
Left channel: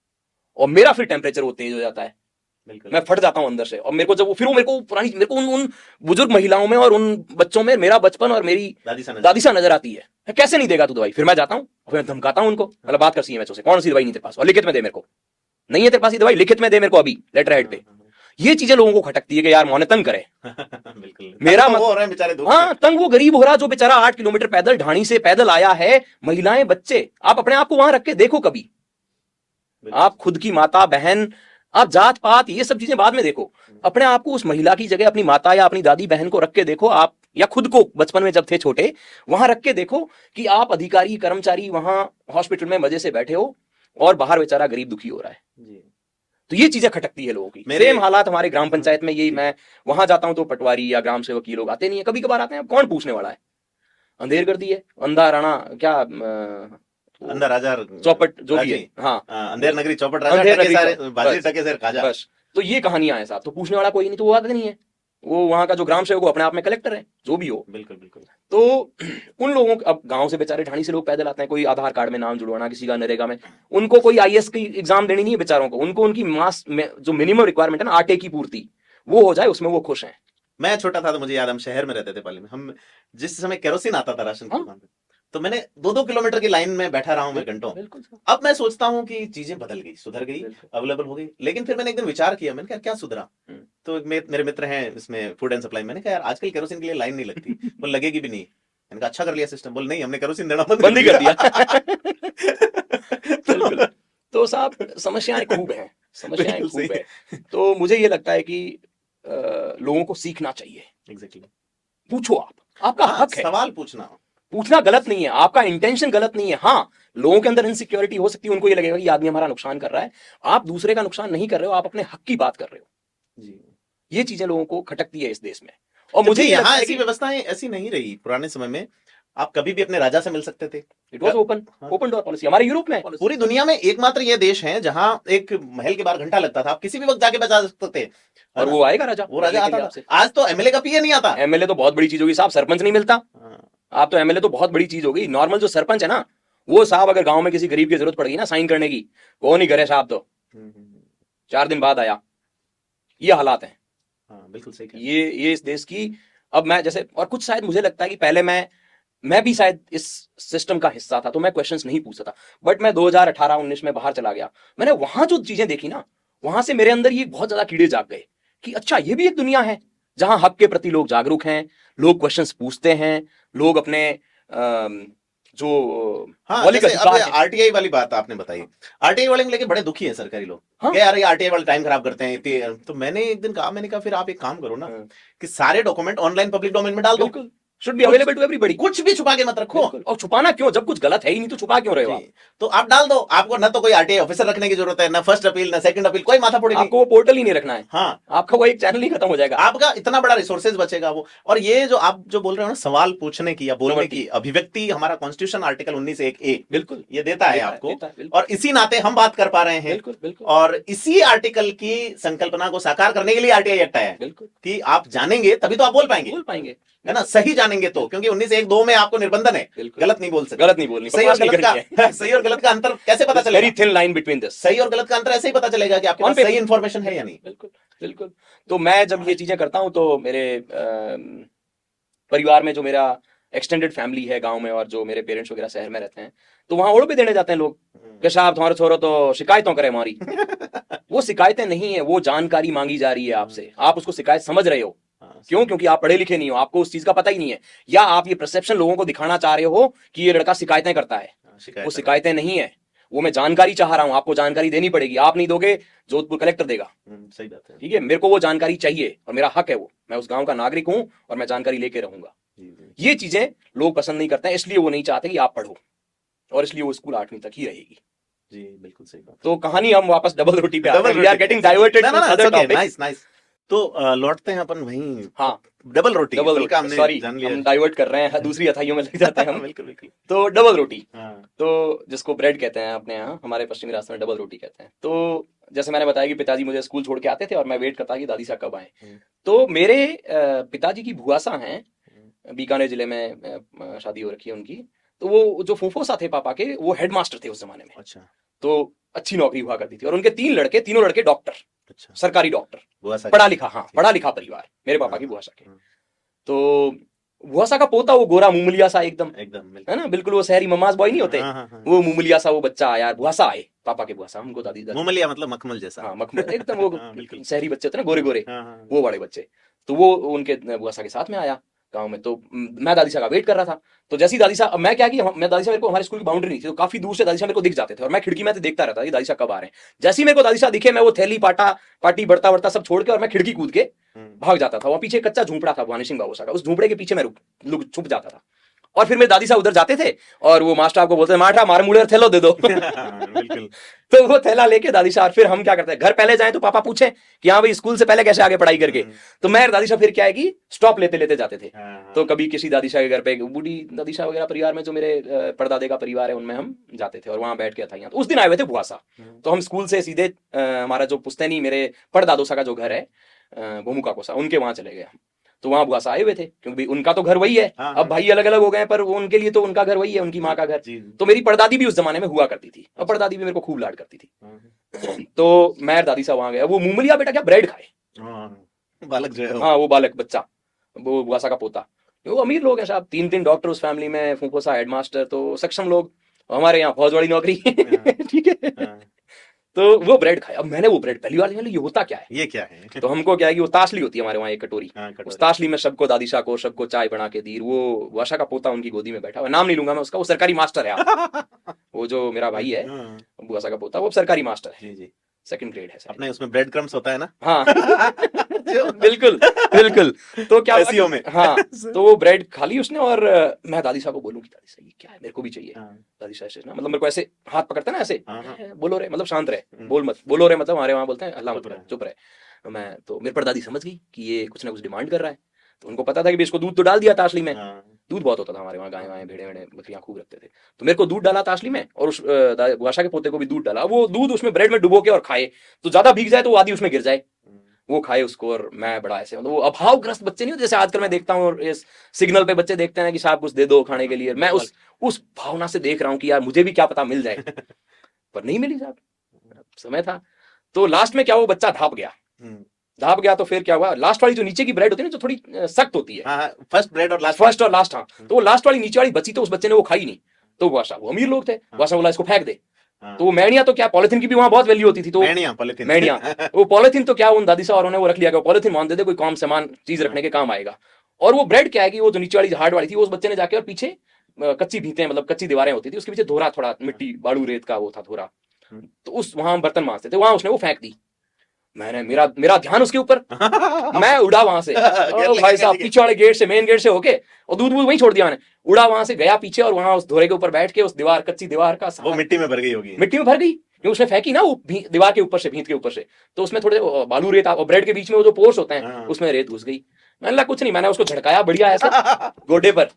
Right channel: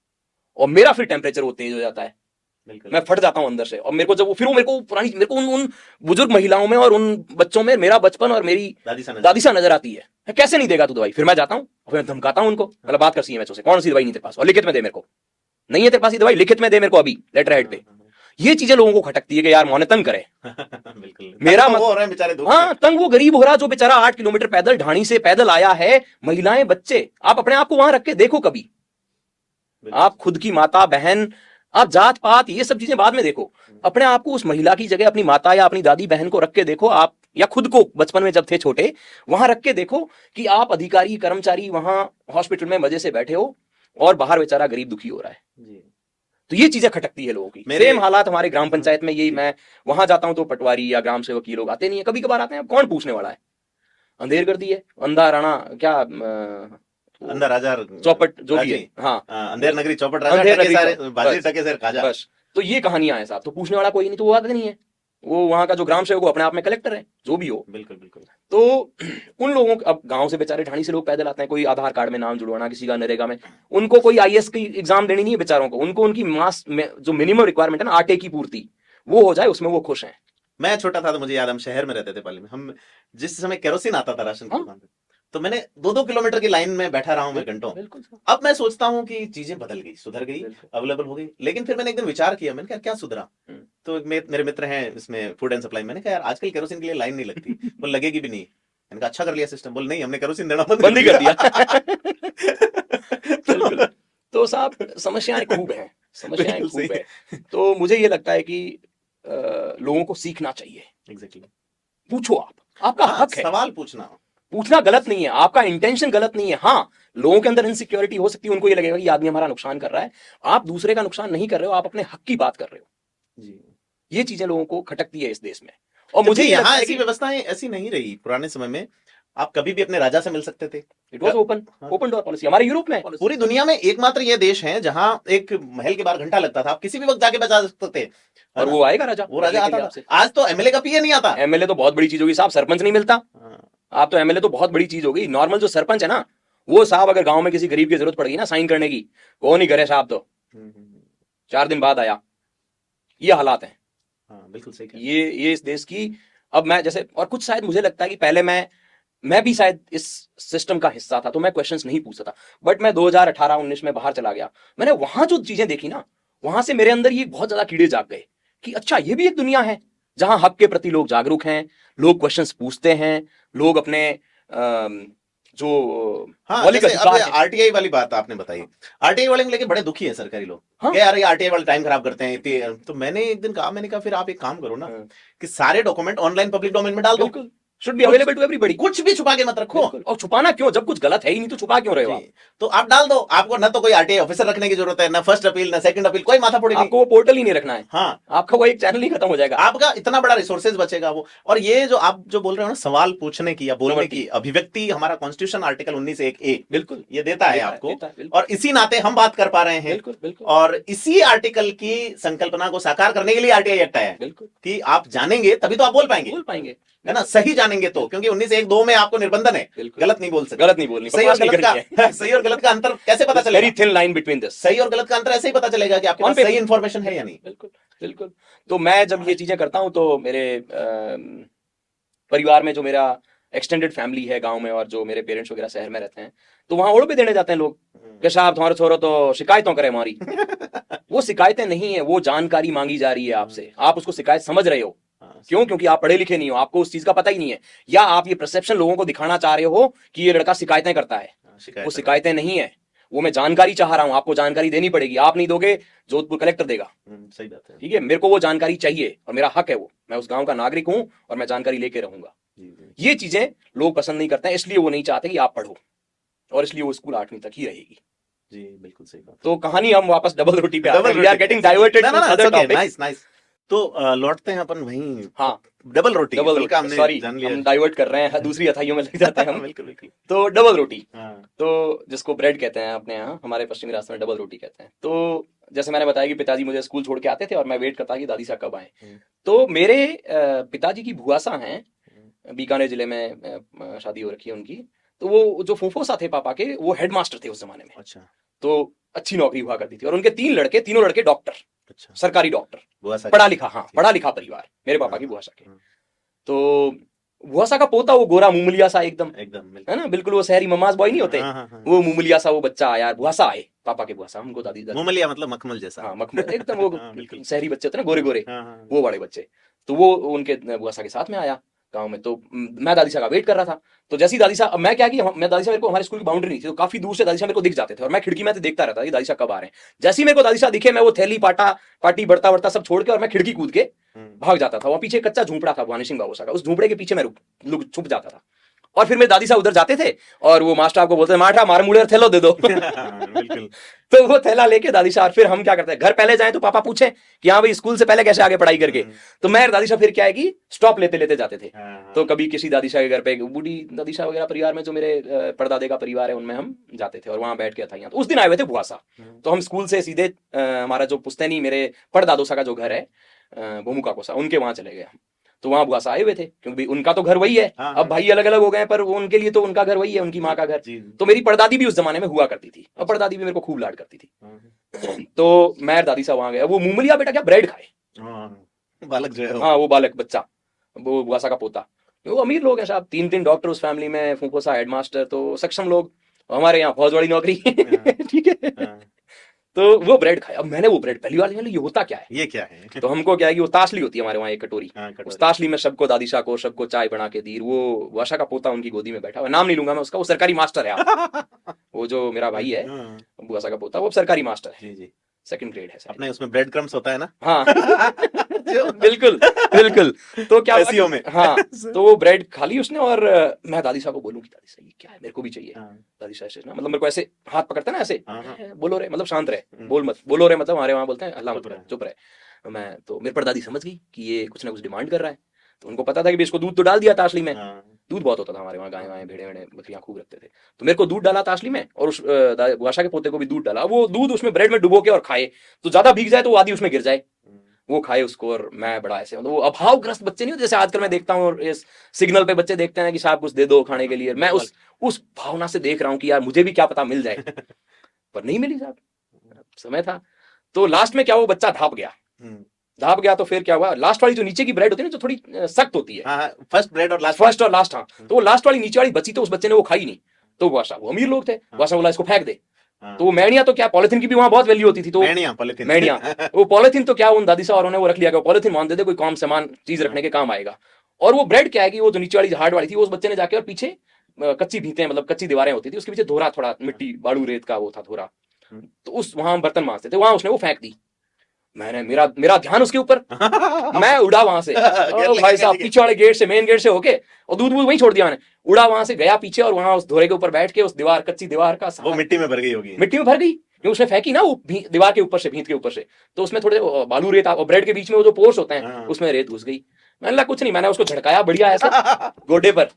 और मेरा फिर टेम्परेचर वो तेज हो जाता है, मैं फट जाता हूँ अंदर से। और मेरे को जब वो, फिर वो मेरे को उन बुजुर्ग महिलाओं में और उन बच्चों में मेरा बचपन और मेरी दादी सा नजर आती है। मैं कैसे नहीं देगा तू दवाई। फिर मैं जाता हूँ, फिर धमकाता हूँ उनको, मतलब बात कर सीएमएचओ से, कौन सी दवाई नहीं तेरे पास, और लिखित में दे मेरे को, नहीं है तेरे पास ये दवाई, लिखित में दे मेरे को अभी लेटर हेड पे। ये चीजें लोगों को खटकती है कि यार मोने तंग करे। मेरा वो हो रहे हैं बेचारे धूप हाँ, तंग वो गरीब हो रहा जो बेचारा 8 किलोमीटर पैदल ढाणी से पैदल आया है, महिलाएं बच्चे। आप अपने आप को वहां रख के देखो कभी, आप खुद की माता बहन, आप जात पात ये सब चीजें बाद में देखो, अपने आप को उस महिला की जगह अपनी माता या अपनी दादी बहन को रख के देखो आप, या खुद को बचपन में जब थे छोटे वहां रख के देखो कि आप अधिकारी कर्मचारी वहां हॉस्पिटल में मजे से बैठे हो और बाहर बेचारा गरीब दुखी हो रहा है। तो ये चीजें खटकती है लोगों की। सेम हालात हमारे ग्राम पंचायत में, यही, मैं वहां जाता हूँ तो पटवारी या ग्राम सेवक ये लोग आते नहीं है, कभी कभार आते हैं, अब कौन पूछने वाला है, अंधेर कर दिए, अंधा राणा क्या, अंदर राजा चौपट जो भी है, हाँ, अंधेर नगरी चौपट राजा, अंधेर टके नगरी सारे चौपट, बाजी बस, टके सारे खाजा। बस। तो ये कहानियां हैं साहब, तो पूछने वाला कोई नहीं, तो वो आते नहीं है। वो वहां का जो ग्राम सेवक, वो अपने आप में कलेक्टर है, जो भी हो। बिल्कुल बिल्कुल। तो उन लोगों, अब गांव से बेचारे ढाणी से लोग पैदल आते हैं, कोई आधार कार्ड में नाम जुड़वाना, किसी का नरेगा में, उनको कोई आईएएस की एग्जाम देनी नहीं है बेचारों को, उनको उनकी मास में जो मिनिमम रिक्वायरमेंट है ना, आटे की पूर्ति, वो हो जाए, उसमें वो खुश है। मैं छोटा था तो मुझे याद, हम शहर में रहते थे पहले, हम जिस समय केरोसिन आता था राशन की दुकान पे, तो मैंने 2-2 किलोमीटर की लाइन में बैठा रहा हूं मैं घंटों। अब मैं सोचता हूँ कि चीजें बदल गई, सुधर गई, अवेलेबल हो गई, लेकिन फिर मैंने एक दिन विचार किया, मैंने कहा क्या सुधरा। तो मेरे मित्र हैं इसमें फूड एंड सप्लाई, मैंने कहा यार आजकल केरोसिन के लिए लाइन नहीं लगती, तो लगेगी भी नहीं, इनका अच्छा कर लिया सिस्टम, बोल नहीं हमने केरोसिन देना बंद ही कर दिया। तो बिल्कुल। तो साहब समस्याएं खूब है, समस्याएं खूब है। तो मुझे ये लगता है कि लोगों को सीखना चाहिए। Exactly. पूछो, आपका हाँ, हक है, सवाल पूछना। पूछना गलत नहीं है, आपका इंटेंशन गलत नहीं है। हाँ, लोगों के अंदर इनसिक्योरिटी हो सकती है, उनको ये लगेगा कि आदमी हमारा नुकसान कर रहा है। आप दूसरे का नुकसान नहीं कर रहे हो, आप अपने हक की बात कर रहे हो। जी। ये चीजें लोगों को खटकती है इस देश में। और मुझे ये लगता यहाँ है ऐसी कि व्यवस्थाएं ऐसी नहीं रही पुराने समय में। आप कभी भी अपने राजा से मिल सकते थे। It was open door policy, हमारे यूरोप में है। पूरी दुनिया में एकमात्र ये देश है जहाँ एक महल के बाहर घंटा लगता था, आप किसी भी वक्त जाके बजा सकते थे। और वो आएगा राजा, वो राजा आता था। आज तो एमएलए का पीए नहीं आता। एमएलए तो बहुत बड़ी चीज होगी साहब, सरपंच नहीं मिलता। आप तो एमएलए तो बहुत बड़ी चीज होगी। नॉर्मल जो सरपंच है ना, वो साहब अगर गांव में किसी गरीब की जरूरत पड़ गई ना साइन करने की, वो नहीं करे साहब, तो 4 दिन बाद आया। ये हालात है। बिल्कुल सही कहा। ये इस देश की। अब मैं जैसे, और कुछ शायद मुझे लगता है कि पहले मैं भी शायद इस सिस्टम का हिस्सा था, तो मैं क्वेश्चंस नहीं पूछता था। बट मैं 2018-19 में बाहर चला गया, मैंने वहां जो चीजें देखी ना, वहां से मेरे अंदर ये बहुत ज्यादा कीड़े जाग गए कि अच्छा, ये भी एक दुनिया है जहां हक के प्रति लोग जागरूक हैं, लोग क्वेश्चंस पूछते हैं, लोग अपने जो हाँ, मौलिक जैसे अधिकार अब है। आरटीआई वाली बात आपने बताई। आरटीआई वाले लेके बड़े दुखी है सरकारी लोग। हाँ। क्या यार ये आरटीआई वाले टाइम खराब करते हैं तो मैंने एक दिन कहा, मैंने कहा फिर आप एक काम करो ना कि सारे डॉक्यूमेंट ऑनलाइन पब्लिक डोमेन में डाल दो। बिल्कुल, should be available to everybody. कुछ भी छुपा के मत रखो। और छुपाना क्यों, जब कुछ गलत है ही नहीं तो छुपा क्यों रहे हो आप? तो आप डाल दो, आपको न तो कोई आरटीआई ऑफिसर रखने की जरूरत है, न फर्स्ट अपील, न सेकंड अपील, कोई माथा पड़ी नहीं। आपको वो पोर्टल ही नहीं रखना है। हाँ, आपका वो एक चैनल ही खत्म हो जाएगा। आपका इतना बड़ा रिसोर्सेज बचेगा वो। और ये जो आप जो बोल रहे हो ना, सवाल पूछने की या बोलने की अभिव्यक्ति, हमारा कॉन्स्टिट्यूशन आर्टिकल 19(1)(a) बिल्कुल ये देता है आपको। देता है, बिल्कुल। और इसी नाते हम बात कर पा रहे हैं। बिल्कुल, बिल्कुल। और इसी आर्टिकल की संकल्पना को साकार करने के लिए आरटीआई एक्ट आया है बिल्कुल, कि आप जानेंगे तभी तो आप बोल पाएंगे। बोल पाएंगे। है ना, सही जानेंगे तो, क्योंकि 19(1)(2) में आपको निर्बंधन है, बिल्कुल। गलत नहीं बोल सकते। गलत नहीं बोलनी, सही और बकवास नहीं गलत करनी है। का सही और गलत का अंतर कैसे पता चलेगा? Very thin line between this. सही और गलत का अंतर ऐसे ही पता चलेगा कि आपके हम पास पे- सही इन्फॉर्मेशन है या नहीं। बिल्कुल, बिल्कुल। तो मैं जब ये चीजें करता हूँ तो मेरे परिवार में जो मेरा एक्सटेंडेड फैमिली है गांव में, और जो मेरे पेरेंट्स वगैरह शहर में रहते हैं, तो वहां ओढ़ पे देने जाते हैं लोग कि साहब तुम्हारे छोरो तो शिकायतों करे हमारी। वो शिकायतें नहीं है, वो जानकारी मांगी जा रही है आपसे, आप उसको शिकायत समझ रहे हो। क्यों? क्योंकि आप पढ़े लिखे नहीं हो, आपको उस चीज का पता ही नहीं है, या आप ये परसेप्शन लोगों को दिखाना चाह रहे हो कि ये लड़का शिकायतें करता है। वो शिकायतें नहीं है, वो मैं जानकारी चाह रहा हूँ, आपको जानकारी देनी पड़ेगी। आप नहीं दोगे, जोधपुर कलेक्टर देगा। सही बात है। ठीक है, मेरे को वो जानकारी चाहिए और मेरा हक है वो, मैं उस गांव का नागरिक हूँ और मैं जानकारी लेके रहूंगा। ये चीजें लोग पसंद नहीं करते हैं, इसलिए वो नहीं चाहते कि आप पढ़ो, और इसलिए वो स्कूल 8वीं तक ही रहेगी। जी बिल्कुल सही बात। तो कहानी हम वापस डबल रोटी पे आ गए। We are getting diverted to other topic. Nice nice. तो लौटते हैं अपन वहीं। हाँ, डबल रोटी। डबल फुल्का रोटी, हमने सॉरी जान लिया। हम डाइवर्ट कर रहे हैं, दूसरी अथाइयों में लग जाते हैं हम। बिल्कुल बिल्कुल। तो डबल रोटी, हाँ। तो जिसको ब्रेड कहते हैं अपने यहाँ, हमारे पश्चिमी राजस्थान में डबल रोटी कहते हैं। तो जैसे मैंने बताया कि पिताजी मुझे स्कूल छोड़ के आते थे और मैं वेट करता कि दादी साहब कब आए। तो मेरे पिताजी की भुआसा हैं, बीकानेर जिले में शादी हो रखी है उनकी। तो वो जो फूफोसा थे पापा के, वो हेडमास्टर थे उस जमाने में। अच्छा। तो अच्छी नौकरी हुआ करती थी, और उनके तीनों लड़के डॉक्टर, अच्छा। सरकारी डॉक्टर, भुआसा पढ़ा लिखा, हाँ पढ़ा लिखा परिवार मेरे पापा की भुआसा के। तो भुआसा का पोता वो गोरा मुमलिया सा एकदम, है ना, बिल्कुल वो शहरी ममाज बॉय नहीं होते, वो मुमलिया सा वो बच्चा आया, भुआसा आए पापा के भुआसा, उनको दादी मुमलिया मतलब मखमल जैसा। हाँ, मखमल एकदम, वो बिल्कुल शहरी बच्चे होते ना, गोरे गोरे, वो बड़े बच्चे। तो वो उनके भुआसा के साथ में आया गांव में। तो मैं दादी साहब का वेट कर रहा था। तो जैसी दादी साहब, मैं क्या कि मैं दादी साहब, मेरे को हमारे स्कूल की बाउंड्री नहीं थी, तो काफी दूर से दादी साहब मेरे को दिख जाते थे, और मैं खिड़की में से देखता रहता था दादी साहब कब आ रहे हैं। जैसे ही मेरे को दादी साहब दिखे, मैं वो थैली पाटी बर्ता वर्ता सब छोड़ के, और मैं खिड़की कूद के भाग जाता था। वहाँ पीछे कच्चा झोंपड़ा था भानीशंग बाबू का, उस झोंपड़े के पीछे मैं छुप जाता था। और फिर मेरे दादी साहब उधर जाते थे, और वो मास्टर आपको बोलते माठा मार मुड़े थैला दे दो। तो वो थैला लेके दादी साहब, फिर हम क्या करते हैं, घर पहले जाए तो पापा पूछे कि हाँ भाई स्कूल से पहले कैसे आगे पढ़ाई करके, तो मैं दादी साहब फिर क्या है कि स्टॉप लेते लेते जाते थे। तो कभी किसी दादी साहब के घर पे, बूढ़ी दादी साहब वगैरह परिवार में, जो मेरे परदादे का परिवार है, उनमें हम जाते थे और वहां बैठ के था। तो उस दिन आए हुए थे भुआसा, तो हम स्कूल से सीधे हमारा जो पुश्तैनी मेरे परदादोसा का जो घर है गोमुका कोसा, उनके वहां चले गया। तो वहां भुआसा आए हुए थे, क्योंकि उनका तो घर वही है। अब भाई अलग अलग हो गए, पर उनके लिए तो उनका घर वही है, उनकी माँ का घर। तो मेरी परदादी भी उस जमाने में हुआ करती थी, और परदादी भी मेरे को खूब लाड करती थी। तो मैं दादी साहब वहां गया, वो मुमलिया बेटा क्या ब्रेड खाए, बालक जो है, हाँ वो बालक बच्चा, वो भुआसा का पोता। वो अमीर लोग हैं साहब, 3 डॉक्टर उस फैमिली में, फूफोसा हेडमास्टर, तो सक्षम लोग। हमारे यहाँ फौज वाली नौकरी। ठीक है। तो वो ब्रेड खाया। अब मैंने वो ब्रेड पहली बार लिया, ये होता क्या है? ये क्या है? तो हमको क्या है कि वो ताशली होती है हमारे वहाँ एक कटोरी, हाँ, उस कटोरी। ताशली में सबको, दादी शाह को सबको चाय बना के दी। वो वाशा का पोता उनकी गोदी में बैठा हुआ, नाम नहीं लूंगा मैं उसका, वो सरकारी मास्टर है। वो जो मेरा भाई है, हाँ, वाशा का पोता, वो सरकारी मास्टर है, जी जी। सेकंड ग्रेड है। अपने उसमें ब्रेड क्रम्स होता है ना? हाँ बिल्कुल बिल्कुल। तो क्या हुआ एसईओ में। कि- हाँ, तो वो ब्रेड खा ली उसने, और मैं दादी शाह को बोलूँ कि दादी शाह ये क्या है, मेरे को भी चाहिए। हाँ, दादी शाह से ना, मतलब मेरे को ऐसे हाथ पकड़ता ना ऐसे, हाँ, हाँ। बोलो रे, मतलब शांत रहे, बोल मत, बोलो रे मतलब हमारे वहाँ बोलता है अल्लाह मत बोलो, चुप रहे। मैं तो मेरे पर दादी समझ गई कि ये कुछ ना कुछ डिमांड कर रहा है, तो उनको पता था कि भी इसको दूध तो डाल दिया ताशली में, हाँ, दूध बहुत होता था हमारे वहाँ, गाय वाय भेड़े वेड़े बकरियाँ खूब रखते थे। तो मेरे को दूध डाला ताशली में, और उस बादशाह के पोते को भी दूध डाला। वो दूध उसमें ब्रेड में डुबो के और खाए, तो ज्यादा भीग जाए तो वो आधी उसमें गिर जाए, वो खाए उसको। और मैं बड़ा ऐसे, मतलब वो अभावग्रस्त बच्चे नहीं होते जैसे आजकल मैं देखता हूँ, और इस सिग्नल पे बच्चे देखते हैं कि साहब कुछ दे दो खाने के लिए, मैं उस भावना से देख रहा हूँ कि यार मुझे भी क्या पता मिल जाए, पर नहीं मिली साहब, समय था। तो लास्ट में क्या, वो बच्चा धाप गया, धाप गया। तो फिर क्या हुआ, लास्ट वाली जो नीचे की ब्रेड होती है ना, जो थोड़ी सख्त होती है, हाँ, फर्स्ट ब्रेड और लास्ट। फर्स्ट और लास्ट, हाँ, तो वो लास्ट वाली नीचे वाली बची, तो उस बच्चे ने वो खाई नहीं। तो वाशा, वो अमीर लोग थे, वाशा बोला इसको फेंक दे। हाँ। तो वो मेणिया तो क्या, पॉलिथीन की भी वहां बहुत वैल्यू होती थी, तो मेणिया, पॉलिथीन। मेणिया, वो पॉलिथीन तो क्या, उन दादी साहब ने वो रख लिया, पॉलिथीन मान दी थी, कोई काम सामान चीज रखने के काम आएगा। और वो ब्रेड क्या है कि वो जो नीचे वाली हार्ड वाली थी, वो उस बच्चे ने जाके और पीछे कच्ची भीतें, मतलब कच्ची दीवारें होती थी, उसके पीछे धोरा, थोड़ा मिट्टी बालू रेत का वो था धोरा, तो उस वहां बर्तन मांजते थे, वहां उसने वो फेंक दी। मैंने, मेरा मेरा ध्यान उसके ऊपर, मैं उड़ा वहां से, भाई साहब पीछे वाले गेट से, मेन गेट से होके, और दूध वहीं छोड़ दिया मैंने, उड़ा वहां से, गया पीछे, और वहां उस धोरे के ऊपर बैठ के उस दीवार, कच्ची दीवार का वो मिट्टी में भर गई होगी। मिट्टी में भर गई, जो उसने फेंकी ना, वो दीवार के ऊपर से, भीत के ऊपर से, तो उसमें थोड़े बालू रेत, ब्रेड के बीच में वो जो पोर्स होते हैं उसमें रेत घुस गई। मैंने कहा कुछ नहीं, मैंने उसको झड़काया बढ़िया ऐसा गोडे पर,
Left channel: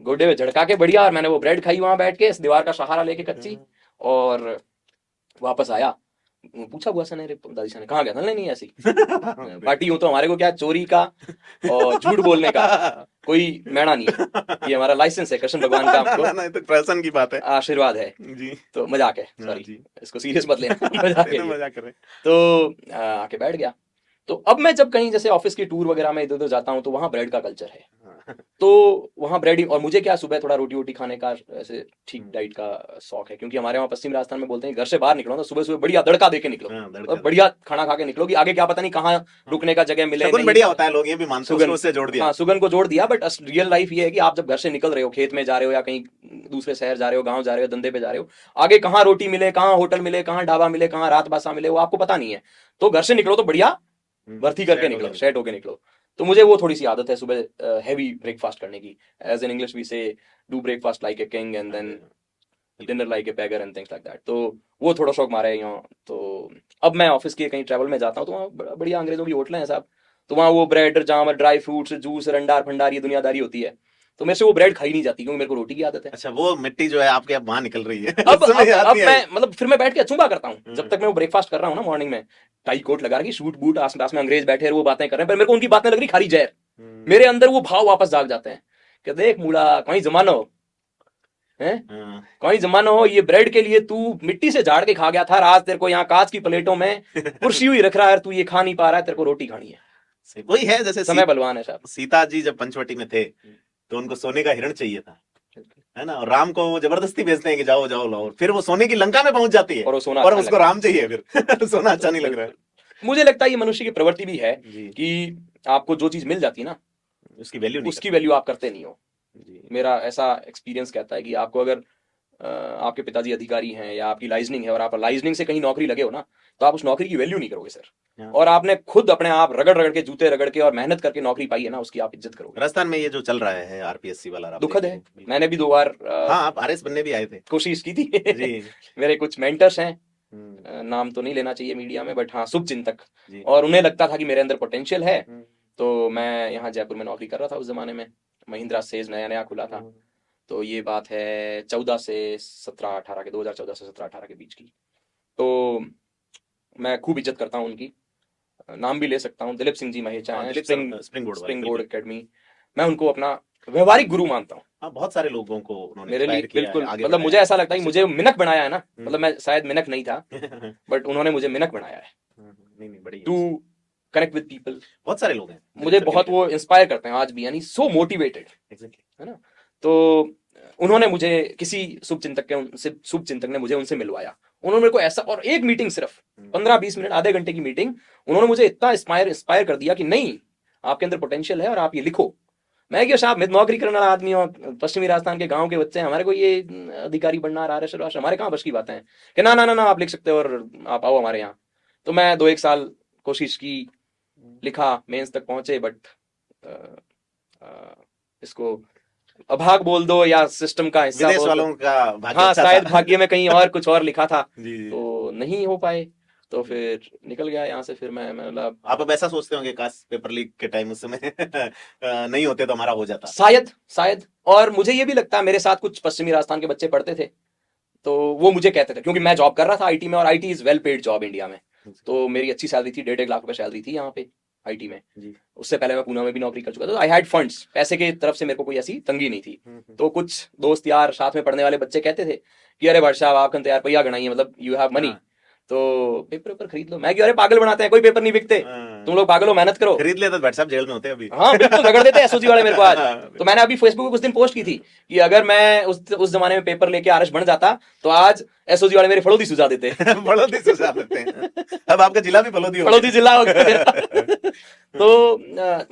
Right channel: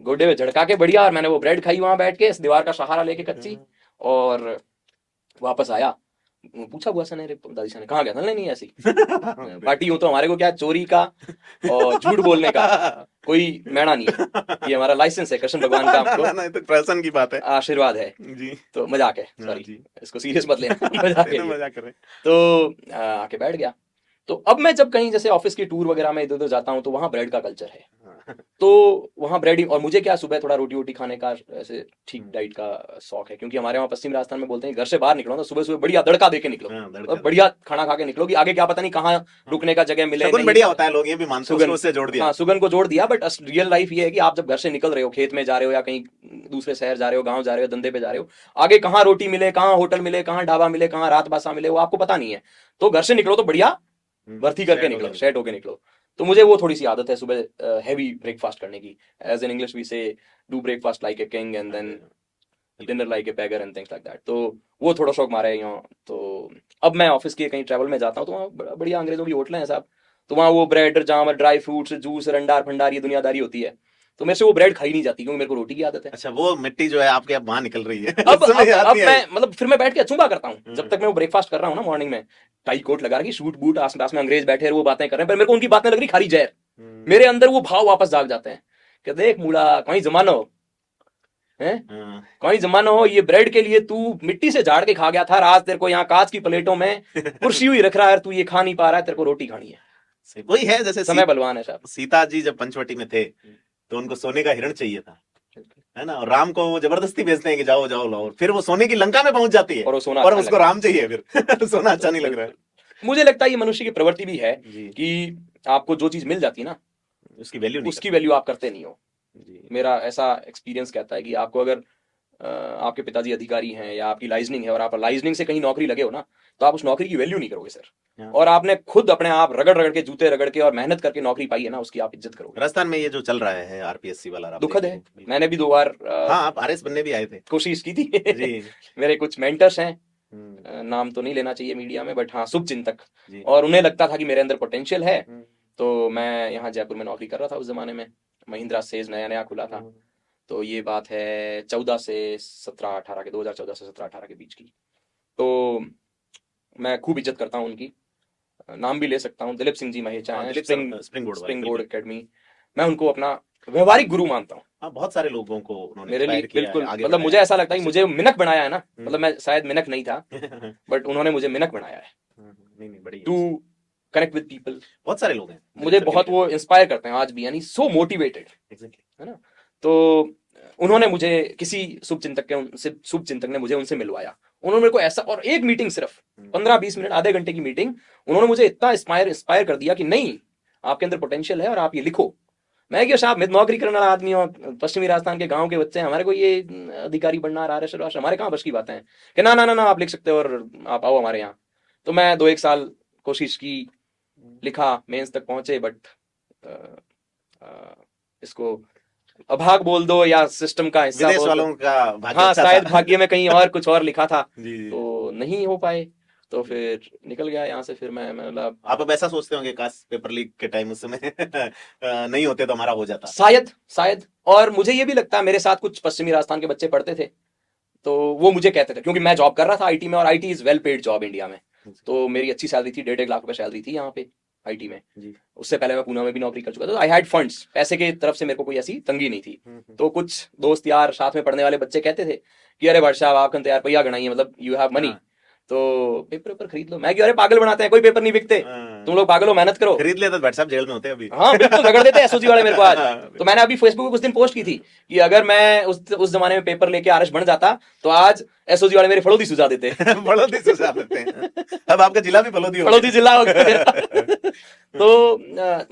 गोडे में झड़का के बढ़िया, और मैंने वो ब्रेड खाई वहां बैठ के, इस दीवार का सहारा लेके कच्ची, और वापस आया। पूछा हुआ सने, रे तुम दादी ने कहा गया था? नहीं ऐसी पार्टी हूं तो हमारे को क्या चोरी का और झूठ बोलने का कोई मैणा नहीं है, ये हमारा लाइसेंस है, कृष्ण भगवान का तो प्रसन्न की बात है, आशीर्वाद है जी। तो मजाक है, हाँ, सॉरी जी। इसको सीरियस मत लेना, मजाक है ये। मजाक कर रहे हैं। तो आके बैठ गया। तो अब मैं जब कहीं जैसे ऑफिस की टूर वगैरह में इधर उधर जाता हूँ, तो वहाँ ब्रेड का कल्चर है, हाँ। तो वहाँ ब्रेड ही, और मुझे क्या सुबह थोड़ा रोटी वोटी खाने का ऐसे ठीक डाइट का शौक है, क्योंकि हमारे वहाँ पश्चिम राजस्थान में बोलते हैं घर से बाहर निकलो ना, सुबह सुबह बढ़िया तड़का दे के निकलो, हाँ, और बढ़िया खाना खा के निकलो, कि आगे क्या पता नहीं कहाँ रुकने का जगह मिले शगुन नहीं। बढ़िया होता है, लोग ये भी मानते हैं, सुगन, उसको उससे जोड़ दिया। हाँ सुगन को जोड़ दिया, बट रियल लाइफ ये है कि आप जब घर से निकल रहे हो, खेत में जा रहे हो या कहीं दूसरे शहर जा रहे हो, गांव जा रहे हो, धंधे पे जा रहे हो, आगे कहाँ रोटी मिले, कहाँ होटल मिले, कहाँ ढाबा मिले, कहाँ रात बासा मिले, वो आपको पता नहीं है। तो घर से निकलो तो बढ़िया भर्ती करके निकलो, सेट होके निकलो। तो मुझे वो थोड़ी सी आदत है सुबह हैवी ब्रेकफास्ट करने की, as in English we say do breakfast like a king and then dinner like a beggar and things like that. तो वो थोड़ा शौक मारा है यहाँ। तो अब मैं ऑफिस के कहीं ट्रैवल में जाता हूँ, तो वहाँ बढ़िया अंग्रेजों की होटलें हैं साहब, तो वहाँ वो ब्रेड जाम, ड्राई फ्रूट्स, जूस, रंडार भंडार, ये दुनियादारी होती है, तो मैं से वो ब्रेड खाई नहीं जाती, क्योंकि मेरे को रोटी की आदत है। अच्छा, वो मिट्टी जो है आपके वहां निकल रही है। अब मैं मतलब फिर मैं बैठ के अचूंगा करता हूँ, जब तक मैं वो ब्रेकफास्ट कर रहा हूँ ना मॉर्निंग में, टाई कोट लगा के, सूट बूट, आस पास में अंग्रेज बैठे हैं, वो बातें कर रहे हैं, पर मेरे को उनकी बातें लग रही खारी जहर, मेरे अंदर वो भाव वापस जाग जाते हैं कि देख मूड़ा, कहीं जमाना हो है, कहीं जमाना हो, ये ब्रेड के लिए तू मिट्टी से झाड़ के खा गया था, आज तेरे को यहाँ कांच की प्लेटों में कुर्सी हुई रख रहा है, तू ये खा नहीं पा रहा है, तेरे को रोटी खानी है। वही है, जैसे समय बलवान है साहब। सीता जी जब पंचवटी में थे, तो उनको सोने का हिरण चाहिए था, है ना, और राम को वो जबरदस्ती भेजते हैं कि जाओ जाओ लाओ, फिर वो सोने की लंका में पहुंच जाती है, और वो सोना और अच्छा उसको लगता राम चाहिए फिर। सोना अच्छा नहीं लग रहा है। मुझे लगता है ये मनुष्य की प्रवृत्ति भी है जी। कि आपको जो चीज मिल जाती है ना, उसकी वैल्यू नहीं उसकी वैल्यू आप करते नहीं हो। जी। मेरा ऐसा एक्सपीरियंस कहता है कि आपको अगर आपके पिताजी अधिकारी हैं या आपकी लाइजनिंग है, और आप लाइजनिंग से कहीं नौकरी लगे हो ना, तो आप उस नौकरी की वैल्यू नहीं करोगे सर, हाँ। और आपने खुद अपने आप रगड़ रगड़ के, जूते रगड़ के और मेहनत करके नौकरी पाई है ना, उसकी आप इज्जत करोगे। राजस्थान में ये जो चल रहा है आरपीएससी वाला, आप दुखद है, देखेंगे। मैंने भी 2 बार हाँ, आप आरएस बनने भी आए थे। कोशिश की थी। जी। मेरे कुछ मेंटर्स हैं, नाम तो नहीं लेना चाहिए मीडिया में, बट हाँ शुभ चिंतक, जी। और उन्हें लगता था कि मेरे अंदर पोटेंशियल है, तो मैं यहाँ जयपुर में नौकरी कर रहा था उस जमाने में, महिंद्रा सेज नया नया खुला था, तो ये बात है 14 से 17-18 के, 2014 से 17-18 के बीच की। तो मैं खूब इज्जत करता हूँ उनकी, नाम भी ले सकता हूँ, दिलीप सिंह जी महेचा हैं, स्प्रिंग बोर्ड एकेडमी, मैं उनको अपना व्यवहारिक गुरु मानता हूँ। बहुत सारे लोगों को उन्होंने मेरे लिए inspire किया है, बिल्कुल, आगे मतलब मुझे ऐसा लगता है कि मुझे मिनक बनाया है ना, हम्म। मतलब मैं शायद मिनक नहीं था, बट उन्होंने मुझे मिनक बनाया है नहीं नहीं, बड़ी टू कनेक्ट विद पीपल। बहुत सारे लोग हैं मुझे बहुत वो इंस्पायर करते हैं आज भी, यानी सो मोटिवेटेड, है ना। तो उन्होंने मुझे किसी शुभचिंतक ने मुझे उनसे मिलवाया, उन्होंने मेरे को ऐसा, और एक मीटिंग सिर्फ 15-20 मिनट, आधे घंटे की मीटिंग, उन्होंने मुझे इतना इंस्पायर कर दिया कि नहीं, आपके अंदर पोटेंशियल है और आप ये लिखो। मैं क्यों साहब, मैं नौकरी करने वाला आदमी हूँ, पश्चिमी राजस्थान के गांव के बच्चे हैं, हमारे को ये अधिकारी बनना, आरएस राष्ट्र, हमारे कहाँ बस की बातें हैं कि ना ना ना ना आप लिख सकते हो और आप आओ हमारे यहाँ। तो मैं 2-1 साल कोशिश की, लिखा, मेंस तक पहुंचे, बट इसको अभाग बोल दो या सिस्टम का हिस्सा विदेश बोल दो, वालों का भाग्य हाँ अच्छा शायद था। भाग्य में कहीं और कुछ और लिखा था, जी जी। तो नहीं हो पाए, तो फिर निकल गया यहाँ से। फिर मैं आप अब ऐसा सोचते होंगे काश पेपर लीक के टाइम उस समय नहीं होते तो हमारा हो जाता। शायद, और मुझे ये भी लगता है, मेरे साथ कुछ पश्चिमी राजस्थान के बच्चे पढ़ते थे, तो वो मुझे कहते थे, क्योंकि मैं जॉब कर रहा था आईटी में, और IT is well paid job India में, तो मेरी अच्छी सैलरी थी, 1.5 लाख रुपए सैलरी थी यहाँ पे आईटी में। उससे पहले मैं पुणे में भी नौकरी कर चुका था, आई हैड फंड्स, पैसे की तरफ से मेरे को कोई ऐसी तंगी नहीं थी। तो कुछ दोस्त यार, साथ में पढ़ने वाले बच्चे कहते थे कि अरे वर्षा आप तैयार पैया गणाई, मतलब यू हैव मनी, तो पेपर खरीद लो। मैं क्यों, अरे पागल बनाते हैं, कोई पेपर नहीं बिकते, तुम लोग पागल हो, मेहनत करो। खरीद ले तो भाई साहब जेल में होते अभी। हाँ बिल्कुल, रगड़ देते एसओजी वाले मेरे को आज। तो मैंने अभी फेसबुक पे कुछ दिन पोस्ट की थी कि अगर मैं उस जमाने में पेपर लेके आरएस बन जाता, तो आज एसओजी वाले मेरे फड़ोदी सुझा देते। बड़ौदी से साथ देते हैं। अब आपका जिला भी बड़ौदी हो फड़ोदी जिला हो गया। तो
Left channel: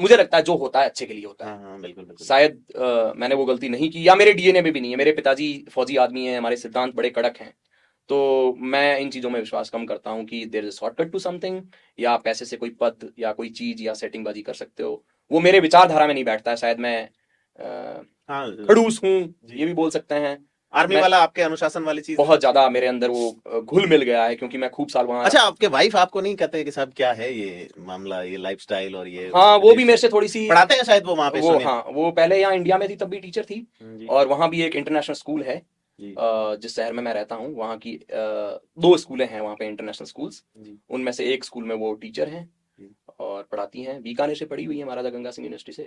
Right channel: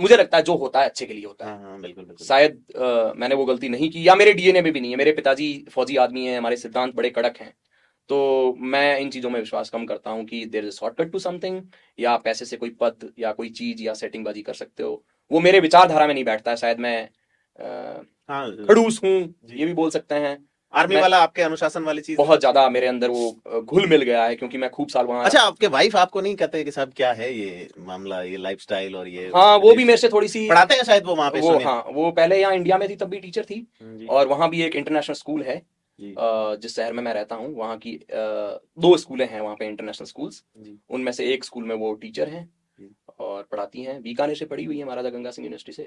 मुझे लगता है जो होता है अच्छे के लिए होता है। शायद मैंने वो गलती नहीं की, या मेरे डीएनए में भी नहीं है। मेरे पिताजी फौजी आदमी हैं, हमारे सिद्धांत बड़े कड़क हैं, तो मैं इन चीजों में विश्वास कम करता हूँ कि there is shortcut to something, या पैसे से कोई पद या कोई चीज या सेटिंग बाजी कर सकते हो, वो मेरे विचारधारा में नहीं बैठता है। शायद मैं खड़ूस हूँ, ये भी बोल सकते हैं। आर्मी वाला आपके अनुशासन वाली चीज बहुत ज्यादा मेरे अंदर वो घुल मिल गया है, क्योंकि मैं खूब साल वहाँ। अच्छा, आपके वाइफ आपको नहीं कहते कि साहब क्या है ये मामला, ये लाइफस्टाइल और ये? हाँ, वो भी मेरे से थोड़ी सी पढ़ाते हैं शायद वो वहाँ पे वो, समय? हाँ वो पहले यहाँ इंडिया में थी तब भी टीचर थी, और वहाँ भी एक इंटरनेशनल स्कूल है जिस शहर में मैं रहता हूँ, वहाँ की 2 स्कूलें हैं वहाँ पे इंटरनेशनल स्कूल्स, उनमें से एक स्कूल में वो टीचर हैं और पढ़ाती हैं। बीकानेर से पढ़ी हुई है, महाराजा गंगा सिंह यूनिवर्सिटी से,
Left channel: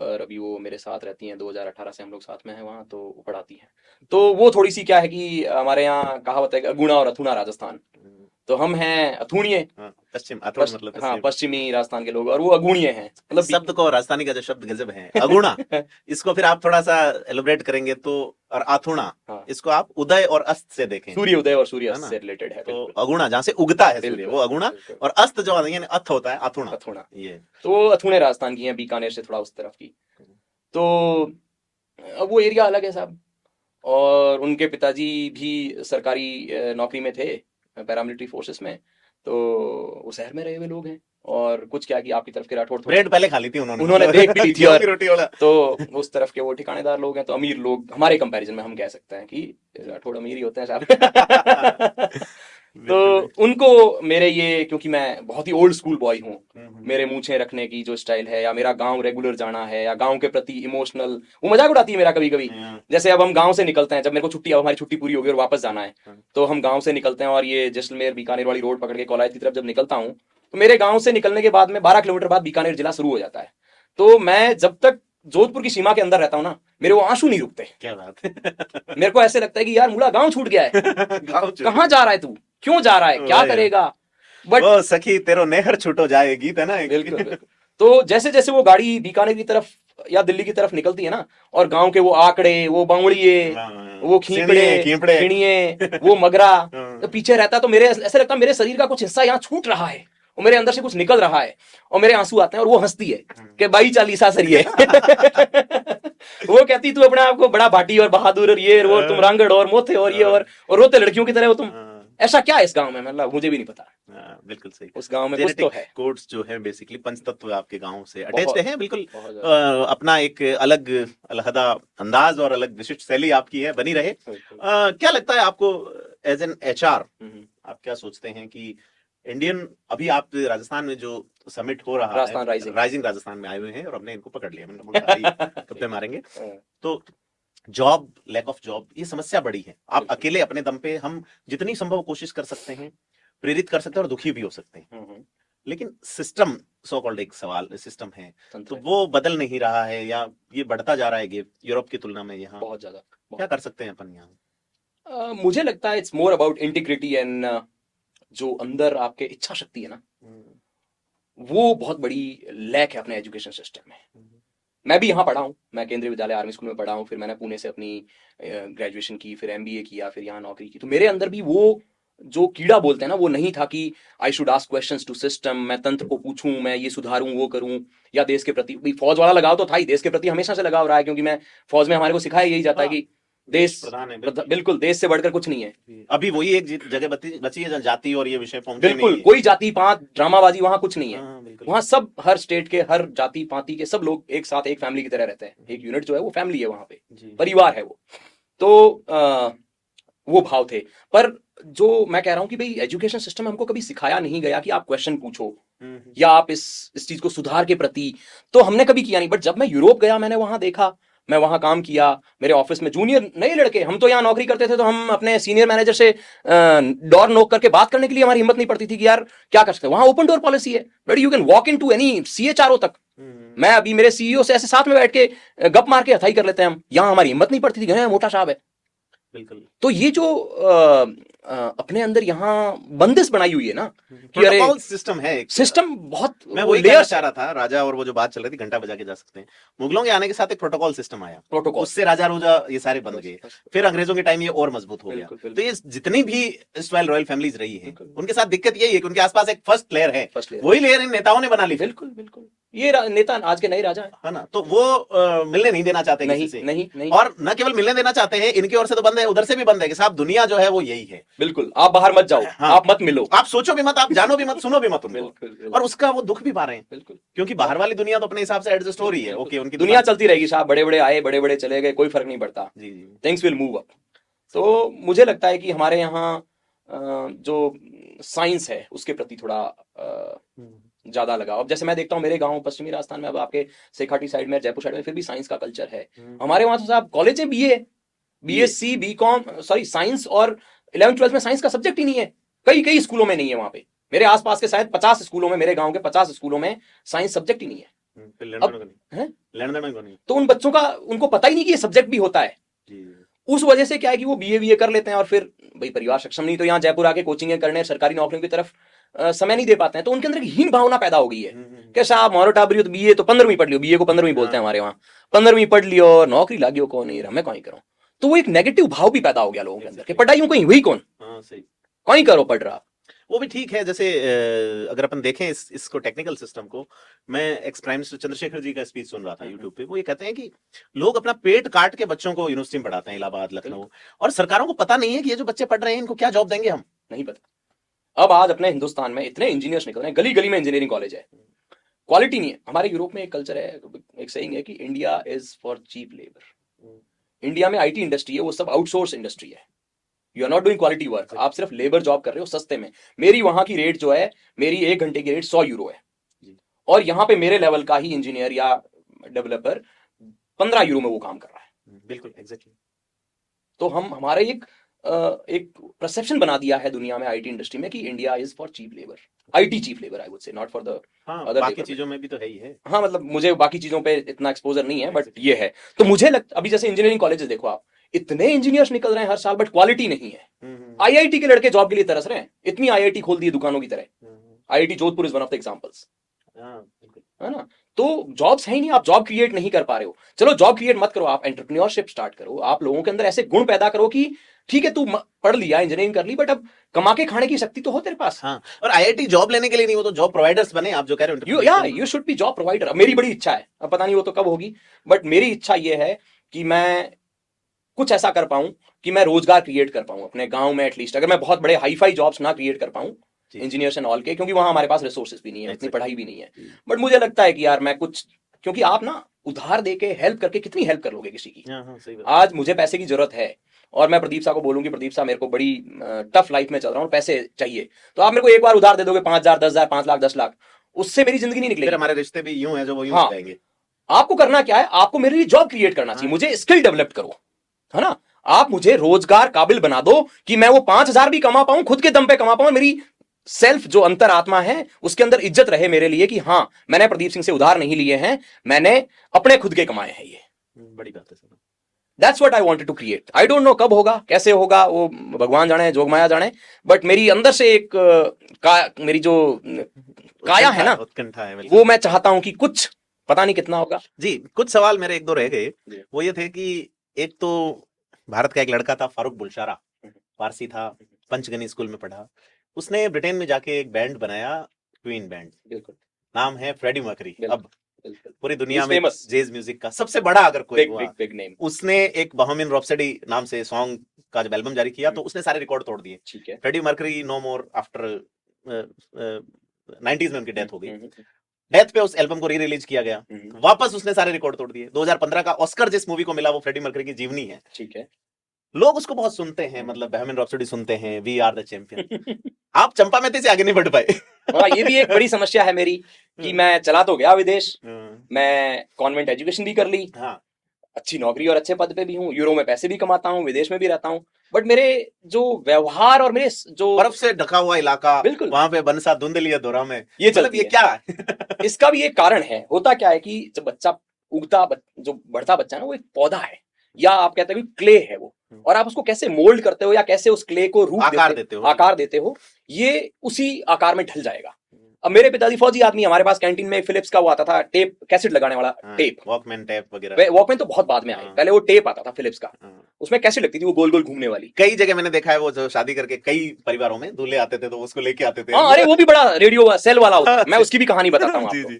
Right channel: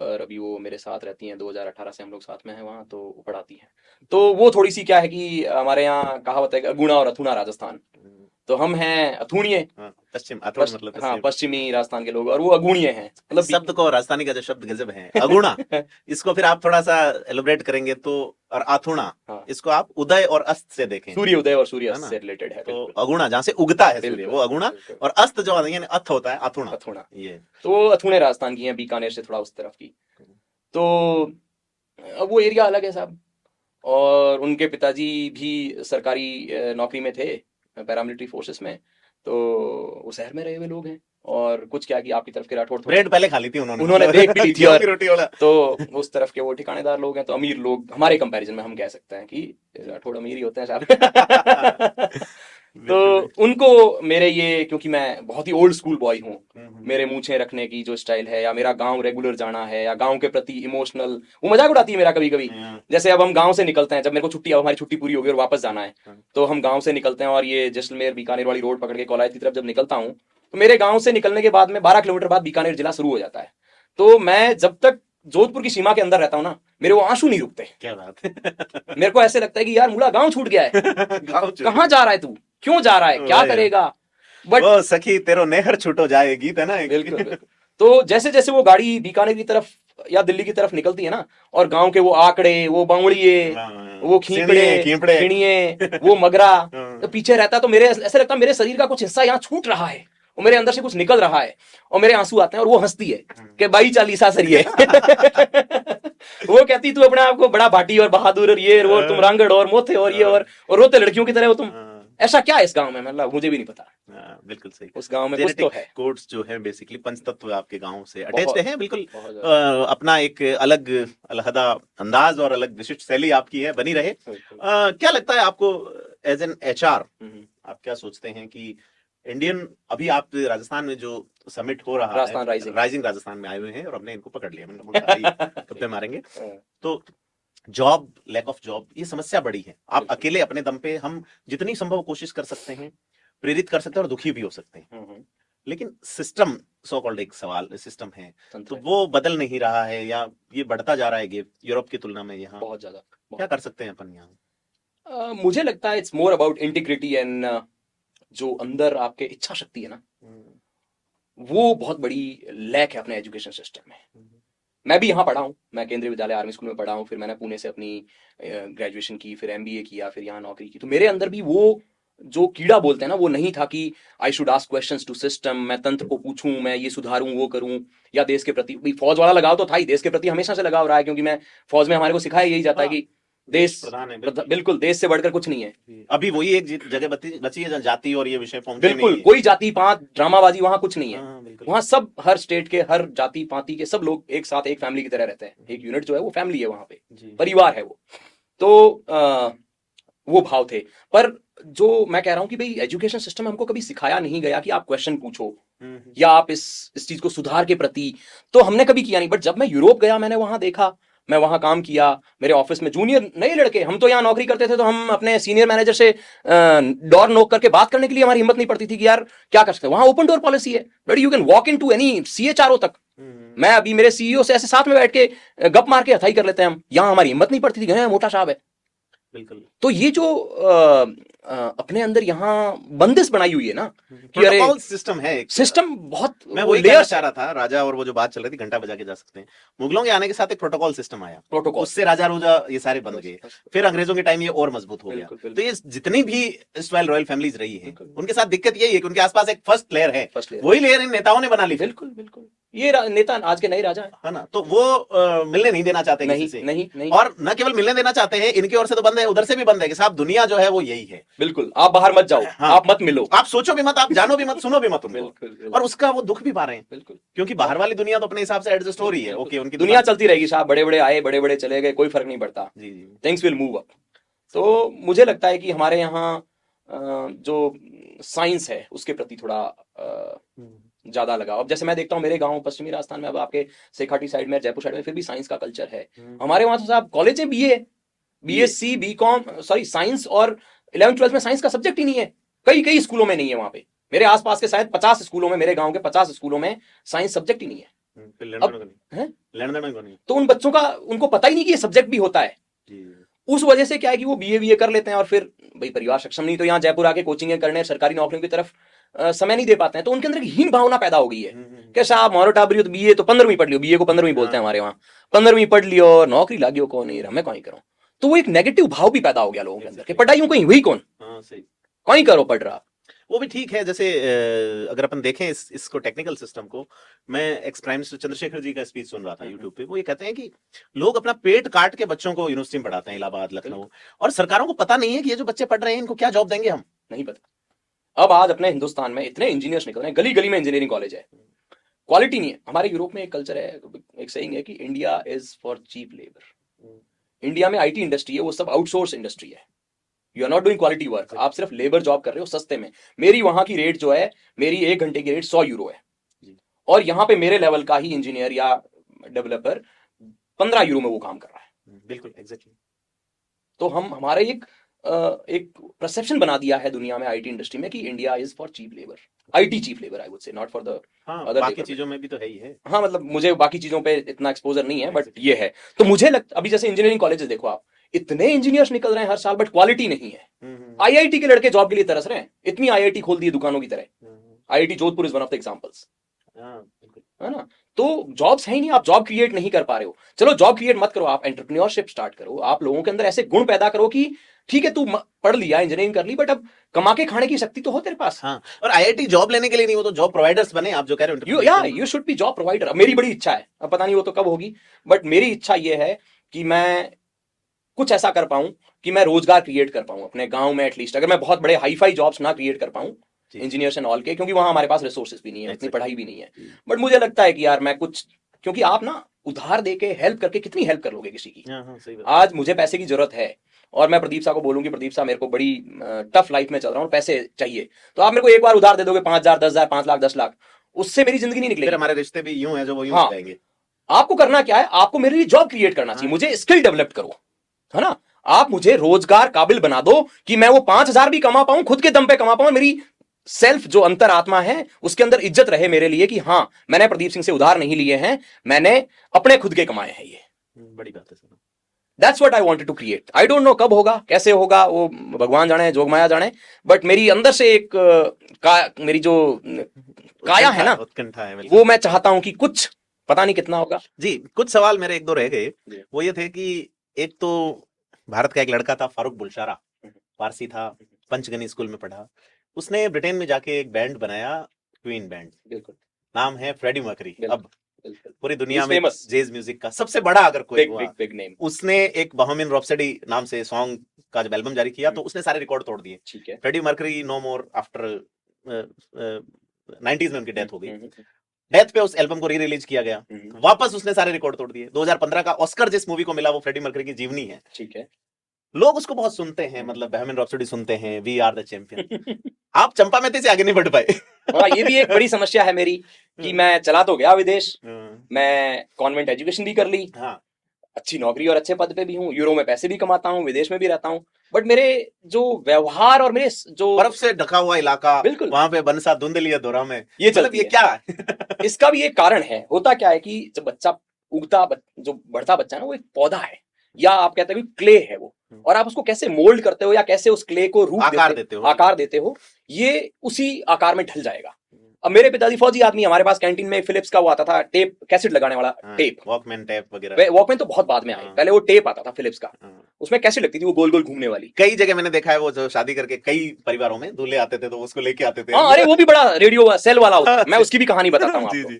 पर अभी वो मेरे साथ रहती हैं, 2018 से हम लोग साथ में हैं वहाँ, तो वो पढ़ाती हैं। तो वो थोड़ी सी क्या है कि हमारे यहाँ कहावत है गुणा और अथुना राजस्थान, तो हम हैं अथुणिये, पश्चिम मतलब हाँ पश्चिमी राजस्थान के लोग, और वो अगुणिये हैं। मतलब शब्द को, राजस्थानी का जो शब्द गजब है अगुणा, इसको फिर आप थोड़ा सा एलिब्रेट करेंगे तो, और आथुणा, हाँ। इसको आप उदय और अस्त से देखें, सूर्य उदय और सूर्य अस्त से रिलेटेड है, तो अगुणा जहाँ से उगता है सूर्य, वो अगुणा, और अस्त जो यानी अथ होता है अथुणा। तो अथुणे राजस्थान की हैं, बीकानेर से थोड़ा उस तरफ की। तो अब वो एरिया अलग है साहब, और उनके पिताजी भी सरकारी नौकरी में थे, पैरामिलिट्री फोर्सेस में, तो वो शहर में रहे हुए लोग हैं, और कुछ क्या कि आपकी तरफ के राठौड़ ब्रेड पहले खा ली थी उन्होंने ब्रेड भी ली थी, और रोटी वाला, तो उस तरफ के वो ठिकानेदार लोग हैं, तो अमीर लोग हमारे कंपैरिजन में हम कह सकते हैं कि राठौड़ अमीर ही होता है साहब। तो उनको मेरे ये, क्योंकि मैं बहुत ही ओल्ड स्कूल बॉय हूँ, मेरे मूछें रखने की जो स्टाइल है, या मेरा गांव रेगुलर जाना है, या गांव के प्रति इमोशनल, वो मजाक उड़ाती है मेरा कभी कभी। जैसे अब हम गांव से निकलते हैं, जब मेरे को छुट्टी, हमारी छुट्टी पूरी हो गई और वापस जाना है, तो हम गांव से निकलते हैं, और ये जैसलमेर बीकानेर वाली रोड पकड़ के कॉलेज की तरफ जब निकलता हूँ, तो मेरे गांव से निकलने के बाद में 12 किलोमीटर बाद बीकानेर जिला शुरू हो जाता है। तो मैं जब तक जोधपुर की सीमा के अंदर रहता हूँ ना, मेरे वो आंसू नहीं रुकते। क्या बात है। मेरे को ऐसे लगता है कि यार मुला गांव छूट गया है, कहाँ जा रहा है तू, क्यों जा रहा है, क्या करेगा, बट ओ सखी तेरो नेहर छूटो जाए गीत है ना, बिल्कुल। तो जैसे जैसे वो गाड़ी बीकानेर की तरफ या दिल्ली की तरफ निकलती है ना, और गांव के वो आंकड़े, वो बावड़िए, वो खींपड़े खिणिये, वो मगरा तो पीछे रहता है, तो मेरे ऐसा लगता है मेरे शरीर का कुछ हिस्सा यहाँ छूट रहा है, और मेरे अंदर से कुछ निकल रहा है, और मेरे आंसू आते हैं, और वो हंसती है कि भाई चालीसा सरिये। वो कहती तू अपने आप को बड़ा भाटी और बहादुर और ये और तुम रांगड़ और मोथे और ये और रोते लड़कियों की तरह हो तुम, ऐसा क्या है इस गांव में, मतलब मुझे भी नहीं पता। बिल्कुल सही, उस गांव में कुछ तो है, कोड्स जो है बेसिकली पंचतत्व आपके गांव से अटैच्ड है, बिल्कुल अपना एक अलग अलहदा अंदाज और अलग विशिष्ट शैली आपकी है, बनी रहे। क्या लगता है आपको एज एन एचआर, आप क्या सोचते हैं कि इंडियन, अभी आप राजस्थान में जो समिट हो रहा है, राइजिंग राजस्थान में आए हुए हैं, और हमने इनको पकड़ लिया, कुत्ते मारेंगे, तो जॉब, लैक ऑफ जॉब, ये समस्या बड़ी है। आप अकेले अपने दम पे, हम जितनी संभव कोशिश कर सकते हैं, प्रेरित कर सकते हैं और दुखी भी हो सकते हैं, लेकिन सिस्टम, सो कॉल्ड एक सवाल सिस्टम है, तो वो बदल नहीं रहा है, या ये बढ़ता जा रहा है गैप यूरोप की तुलना में यहाँ बहुत ज्यादा। क्या कर सकते हैं अपन यहाँ? मुझे लगता है it's more about integrity and जो अंदर आपके इच्छा शक्ति है ना, वो बहुत बड़ी लैक है अपने एजुकेशन सिस्टम में। मैं भी यहाँ पढ़ा हूँ, मैं केंद्रीय विद्यालय आर्मी स्कूल में पढ़ा हूँ, फिर मैंने पुणे से अपनी ग्रेजुएशन की, फिर एमबीए किया, फिर यहाँ नौकरी की, तो मेरे अंदर भी वो जो कीड़ा बोलते हैं ना वो नहीं था कि I should ask questions to system, मैं तंत्र को पूछूं, मैं ये सुधारूं वो करूं, या देश के प्रति भाई फौज वाला लगाव तो था ही, देश के प्रति हमेशा से लगाव रहा है, क्योंकि मैं फौज में हमारे को सिखाया यही जाता है कि देश बिल्कुल देश से बढ़कर कुछ नहीं है। अभी वही एक जगह बची है जाति और ये विषय फॉर्म बिल्कुल कोई जाति पात ड्रामाबाजी वहां कुछ नहीं है। बिल्कुल। वहां सब हर स्टेट के हर जाति पाति के सब लोग एक साथ एक फैमिली की तरह रहते हैं। एक यूनिट जो है वो फैमिली है, वहां पे परिवार है वो। तो वो भाव थे। पर जो मैं कह रहा हूं कि भाई एजुकेशन सिस्टम हमको कभी सिखाया नहीं गया कि आप क्वेश्चन पूछो या आप इस चीज को सुधार के प्रति, तो हमने कभी किया नहीं। बट जब मैं यूरोप गया, मैंने वहां देखा, मैं वहां काम किया, मेरे ऑफिस में जूनियर नए लड़के, हम तो यहाँ नौकरी करते थे तो हम अपने सीनियर मैनेजर से डोर नॉक करके बात करने के लिए हमारी हिम्मत नहीं पड़ती थी कि यार क्या कर सकते हैं। वहां ओपन डोर पॉलिसी है, where you can walk into any CHRO तक। मैं अभी मेरे सीईओ से ऐसे साथ में बैठ के गप मार के हथाई कर लेते हैं हम। यहाँ हमारी हिम्मत नहीं पड़ती थी, मोटा साहब है। तो ये जो अपने अंदर यहाँ बंदिश बनाई हुई है ना कि अरे सिस्टम है, सिस्टम बहुत, मैं वही कहना चाह रहा था। राजा और वो जो बात चल रही थी घंटा बजा के जा सकते हैं, मुगलों के आने के साथ एक प्रोटोकॉल सिस्टम आया, प्रोटोकॉल उससे राजा रोजा ये सारे बन गए। फिर अंग्रेजों के टाइम ये और मजबूत हो गया। तो ये जितनी भी रॉयल फैमिलीज रही है उनके साथ दिक्कत यही है कि उनके आसपास एक फर्स्ट प्लेयर है, वही लेयर इन नेताओं ने बना ली। बिल्कुल बिल्कुल, ये नेता आज के नए राजा है ना, तो वो मिलने नहीं देना चाहते किसी से। नहीं। और न केवल मिलने देना चाहते हैं, इनकी ओर से तो बंद है, उधर से भी बंद है कि साहब दुनिया जो है वो यही है। बिल्कुल, आप बाहर मत जाओ, आप मत मिलो, आप सोचो भी मत, आप जानो भी मत, सुनो भी मत। और उसका वो दुख भी पा रहे हैं। बिल्कुल, क्योंकि बाहर वाली दुनिया तो अपने हिसाब से एडजस्ट हो रही है। ओके, उनकी दुनिया चलती रहेगी साहब, बड़े बड़े आए बड़े बड़े चले गए, कोई फर्क नहीं पड़ता। जी, थिंग्स विल मूव अप। तो मुझे लगता है कि हमारे यहाँ जो साइंस है उसके प्रति थोड़ा ज्यादा लगाओ। अब जैसे मैं देखता हूँ मेरे गांव पश्चिमी राजस्थान में, अब आपके सेखाटी साइड में, जयपुर साइड में फिर भी साइंस का कल्चर है। हमारे वहां तो आप कॉलेज में बीएससी बीकॉम सॉरी साइंस, और 11th-12th में साइंस का सब्जेक्ट ही नहीं है। कई स्कूलों में नहीं है। वहां पे मेरे आसपास के शायद 50 स्कूलों में, मेरे गांव के 50 स्कूलों में साइंस सब्जेक्ट ही नहीं है। तो उन बच्चों का उनको पता ही नहीं कि ये सब्जेक्ट भी होता है। उस वजह से क्या है कि वो बीए कर लेते हैं और फिर भाई परिवार सक्षम नहीं, तो यहाँ जयपुर आके कोचिंग करने, सरकारी नौकरियों की तरफ समय नहीं दे पाते हैं। तो उनके अंदर एक हीन भावना पैदा हो गई है। कैसा आप मोरो टाबरी तो बीए तो 15वीं पढ़ लियो, बीए को 15वीं बोलते हैं हमारे वहाँ, 15वीं पढ़ लियो, नौकरी लागियो कौन नहीं रहा, मैं कहीं करूँ। तो वो एक नेगेटिव भाव भी पैदा हो गया लोगों के अंदर, पढ़ाई कहीं हुई कौन, कहीं करो पढ़ रहा। वो भी ठीक है। जैसे अगर अपन देखें इसको टेक्निकल सिस्टम को, मैं ex prime minister Chandrashekhar ji का स्पीच सुन रहा था यूट्यूब पे। वो ये कहते हैं कि लोग अपना पेट काट के बच्चों को यूनिवर्सिटी में पढ़ाते हैं, इलाहाबाद, लखनऊ, और सरकारों को पता नहीं है कि ये जो बच्चे पढ़ रहे हैं इनको क्या जॉब देंगे, हम नहीं पता। अब आज अपने हिंदुस्तान में इतने इंजीनियर्स निकल रहे हैं, गली गली में इंजीनियरिंग कॉलेज है, क्वालिटी नहीं है। हमारे यूरोप में एक कल्चर है, एक सेइंग है कि India is for cheap labour. India में आईटी इंडस्ट्री है, वो सब आउटसोर्स इंडस्ट्री है। You are not doing quality work, आप सिर्फ लेबर जॉब कर रहे हो सस्ते में। मेरी वहां की रेट जो है, मेरी 1 घंटे की रेट 100 यूरो है, और यहाँ पे मेरे लेवल का ही इंजीनियर या डेवलपर 15 यूरो में वो काम कर रहा है। बिल्कुल एग्जैक्टली। तो हमारे एक परसेप्शन बना दिया है दुनिया में आईटी इंडस्ट्री में कि India is for cheap labour, IT cheap labour, I would say, not for the other. बाकी चीजों में भी तो है ही है। हाँ, मतलब मुझे बाकी चीजों पे इतना एक्सपोजर नहीं है, बट ये है। तो मुझे लगता, अभी जैसे इंजीनियरिंग कॉलेजेस देखो आप, इतने इंजीनियर्स निकल रहे हैं हर साल, बट क्वालिटी नहीं है। आईआईटी के लड़के जॉब के लिए तरस रहे हैं, इतनी आईआईटी खोल दी दुकानों की तरह। IIT Jodhpur is one of the examples, है ना। तो जॉब्स है ही नहीं, आप जॉब क्रिएट नहीं कर पा रहे हो। चलो जॉब क्रिएट मत करो, आप एंटरप्रेन्योरशिप स्टार्ट करो, आप लोगों के अंदर ऐसे गुण पैदा करो कि ठीक है तू पढ़ लिया, इंजीनियरिंग कर ली, बट अब कमा के खाने की शक्ति तो हो तेरे पास। हाँ, और आईआईटी जॉब लेने के लिए नहीं, वो तो जॉब प्रोवाइडर्स बने, आप जो कह रहे हो। You should be job provider. मेरी बड़ी इच्छा है, पता नहीं वो तो कब होगी, बट मेरी इच्छा ये है कि मैं कुछ ऐसा कर पाऊं कि मैं रोजगार क्रिएट कर पाऊं अपने गांव में एटलीस्ट। अगर मैं बहुत बड़े हाई फाई जॉब्स ना क्रिएट कर पाऊं इंजीनियर्स एंड ऑल के, क्योंकि वहां हमारे पास रिसोर्सेज भी नहीं है, इतनी पढ़ाई भी नहीं है, बट मुझे लगता है कि यार मैं कुछ, क्योंकि आप ना उधार देके हेल्प करके कितनी हेल्प कर लोगे किसी की। आज मुझे पैसे की जरूरत है और मैं प्रदीप साहब को बोलूंगी, प्रदीप साहब मेरे को बड़ी टफ लाइफ में चल रहा हूँ, पैसे चाहिए, तो आप मेरे को एक बार उधार दे दोगे 5,000, 10,000, 5 लाख, 10 लाख, उससे मेरी जिंदगी नहीं निकलेगी। हमारे रिश्ते भी यूं है जो वो यूं जाएंगे। आपको करना क्या है, आपको मेरे लिए जॉब क्रिएट करना चाहिए, मुझे स्किल डेवलप करो, है ना। आप मुझे रोजगार काबिल बना दो कि मैं वो 5,000 भी कमा पाऊं, खुद के दम पे कमा पाऊं, मेरी सेल्फ जो अंतरात्मा है उसके अंदर इज्जत रहे मेरे लिए कि हाँ मैंने प्रदीप सिंह से उधार नहीं लिए हैं, मैंने अपने खुद के कमाए हैं। ये बड़ी बात है। That's what I wanted to create. I don't know कब होगा, कैसे होगा, वो भगवान जाने, जोगमाया जाने, बट मेरी अंदर से एक मेरी जो काया है ना, उत्कंठा है, वो मैं चाहता हूं कि कुछ, पता नहीं कितना होगा। जी, कुछ सवाल मेरे एक दो रह गए। वो ये थे कि एक तो भारत का एक लड़का था फारूक बुलशारा, पारसी था, पंचगनी स्कूल में पढ़ा। उसने ब्रिटेन में जाके एक बैंड बनाया, क्वीन बैंड, नाम है फ्रेडी मर्करी। अब पूरी दुनिया में जैज म्यूजिक का सबसे बड़ा अगर कोई हुआ, बिग नेम। उसने एक बोहेमियन रैप्सोडी नाम से सॉन्ग का जब एल्बम जारी किया तो उसने सारे रिकॉर्ड तोड़ दिए। ठीक है। Freddie Mercury no more after 90s में उनकी डेथ हो गई। डेथ पे उस एल्बम को री रिलीज किया गया, वापस उसने सारे रिकॉर्ड तोड़ दिए। 2015 का ऑस्कर जिस मूवी को मिला वो फ्रेडी मर्करी की जीवनी है। ठीक है। लोग उसको बहुत सुनते हैं, मतलब बोहेमियन रैप्सोडी सुनते हैं, वी आर द चैंपियन। आप चंपा मैती से आगे नहीं बढ़ पाए। हाँ, ये भी एक बड़ी समस्या है मेरी कि मैं चला तो गया विदेश, मैं कॉन्वेंट एजुकेशन भी कर ली, अच्छी नौकरी और अच्छे पद पे भी हूँ, यूरो में पैसे भी कमाता हूँ, विदेश में भी रहता हूँ, बट मेरे जो व्यवहार और मेरे जो बर्फ से ढका हुआ इलाका, बिल्कुल वहां पे बनसा धुंधली दौरा में ये मतलब ये क्या इसका भी एक कारण है। होता क्या है कि जब बच्चा उगता जो बढ़ता बच्चा है ना, वो एक पौधा है, या आप कहते हैं क्ले है वो, और आप उसको कैसे मोल्ड करते हो या कैसे उस क्ले को आकार देते हो, ये उसी आकार में ढल जाएगा। अब मेरे पिताजी फौजी आदमी, हमारे पास कैंटीन में फिलिप्स का वो आता था टेप, कैसेट लगाने वाला टेप, वॉकमैन टेप वगैरह। वॉकमैन तो बहुत बाद में आया, पहले वो टेप आता था फिलिप्स का, उसमें कैसेट लगती थी वो गोल गोल घूमने वाली। कई जगह मैंने देखा है वो जो शादी करके कई परिवारों में दूल्हे आते थे तो उसको लेके आते थे। अरे वो भी बड़ा रेडियो सेल वाला होता, मैं उसकी भी कहानी बताता हूँ आपको।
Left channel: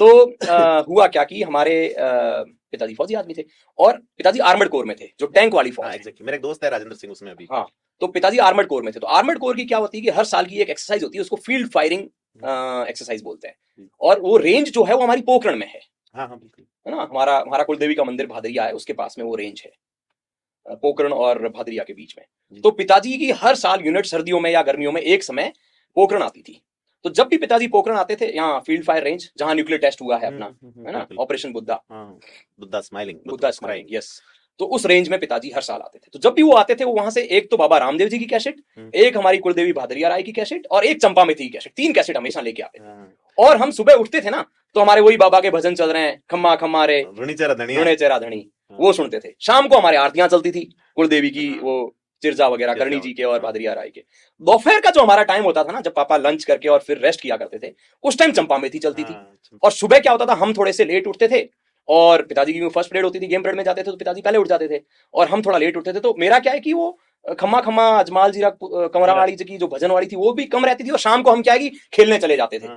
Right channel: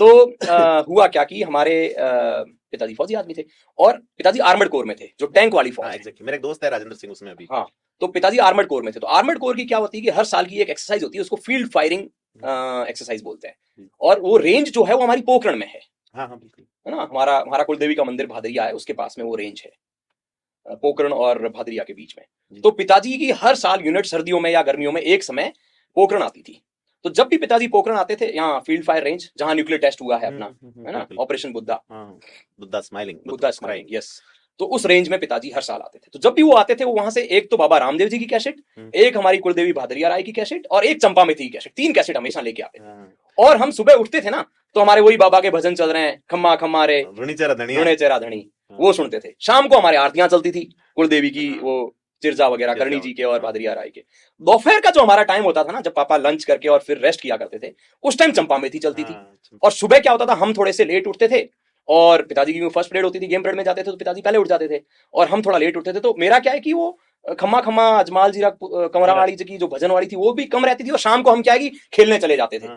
तो हुआ क्या कि हमारे पिताजी फौजी आदमी थे और पिताजी आर्मर्ड कोर में थे, जो टैंक वाली फौज। एग्जैक्टली, मेरा एक दोस्त है राजेंद्र सिंह, उसमें अभी। हाँ, तो पिताजी आर्मर्ड कोर में थे। तो आर्मर्ड कोर की क्या होती है कि हर साल की एक एक्सरसाइज होती है, उसको फील्ड फायरिंग एक्सरसाइज बोलते हैं, और वो रेंज जो है वो हमारी पोखरण में है। हाँ हाँ बिल्कुल, है ना, हमारा कुलदेवी का मंदिर भादरिया है, उसके पास में वो रेंज है, पोखरण और भादरिया के बीच में। तो पिताजी की हर साल यूनिट सर्दियों में या गर्मियों में एक समय पोखरण आती थी। तो जब भी पिताजी पोखरण आते थे, यहाँ फील्ड फायर रेंज जहां न्यूक्लियर टेस्ट हुआ है अपना, है ना, ऑपरेशन बुद्धा स्माइलिंग, यस, तो उस रेंज में पिताजी हर साल आते थे। तो जब भी वो आते थे वो वहां से एक तो बाबा रामदेव जी की कैसेट, एक हमारी कुलदेवी भादरिया राय की कैसेट और एक चंपा मैथी की कैसेट, 3 कैसेट हमेशा लेके आते थे। और हम सुबह उठते थे ना तो हमारे वही बाबा के भजन चल रहे हैं, खम्मा खम्मा रे ऋणी चेरा धनी, वो सुनते थे। शाम को हमारे आरतियां चलती थी कुलदेवी की, वो चिरजा वगैरह करणी जी के और भादरिया राय के। दोपहर का जो हमारा टाइम होता था ना, जब पापा लंच करके और फिर रेस्ट किया करते थे, उस टाइम चंपा मैथी चलती थी। और सुबह क्या होता था, हम थोड़े से लेट उठते थे और पिताजी की फर्स्ट पीरियड होती थी, गेम पीरियड में जाते थे तो पिताजी पहले उठ जाते थे और हम थोड़ा लेट उठते थे। तो मेरा क्या है कि वो खम्मा खम्मा अजमाल जीरा कंवरा वाली की जो भजन वाली थी वो भी कम रहती थी, और शाम को हम क्या है कि खेलने चले जाते थे,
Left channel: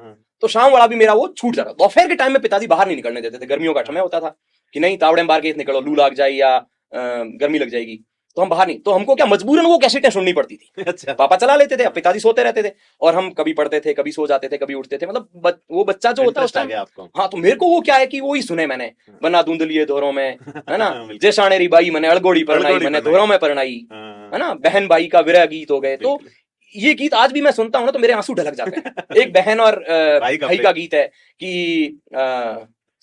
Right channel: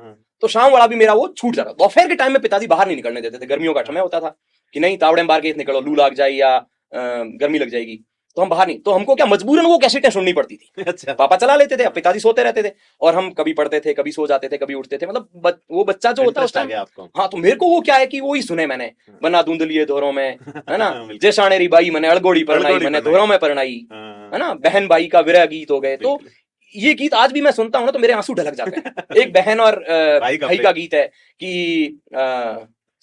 तो शाम वाला भी मेरा वो छूट जाता। दोपहर के टाइम में पिताजी बाहर नहीं निकलने देते थे, गर्मियों का समय होता था कि नहीं तावड़े मार के निकलो, लू लग जाए या गर्मी लग जाएगी, तो हम बाहर नहीं। तो हमको क्या मजबूरन वो कैसेटें सुननी पड़ती थी। अच्छा, पापा चला लेते थे, पिताजी सोते रहते थे और हम कभी पढ़ते थे, कभी सो जाते थे, कभी उठते थे, मतलब वो बच्चा जो होता है उस टाइम आपको। हाँ, तो मेरे को वो क्या है कि वो ही सुने मैंने, बना धुंधलिए दोरों में, है ना, जैसाने री बाई मैंने अड़गोड़ी परनाई, मैंने दोरों में परनाई, है ना, बहन भाई का विरह गीत हो गए। तो ये गीत आज भी मैं सुनता हूँ ना तो मेरे आंसू ढलक जाते हैं। एक बहन और भाई का गीत है कि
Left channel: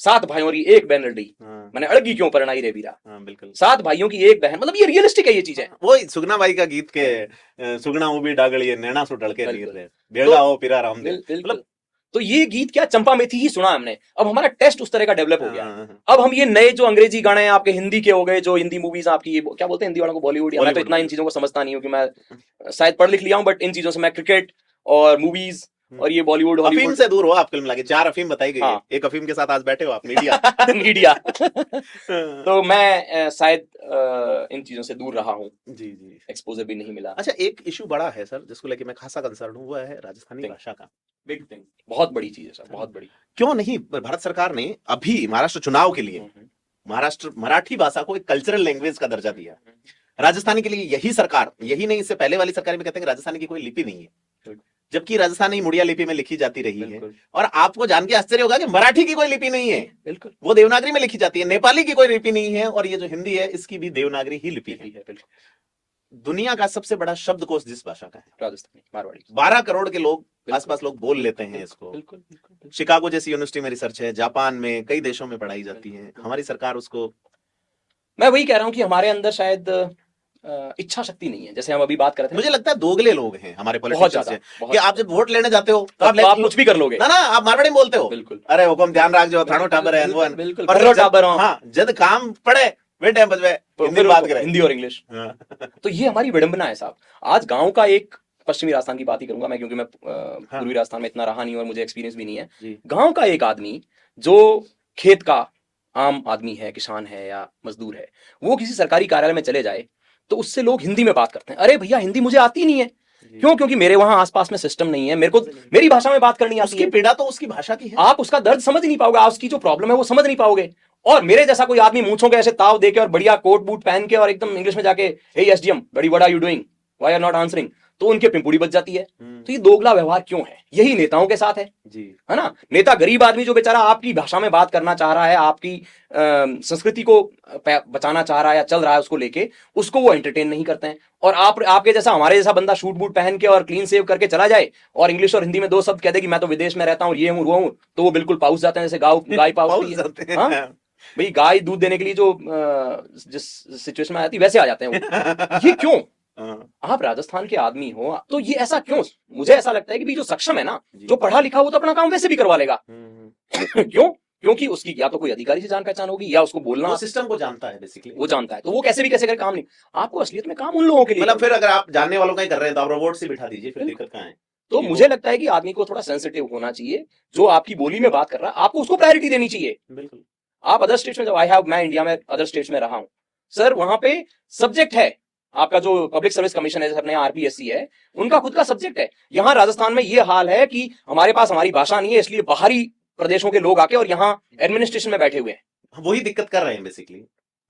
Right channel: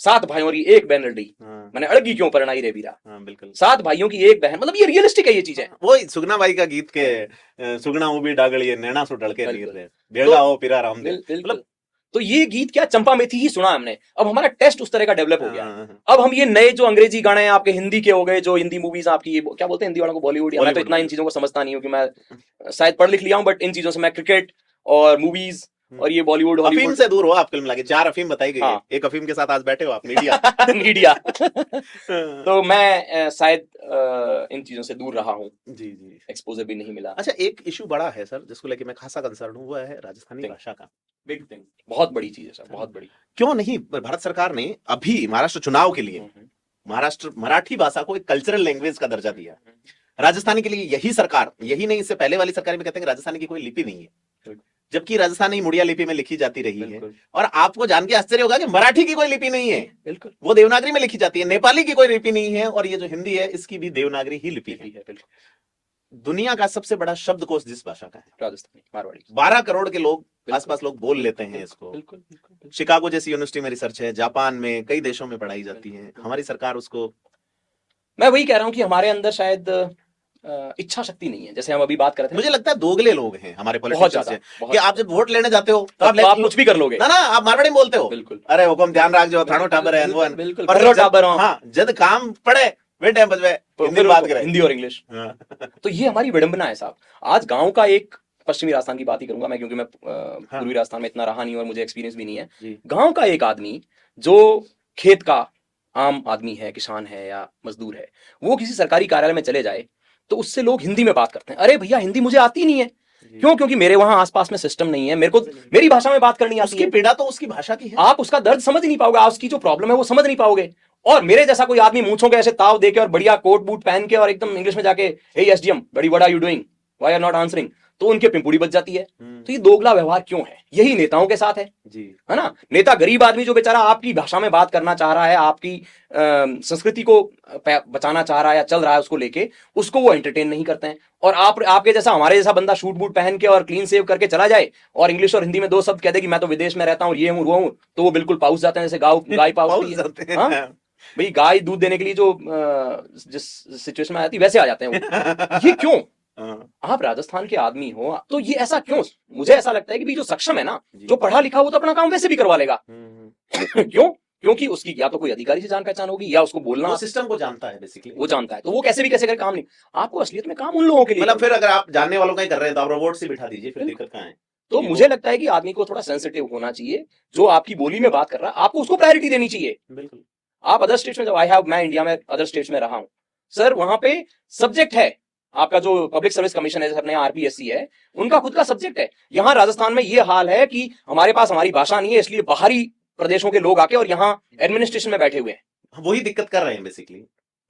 7 भाइयों की एक बहन लड़ी, मैंने अड़गी क्यों परनाई रे बीरा। बिल्कुल, 7 भाइयों की एक बहन, मतलब ये रियलिस्टिक है ये चीजें। वो सुगना भाई का गीत के सुगना वो भी डागलिए नैना सु ढलके नीर रे बेड़ा हो पिरा राम दे, मतलब तो ये गीत क्या चंपा मैथी ही सुना हमने। अब हमारा टेस्ट उस तरह का डेवलप हो गया। अब हम ये नए जो अंग्रेजी गाने आपके हिंदी के हो गए, जो हिंदी मूवीज आपकी क्या बोलते हैं हिंदी वालों को, बॉलीवुड, मैं तो इतना इन चीजों को समझता नहीं हूँ कि मैं शायद पढ़ लिख लिया हूँ, बट इन चीजों से मैं क्रिकेट और मूवीज और ये बॉलीवुड अफीम से दूर हो आप, कुल मिला के 4 अफीम बताई गई है। एक अफीम के साथ आज बैठे हो आप, मीडिया मीडिया। तो मैं शायद इन चीजों से दूर रहा हूँ, जी जी, एक्सपोजर भी नहीं मिला। अच्छा, एक इशू बड़ा है सर जिसको लेके मैं खासा कंसर्न हूँ, वो है राजस्थानी भाषा का। बिग थिंग, बहुत बड़ी चीज है सर, बहुत बड़ी। क्यों नहीं भारत सरकार ने अभी महाराष्ट्र चुनाव के लिए महाराष्ट्र मराठी भाषा को एक कल्चरल लैंग्वेज का दर्जा दिया। राजस्थानी के लिए यही सरकार, यही नहीं इससे पहले वाली सरकार में कहते हैं राजस्थानी की कोई लिपि नहीं है, जबकि राजस्थानी मुड़िया लिपि में लिखी जाती रही है। और आपको जान के आश्चर्य होगा कि मराठी की कोई लिपि नहीं है, बिल्कुल, वो देवनागरी में लिखी जाती है। नेपाली की कोई लिपि नहीं है, और ये जो हिंदी है इसकी भी देवनागरी ही लिपि है। दुनिया का सबसे बड़ा शब्दकोश जिस भाषा का, राजस्थानी मारवाड़ी, 12 करोड़ के लोग आसपास लोग बोल लेते हैं इसको। बिल्कुल, शिकागो जैसी यूनिवर्सिटी में रिसर्च है, जापान में, कई देशों में पढ़ाई जाती है। हमारी सरकार उसको, मैं वही कह रहा हूँ कि हमारे अंदर शायद इच्छा शक्ति नहीं है, जैसे हम अभी बात कर रहे थे। मुझे लगता है दोगले लोग हैं हमारे पॉलिटिशियंस कि आप जब वोट लेने जाते हो तो आप कुछ भी कर लोगे ना, आप मारवाड़ी बोलते हो। बिल्कुल, अरे हुकुम ध्यान रख जो थानो टाबर है, बिल्कुल, हाँ, जब काम पड़े वे टाइम बजवे हिंदी बात करें, हिंदी और इंग्लिश। तो ये हमारी विडंबना है साहब। आज गांव का एक, पश्चिमी राजस्थान की बात ही करूंगा मैं, क्योंकि मैं पूर्वी राजस्थान में इतना रहा नहीं और मुझे एक्सपीरियंस भी नहीं है। गांव का एक आदमी जो खेत का आम आदमी है, किसान है या मजदूर है, वो किसी सरकारी कार्यालय में चले जाए तो उससे लोग हिंदी में बात करते हैं। अरे भैया हिंदी मुझे आती नहीं है, क्यों? क्योंकि मेरे वहां आसपास में सिस्टम नहीं है, मेरे को मेरी भाषा में बात करनी आती उसकी है। पीड़ा तो उसकी भाषा की है। आप उसका दर्द समझ नहीं पाओगे, आप उसकी जो प्रॉब्लम है वो समझ नहीं पाओगे। और मेरे जैसा कोई आदमी मूंछों के ऐसे ताव देके और बढ़िया कोट बूट पहन के और एकदम इंग्लिश में जाके हे एसडीएम बड़ी what are you doing, why are not answering, तो उनके पिंपुड़ी बच जाती है। तो ये दोगला व्यवहार क्यों है? यही नेताओं के साथ है जी। है ना। नेता गरीब आदमी जो बेचारा आपकी भाषा में बात करना चाह रहा है, आपकी संस्कृति को बचाना चाह रहा है या चल रहा है उसको लेके, उसको वो एंटरटेन नहीं करते हैं। और आपके जैसा हमारे जैसा बंदा शूट बूट पहन के और क्लीन सेव करके चला जाए और इंग्लिश और हिंदी में दो शब्द कह दे कि मैं तो विदेश में रहता हूँ, ये हूँ वो हूँ, तो वो बिल्कुल पाउस जाते हैं जैसे गाय पाउस जाते हैं। हाँ? भाई गाय दूध देने के लिए जो जिस सिचुएशन में आती है वैसे आ जाते हैं वो। ये क्यों? आप राजस्थान के आदमी हो तो ये ऐसा क्यों? मुझे ऐसा लगता है कि जो सक्षम है ना, जो पढ़ा लिखा हो तो अपना काम वैसे भी करवा लेगा। क्यों? क्योंकि उसकी या तो कोई अधिकारी से जान पहचान होगी या उसको बोलना, सिस्टम को जानता है बेसिकली, वो जानता है, तो वो कैसे भी कैसे कर काम नहीं। आपको असलियत में काम उन लोगों के लिए, मतलब फिर अगर आप जानने वालों का ही कर रहे हैं तो आप रोबोट से बिठा दीजिए, फिर दिक्कत कहाँ है? तो मुझे लगता है कि आदमी को थोड़ा सेंसिटिव होना चाहिए। जो आपकी बोली में बात कर रहा है आपको उसको प्रायोरिटी देनी चाहिए। बिल्कुल। आप अदर स्टेट्स में जब मैं इंडिया में अदर स्टेट्स में रहा हूं सर, वहां पे सब्जेक्ट है आपका जो पब्लिक सर्विस कमीशन है, जैसे अपने आरपीएससी है, उनका खुद का सब्जेक्ट है। यहाँ राजस्थान में ये हाल है कि हमारे पास हमारी भाषा नहीं है, इसलिए बाहरी प्रदेशों के लोग आके और यहाँ एडमिनिस्ट्रेशन में बैठे हुए हैं। वही दिक्कत कर रहे हैं बेसिकली।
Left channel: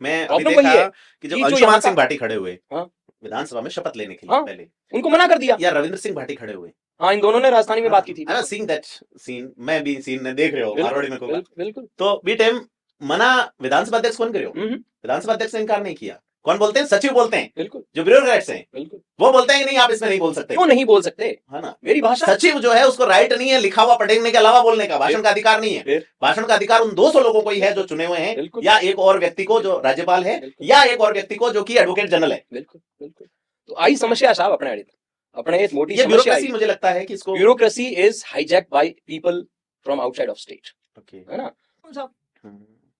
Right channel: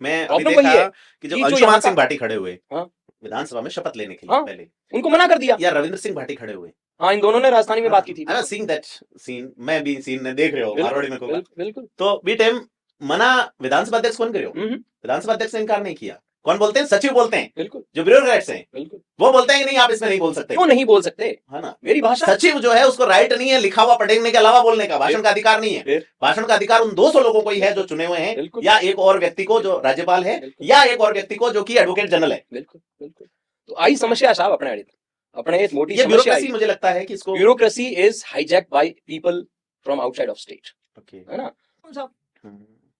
मैं अभी प्रॉब्लम देखा वही है कि जो कि जो अंशुमान यहाँ सिंह का- भाटी खड़े हुए हाँ? विधानसभा में शपथ लेने के लिए, हाँ? पहले उनको मना कर दिया। या रविंद्र सिंह भाटी खड़े हुए, हाँ, इन दोनों ने राजस्थानी में बात की थी। सीन दैट सीन, मैं भी सीन देख रहे हूँ बरौड़ी में कोई, बिल्कुल। तो बी टाइम मना विधानसभा अध्यक्ष कौन करे हो? विधानसभा अध्यक्ष ने इनकार नहीं किया। कौन बोलते हैं? सचिव बोलते हैं। बिल्कुल। जो ब्यूरोक्रेट्स हैं, बिल्कुल, वो बोलते हैं कि नहीं आप इसमें नहीं बोल सकते। क्यों नहीं बोल सकते? है ना? मेरी भाषा। सचिव जो है उसको राइट नहीं है लिखा हुआ पढ़ने के अलावा बोलने का, भाषण का अधिकार नहीं है। भाषण का अधिकार उन 200 लोगों को ही है जो चुने हुए हैं, या एक और व्यक्ति को जो राज्यपाल है, या एक और व्यक्ति को जो कि एडवोकेट जनरल है। बिल्कुल बिल्कुल। तो आई समस्या साहब अपने मोटी ये समस्या। ब्यूरोक्रेसी मुझे लगता है कि इसको, bureaucracy is hijack by people from outside of state, है ना।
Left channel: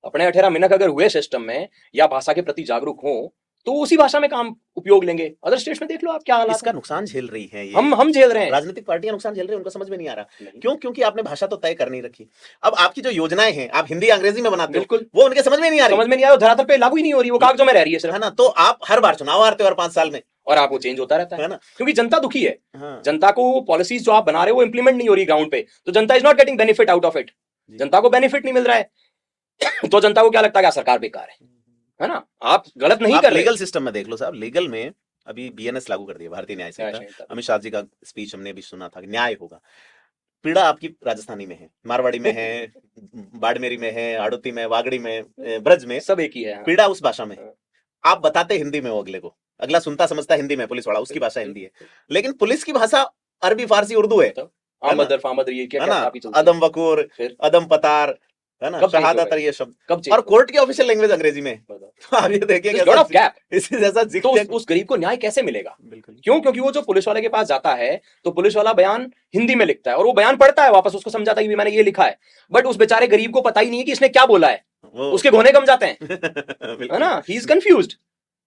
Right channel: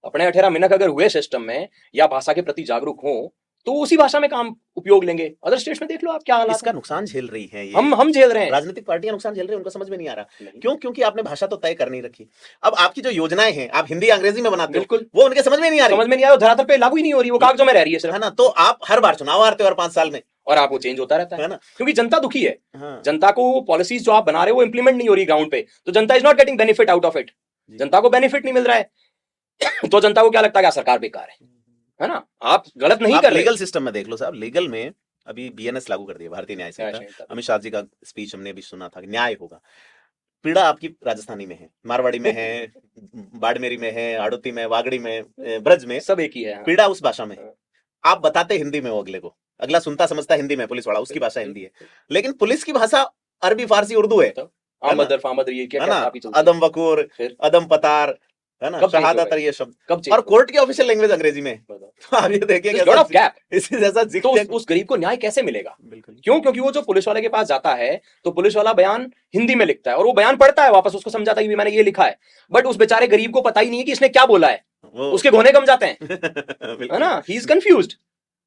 अपने 18 मिनट अगर हुए सिस्टम में या भाषा के प्रति जागरूक हो तो उसी भाषा में काम उपयोग लेंगे। अदर स्टेट्स में देख लो आप क्या हालात इसका है। नुकसान झेल रही है ये। हम झेल रहे हैं, राजनीतिक पार्टियां नुकसान झेल रही है, उनको समझ में नहीं आ रहा। क्यों? क्योंकि आपने भाषा तो तय कर नहीं रखी। अब आपकी जो योजनाएं हैं आप हिंदी अंग्रेजी में बनाते हो, बिल्कुल, वो उनके समझ में नहीं आ रही, समझ में नहीं आया, धरातल पे लागू ही नहीं हो रही, वो कागजों में रह रही है सिर्फ, है ना। तो आप हर बार चुनाव आते हो हर 5 साल में, और आप वो चेंज होता रहता है ना, क्योंकि जनता दुखी है। हाँ। जनता को पॉलिसीज जो आप बना रहे हो वो इंप्लीमेंट नहीं हो रही ग्राउंड पे, तो जनता is not getting benefit out of it. जनता को बेनिफिट नहीं मिल रहा है तो जनता को क्या लगता है कि सरकार बेकार है ना। आप गलत नहीं कर रहे। लीगल सिस्टम में देख लो साहब, लीगल में अभी बीएनएस लागू कर दिया, भारतीय न्याय संहिता। अमित शाह जी का स्पीच हमने भी सुना था कि न्याय होगा। पीड़ा आपकी राजस्थानी में है, मारवाड़ी में है, बाड़मेरी में है, आड़ोती में, वागड़ी में, ब्रज में, सब एक ही है। पीड़ा उस भाषा में है। आप बताते हिंदी में हो अगले को, अगला सुनता समझता हिंदी में, पुलिस वाला उसकी भाषा हिंदी है, लेकिन पुलिस की भाषा अरबी फारसी उर्दू है। अदम वकूर, अदम पतार, है ना, शहादत, ये शब्द, और कोर्ट की ऑफिशियल लैंग्वेज अंग्रेजी में। आप ये देखिए तो उस गरीब को न्याय कैसे मिलेगा? क्यों? क्योंकि वो जो पुलिस वाले के पास जाता है तो पुलिस वाला बयान हिंदी में लिखता है और वो बयान पढ़ता है, वापस उसको समझाता है कि मैंने ये लिखा है, बट उस बेचारे गरीब को पता ही नहीं है कि इसने क्या बोला है, उसके घोने कम जाते हैं है ना, ही इज कंफ्यूज्ड।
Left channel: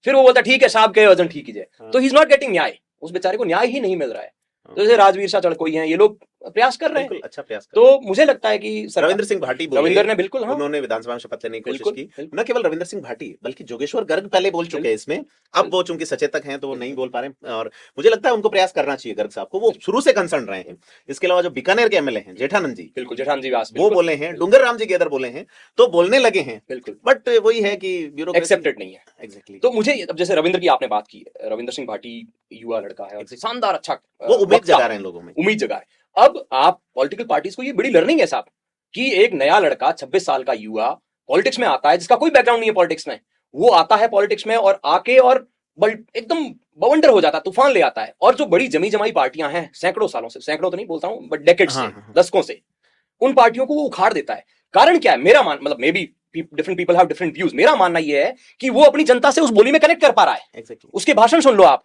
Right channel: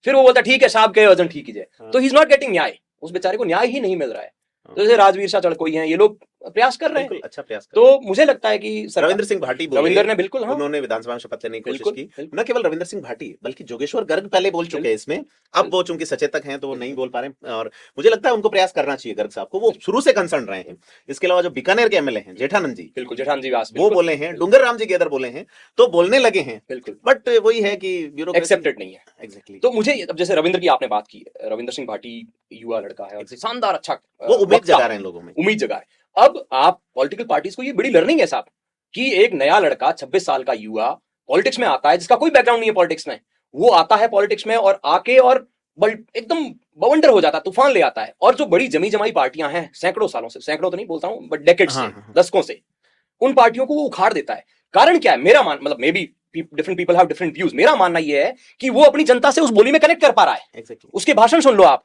फिर वो बोलता ठीक है साहब के वजन ठीक है, तो ही इज नॉट गेटिंग न्याय, उस बेचारे को न्याय ही नहीं मिल रहा है। जैसे राजवीर शाह चढ़कोई हैं, ये लोग प्रयास कर रहे हैं, अच्छा प्रयास कर। तो मुझे लगता है कि रविंद्र सिंह भाटी बोले, रविंद्र ने बिल्कुल, हाँ, उन्होंने विधानसभा में शपथ लेने की बिल्कुल, कोशिश की। न केवल रविंद्र सिंह भाटी बल्कि जोगेश्वर गर्ग पहले बोल चुके हैं इसमें, अब वो चूंकि सचेतक हैं तो वो नहीं बोल पा रहे हैं, और मुझे लगता है उनको प्रयास करना चाहिए गर्ग साहब को, वो शुरू से कंसर्न रहे हैं। इसके अलावा जो बीकानेर के एमएलए हैं जेठानंद जी, बिल्कुल जेठानंद जी व्यास, वो बोले हैं, डूंगर राम जी गेदर बोले हैं, तो बोलने लगे हैं, बिल्कुल, बट वही है कि एक्सेप्टेड नहीं है। एग्जैक्टली। तो मुझे अब जैसे रविंद्र की आपने बात की, रविंद्र सिंह भाटी युवा लड़का है, शानदार, अच्छा, उम्मीद जगा रहे हैं लोगों में, उम्मीद जगा। अब आप पॉलिटिकल पार्टीज को ये बड़ी लर्निंग है साहब कि एक नया लड़का 26 साल का युवा पॉलिटिक्स में आता है, जिसका कोई बैकग्राउंड नहीं है पॉलिटिक्स में, वो आता है पॉलिटिक्स में और आके और एकदम बवंडर हो जाता है, तूफान ले आता है। और जो बड़ी जमी जमाई पार्टियां हैं, सैकड़ों सालों से, सैकड़ों तो नहीं बोलता हूं बट डेकेड से, दशकों से, उन पार्टियों को वो उखाड़ देता है। कारण क्या है? मेरा मतलब may be different people have different views, मेरा मानना ये है कि वो अपनी जनता से उस बोली में कनेक्ट कर पा रहा है। उसके भाषण सुन लो आप,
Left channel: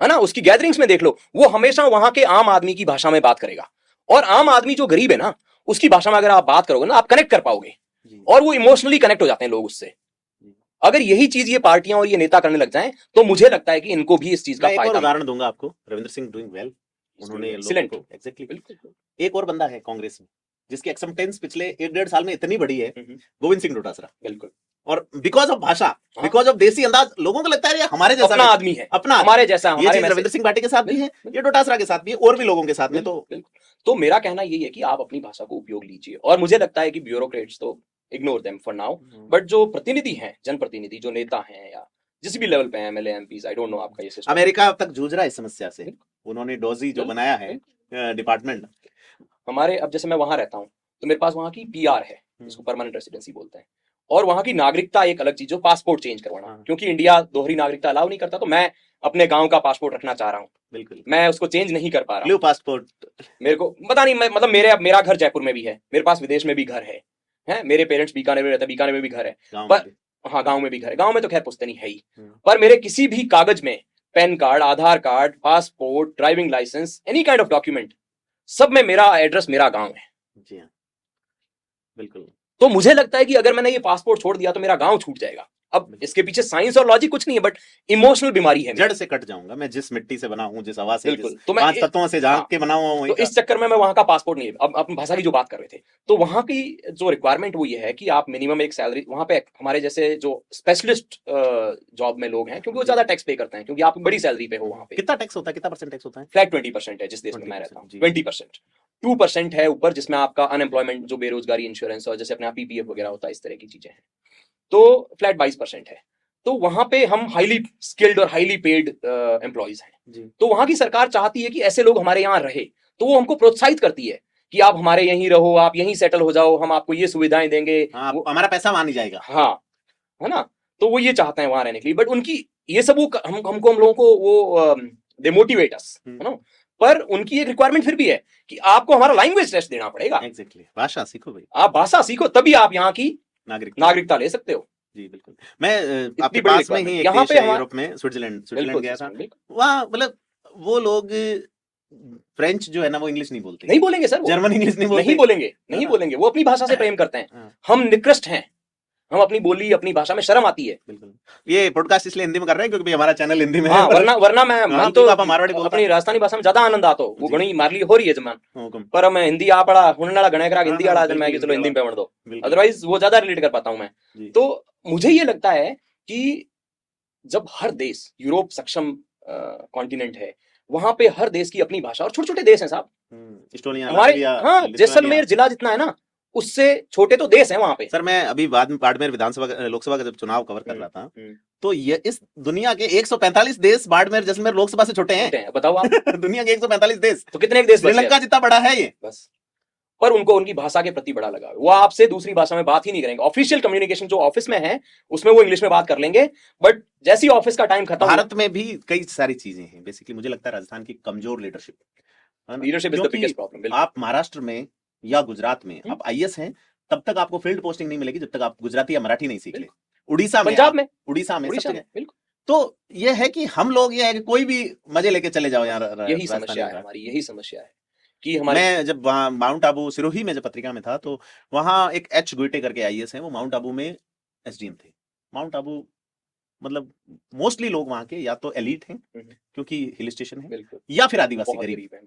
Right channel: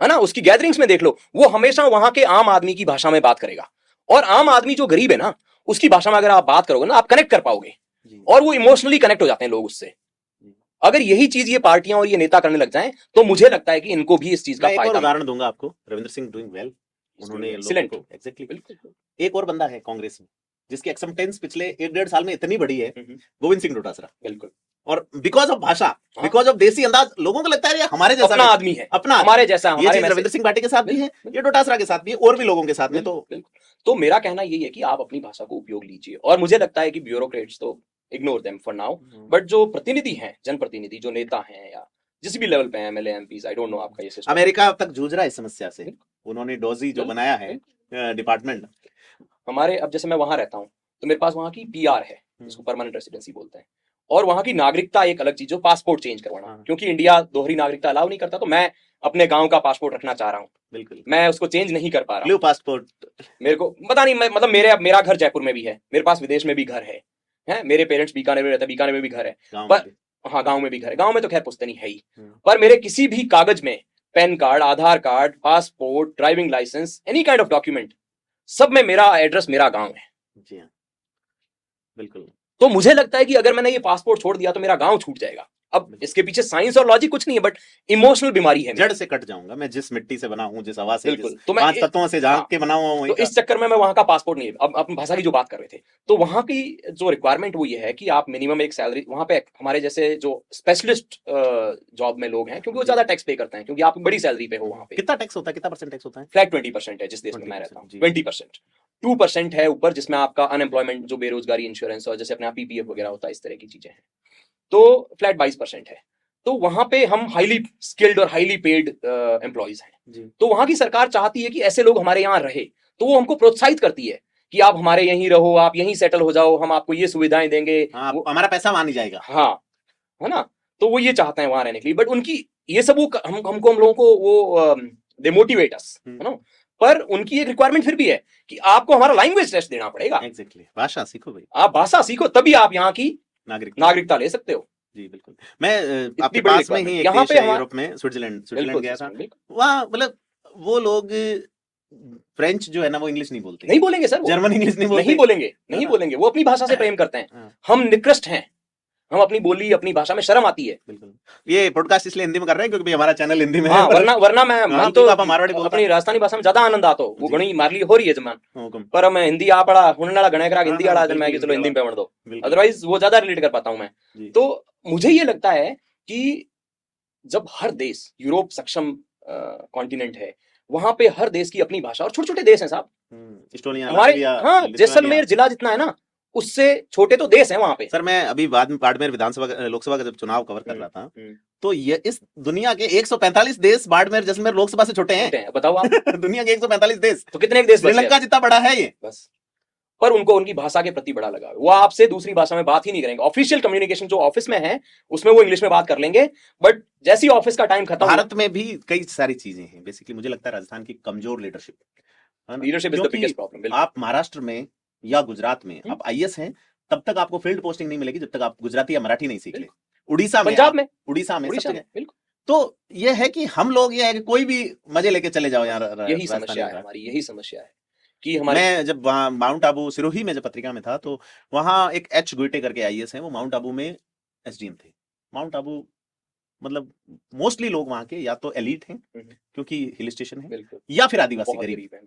है ना, उसकी गैदरिंग्स में देख लो, वो हमेशा वहां के आम आदमी की भाषा में बात करेगा, और आम आदमी जो गरीब है ना, उसकी भाषा में अगर आप बात करोगे ना, आप कनेक्ट कर पाओगे, और वो इमोशनली कनेक्ट हो जाते हैं लोग उससे। अगर यही चीज ये पार्टियां और ये नेता करने लग जाएं, तो मुझे लगता है कि इनको भी इस चीज का एक और उदाहरण दूंगा आपको, रविंद्र सिंह डूइंग वेल, उन्होंने लोगों को एग्जैक्टली। एक और बंदा है कांग्रेस में जिसकी एक्सेप्टेंस पिछले 1-1.5 साल में इतनी बड़ी है, गोविंद सिंह डोटासरा, बिल्कुल, और बिकॉज ऑफ भाषा, बिकॉज ऑफ देसी अंदाज, लोगों को लगता है ये हमारे जैसा अपना भी- आदमी है, अपना हमारे जैसा, ये हमारे चीज में से। रविंद्र सिंह भाटी के साथ भी है, ये डोटासरा के साथ भी है, और भी लोगों के साथ में। तो तो मेरा कहना यही है कि आप अपनी भाषा को उपयोग लीजिए, और मुझे लगता है कि ब्यूरोक्रेट्स तो ignore them for now, but जो प्रतिनिधि हैं, जनप्रतिनिधि, जो नेता हैं या जिस भी लेवल पे MLA MPs, I don't know आपका ये सिस्टम। अमेरिका तक जूझ रहा है इस समस्या से, उन्होंने डोजी जो बनाया है डिपार्टमेंट। हमारे, अब जैसे मैं वहां रहता हूँ तो मेरे पास वहां की पीआर है, जिसको परमानेंट रेसिडेंसी बोलते हैं, और वहां की नागरिकता एक अलग चीज, जो पासपोर्ट चेंज करवाना, क्योंकि इंडिया दोहरी नागरिकता अलाउ नहीं करता, तो मैं अपने गांव का पासपोर्ट रखना चाह रहा हूँ, बिल्कुल, मैं उसको चेंज नहीं कर पा रहा हूँ। ब्लू पासपोर्ट मेरे को पता नहीं, मतलब मेरा घर जयपुर में भी है, मेरे पास विदेश में भी घर है, मेरे पेरेंट्स बीकानेर में रहते हैं, बीकानेर में भी घर है, पर हाँ गांव में भी घर है, गांव में तो खैर पुश्तैनी है ही, पर मेरे किसी भी कागज में PAN card, Aadhaar card, passport, driving licence, any kind of document, सब में मेरा एड्रेस मेरा गांव है। जी हाँ, बिल्कुल। तो मुझे लगता है कि अगर मैंने ये पासपोर्ट छोड़ दिया तो मेरा गांव छूट जाएगा। अब इसके पीछे साइंस और लॉजिक कुछ नहीं है, बट इमोशनल बीमारी है, जड़ से कट जाऊंगा मैं, जिस मिट्टी से बना हूँ, जिस हवा से, बिल्कुल। जिस तो मैं 5 तत्वों से जाग के बना हुआ हूँ, तो इस चक्कर में मैं वहां का पासपोर्ट नहीं है। अब आप भाषा की जो बात कर रहे थे, तो वहां की जो रिक्वायरमेंट वो ये है कि आप मिनिमम एक सैलरी, वहां पे हमारे जैसे जो स्पेशलिस्ट जॉब में लोग हैं, क्योंकि वो ज्यादा टैक्स पे करते हैं, क्योंकि आप बड़ी सैलरी पे हो वहां पे। कितना टैक्स होता है, कितना परसेंट टैक्स होता है? फ्लैट 20% है जिस देश में मैं रहता हूँ, 20%। 2% है ऊपर, जिसमें आपका अनएम्प्लॉयमेंट, जो बेरोजगारी इंश्योरेंस और जैसे अपना पीपीएफ वगैरह होता है, इस तरह की चीजें हैं। तो फ्लैट 22% है। तो वहां पे हम हाईली स्किल्ड और हाईली पेड एम्प्लॉइज हैं। तो वहां की सरकार चाहती है कि ऐसे लोग हमारे यहाँ रहे, तो वो हमको प्रोत्साहित करती है कि आप हमारे यहीं रहो, आप यहीं सेटल हो जाओ, हम आपको ये सुविधाएं देंगे। हाँ, हमारा पैसा वहां नहीं जाएगा। हाँ, है ना? तो वो ये चाहते हैं वहां रहने के लिए, बट उनकी ये सब वो हम लोगों को वो डिमोटिवेट है ना? पर उनकी एक रिक्वायरमेंट फिर भी है कि आपको हमारा लैंग्वेज टेस्ट देना पड़ेगा। एग्जैक्टली, भाषा सीखो भाई, आप भाषा सीखो, तभी आप यहाँ की नागरिकता ले सकते हो। जी बिल्कुल। मैं आपके बड़ी पास में ही एक यहाँ देश पे है यूरोप में, स्विट्जरलैंड गया था। बिल्कुल। वहाँ मतलब वो लोग फ्रेंच जो है ना, वो इंग्लिश नहीं बोलते, नहीं बोलेंगे सर, जर्मन इंग्लिश नहीं बोलेंगे, नहीं बोलेंगे, वो अपनी भाषा से प्रेम करते हैं। हम निकृष्ट हैं, हम अपनी बोली, अपनी भाषा में शर्म आती है। ये पॉडकास्ट इसलिए हिंदी में कर रहे हैं क्योंकि हमारा चैनल हिंदी में है। वरना मैं तो मारवाड़ी अपनी राजस्थानी भाषा में ज्यादा आनंद आता हो, वो घणी मारली हो रही है जमन, पर मैं हिंदी आ पड़ा हुनला गणे करा हिंदी वाला मैं चलो हिंदी में पढ़ दो, अदरवाइज वो ज्यादा रिलेट कर पाता हूं मैं। तो मुझे ये लगता है कि जब हर देश, यूरोप सक्षम कॉन्टिनेंट है, वहां पे हर देश की अपनी भाषा, और छोटे छोटे देश हैं साहब, हमारे हाँ जैसलमेर जिला जितना है ना, उससे छोटे तो देश है वहां पे। सर मैं अभी बाद में बाड़मेर विधानसभा लोकसभा का जब चुनाव कवर कर रहा था, तो ये इस दुनिया के 145 देश बाड़मेर जैसलमेर लोकसभा से छोटे हैं, बताओ। दुनिया के 145 देश, तो कितने देश श्रीलंका जितना बड़ा है ये बस। पर उनको उनकी भाषा के प्रति बड़ा लगा, वो आपसे दूसरी भाषा में बात ही नहीं करेंगे। ऑफिशियल कम्युनिकेशन जो ऑफिस में है उसमें वो इंग्लिश में बात कर लेंगे, बट जैसे ही ऑफिस का टाइम खत्म। भारत में भी कई सारी चीजें हैं, बेसिकली मुझे लगता है राजस्थान की कमजोर leadership is the biggest problem. आप महाराष्ट्र में या गुजरात में आप आईएएस हैं, तब तक आपको फील्ड पोस्टिंग नहीं मिलेगी जब तक आप गुजराती या मराठी नहीं सीख ले। उड़ीसा में, पंजाब में, उड़ीसा में सब जगह। तो ये है कि हम लोग ये है कि कोई भी मजे लेके चले जाओ यार, यही समस्या है हमारी, यही समस्या है कि हमारे। मैं जब माउंट आबू सिरोही में जब पत्रिका में था, तो वहां एक एच गुइटे करके आईएएस है, वो माउंट आबू में एसडीएम थे। माउंट आबू मतलब मोस्टली लोग वहां के या तो एलीट हैं क्योंकि हिल स्टेशन है, या फिर आदिवासी,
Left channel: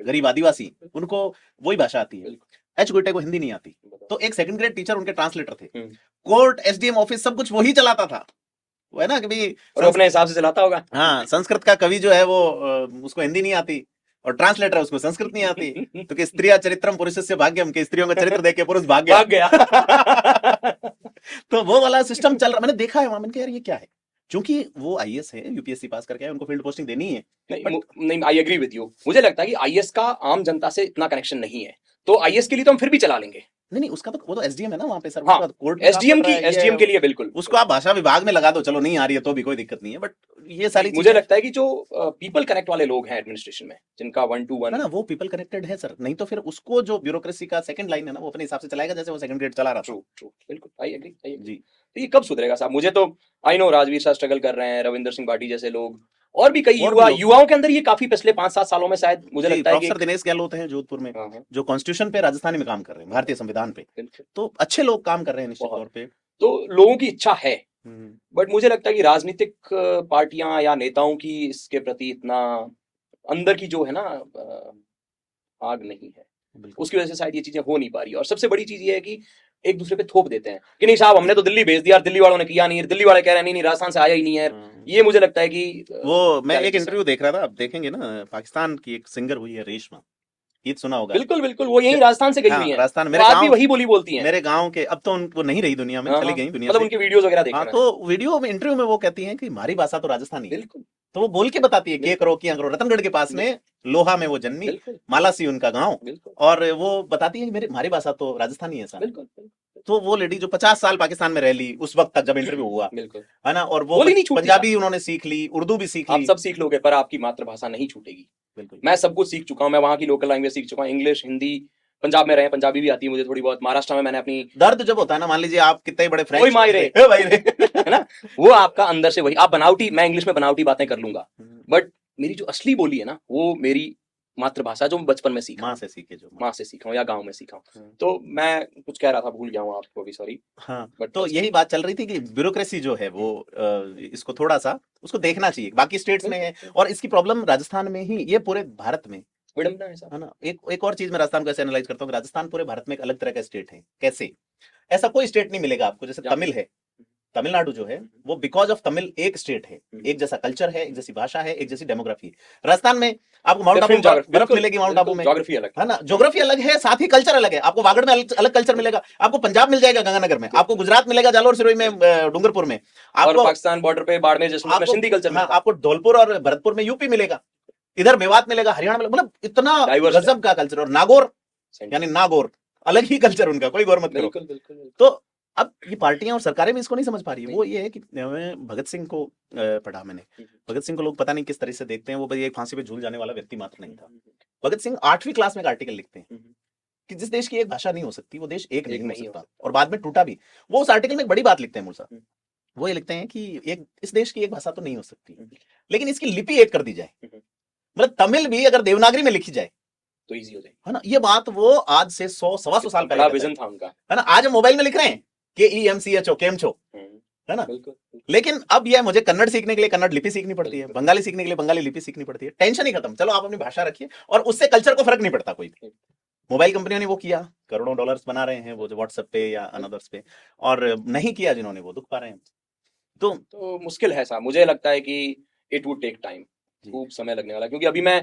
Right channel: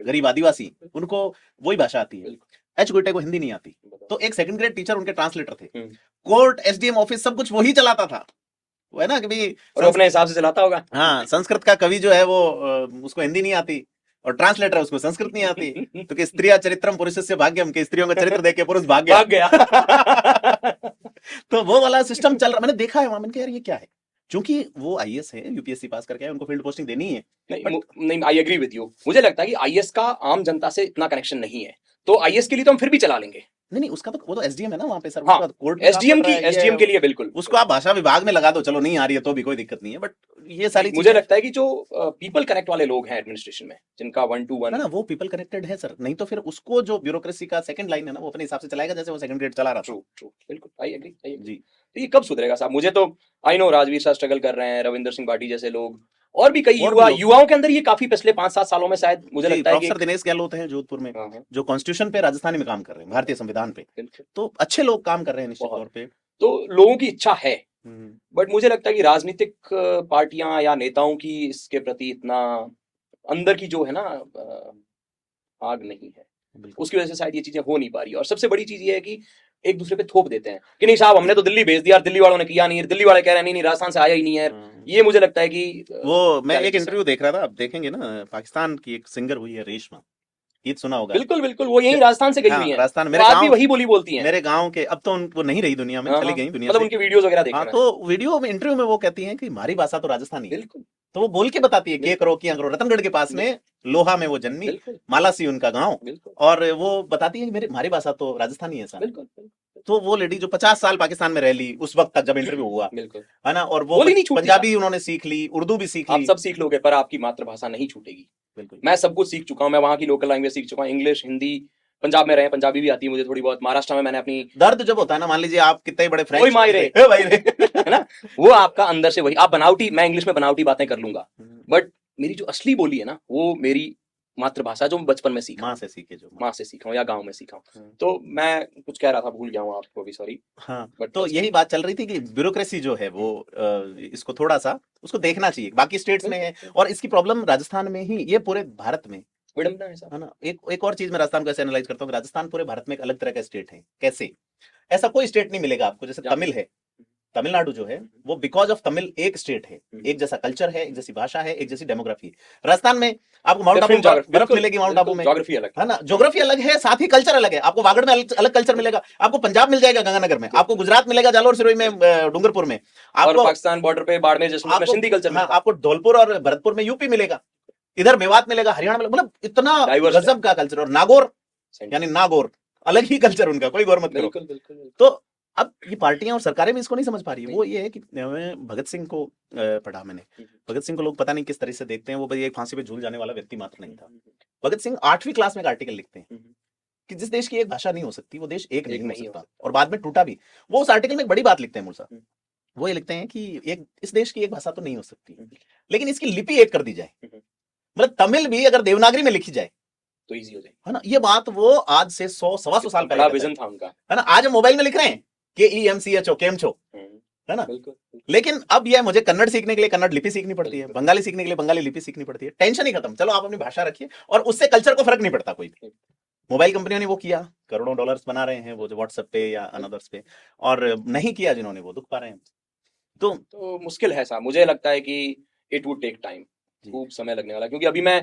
गरीब आदिवासी, उनको वही भाषा आती है। एच गुइटे को हिंदी नहीं आती, तो एक सेकंड ग्रेड टीचर उनके ट्रांसलेटर थे। कोर्ट, एसडीएम ऑफिस, सब कुछ वही चलाता था, है ना, कि अपने हिसाब से चलाता होगा। हाँ, संस्कृत का कवि जो है वो उसको हिंदी नहीं आती, और ट्रांसलेटर उसमें संस्कृत नहीं आती, तो कि स्त्रिया चरित्रम पुरुषस्य भाग्यम, के स्त्रियों का चरित्र देख के पुरुष भाग गया। तो वो वाला सिस्टम चल रहा, मैंने देखा है वहां। मैंने कहा यार ये क्या है, क्योंकि वो आईएएस है, यूपीएससी पास करके है, उनको फील्ड पोस्टिंग देनी है। नहीं, आई एग्री विद यू। मुझे लगता है कि आईएएस का आम जनता से इतना कनेक्शन नहीं है, तो आईएएस के लिए तो हम फिर भी चला लेंगे। नहीं, उसका तो खुद एसडीएम है ना वहां पे सर। हाँ, एसडीएम के लिए बिल्कुल। उसको आप भाषा विभाग में लगा दो, चलो नहीं आ रही है तो भी कोई दिक्कत नहीं है, बट ये सारी मुझे लगता है कि जो पीपल कनेक्ट वाले लोग हैं एडमिनिस्ट्रेशन में, जिनका 1 to 1 वो पीपल कनेक्टेड है सर, नहीं तो फिर उसको जो ब्यूरोक्रेसी का सेकंड लाइन है ना, वो अपने हिसाब से चलाएगा जैसे वो सेकंड ग्रेड चला रहा। ट्रू, बिल्कुल, आई एग्री। तो ये कब सुधरेगा साहब? मुझे तो आई नो राजवीर साहब स्ट्रगल कर रहे हैं, रविंदर सिंह भाटी जैसे लोग, और भी कई युवाओं के अंदर ये काफी पिछले 5-7 सालों में शायद मुझे लगता है प्रोफेसर दिनेश गहलोत हैं जोधपुर में, जो कॉन्स्टिट्यूशन पे राजस्थानी में काम कर रहे हैं, भारतीय संविधान पे, तो अच्छे लोग काम कर रहे हैं निश्चित तौर पे। तो लोगों की इच्छा है, बट मुझे लगता है कि राजनीतिक पार्टियां या नेताओं की इसके प्रति इतना अंदर की जो है ना आग नहीं है। बिल्कुल। उसकी वजह से शायद ये चीजें हो नहीं पा रही है। और सबसे बड़ी चीज ये है कि एक दूसरे पे थोप देते हैं कि नहीं साहब हमने तो दिल्ली भेज दिया, दिल्ली वालों ने किया नहीं, दिल्ली वाले कह रहे हैं नहीं नहीं राजस्थान से आया ही नहीं है। ये मुझे लगता है कि वो मैं एक गलत है। इंटरव्यू देख रहा था, आप देखेंगे ना, पाकिस्तान की एक सिंगर हुई है रेशमा, गीत सुना होगा। बिल्कुल बिल्कुल, वो यही फिर राजस्थान से गई हाँ हुई है, राजस्थान, वो आज भी वही बोली बोलती हैं। मेरे गांव के, अब तो उनको नहीं रही दुनिया में, हाँ चली हाँ, गई दुनिया मतलब से। उनके वीडियोस वगैरह देखे हाँ मैंने। तो वीडियो में, इंटरव्यू में वो कहती हैं कि हमारी भाषा तो राजस्थानी है। बिल्कुल तो वो बोल के बताती है के करो किया करो, रतनगढ़ के पास में लोहा में वो जन्मी, बिल्कुल मालासी उनका गांव, बिल्कुल और वो बताती है कि मेरी हमारी भाषा तो राजस्थानी है सर। बिल्कुल तो वो लेडी जो 50 साल पाकिस्तान में रह ली उस वक्त तक जब इंटरव्यू हुआ, बिल्कुल, है ना, और वो बोली नहीं छूटती पंजाबी उन्होंने सीख ली, उर्दू भी सीख आप ली। सब सीख लोगे पर आपकी मातृभाषा नहीं छूटेगी। बिल्कुल। मैं सब कुछ सीख चुका हूँ, मैं वहाँ की लोकल लैंग्वेज सीख चुका हूँ, इंग्लिश हिंदी, पंजाब में रहे पंजाबी भी आती है मुझे थोड़ी बहुत, महाराष्ट्र में मैंने अपनी दर्द जब होता है ना, मान लीजिए आप कितने बड़े कोई फ्रेंच मायरे है ना, वो आपका अंदर से वही आप बनावटी, मैं इंग्लिश में बनावटी बातें कर लूंगा, बट मेरी जो असली बोली है ना वो मेरी मातृभाषा जो मैं बचपन में सीखा, माँ से सीखी जो। माँ से सीखा हूँ या गाँव में सीखा हूँ। तो मैं कुछ कह रहा था भूल गया हूँ, आपको भी सॉरी। हाँ बट तो यही बात चल रही थी कि ब्यूरोक्रेसी जो है वो इसको थोड़ा सा उसको देखना चाहिए, बाकी स्टेट्स में है, और इसकी प्रॉब्लम राजस्थान में ही, ये पूरे भारत में विडम्बना है सर। है ना। एक और चीज मैं राजस्थान को ऐसे एनालाइज करता हूँ कि राजस्थान पूरे भारत में एक अलग तरह का स्टेट है। कैसे? ऐसा कोई स्टेट नहीं मिलेगा आपको, जैसे तमिल है, तमिलनाडु जो है वो बिकॉज ऑफ तमिल एक स्टेट है, एक जैसा कल्चर है, एक जैसी भाषा है, एक जैसी डेमोग्राफी है। राजस्थान में आपको माउंट आबू डिफरेंट ज्योग्राफी, बर्फ मिलेगी, माउंट आबू में, ज्योग्राफी अलग है ना, ज्योग्राफी अलग है, साथ ही कल्चर अलग है। आपको वागड़ में अलग कल्चर मिलेगा, आपको पंजाब मिल जाएगा गंगानगर में, आपको गुजरात मिलेगा जालोर सिरोही में, डूंगरपुर में, और आपको पाकिस्तान बॉर्डर पे बाड़मेर जैसलमेर में आपको सिंधी कल्चर हाँ मिलता है। आपको धौलपुर और भरतपुर में यूपी मिलेगा, इधर मेवात मिलेगा, हरियाणा मिलेगा, मतलब इतना Diverse है। गजब का कल्चर। और नागौर यानी नागौर अलग ही कल्चर उनका, कोई गौर मत करो। बिल्कुल बिल्कुल तो अब ये पार्टियां और सरकारें भी इसको नहीं समझ पा रही है। वो ये है कि भगत सिंह को पढ़ा मैंने, भगत सिंह को लोग पता नहीं किस तरह से देखते हैं, वो भाई एक फांसी पे झूल जाने वाला व्यक्ति मात्र नहीं था। भगत सिंह 8वीं क्लास में एक आर्टिकल लिखते हैं कि जिस देश की एक भाषा नहीं हो सकती वो देश एक नहीं हो सकता, और बाद में टूटा भी। वो उस आर्टिकल में एक बड़ी बात लिखते हैं मूल, वो ये लिखते हैं कि एक इस देश की एक भाषा तो नहीं हो सकती, लेकिन इसकी लिपि एक कर दी जाए, मतलब तमिल भी अगर देवनागरी में लिखी जाए तो इजी हो जाए, है ना। ये बात वो आज से 100 सवा 100 साल बड़ा पहले विजन था उनका, है ना। आज मोबाइल में लिख रहे हैं KEMCHO केमचो, है ना। बिल्कुल लेकिन अब ये मुझे कन्नड़ सीखने के लिए कन्नड़ लिपि सीखनी पड़ती है, बंगाली सीखने के लिए बंगाली लिपि सीखनी पड़ती है। टेंशन ही खत्म, चलो आप अपनी भाषा रखिए, और उससे कल्चर को फर्क नहीं पड़ता कोई। मोबाइल कंपनियों ने वो किया, करोड़ों डॉलर्स बना रहे हैं वो जो व्हाट्सएप पे या अनदर्स पे, और नहीं किया जिन्होंने वो दुख पा रहे हैं। तो मुश्किल है साहब, मुझे लगता है कि इट वुड टेक टाइम, खूब समय लगने वाला है। क्योंकि अभी मैं,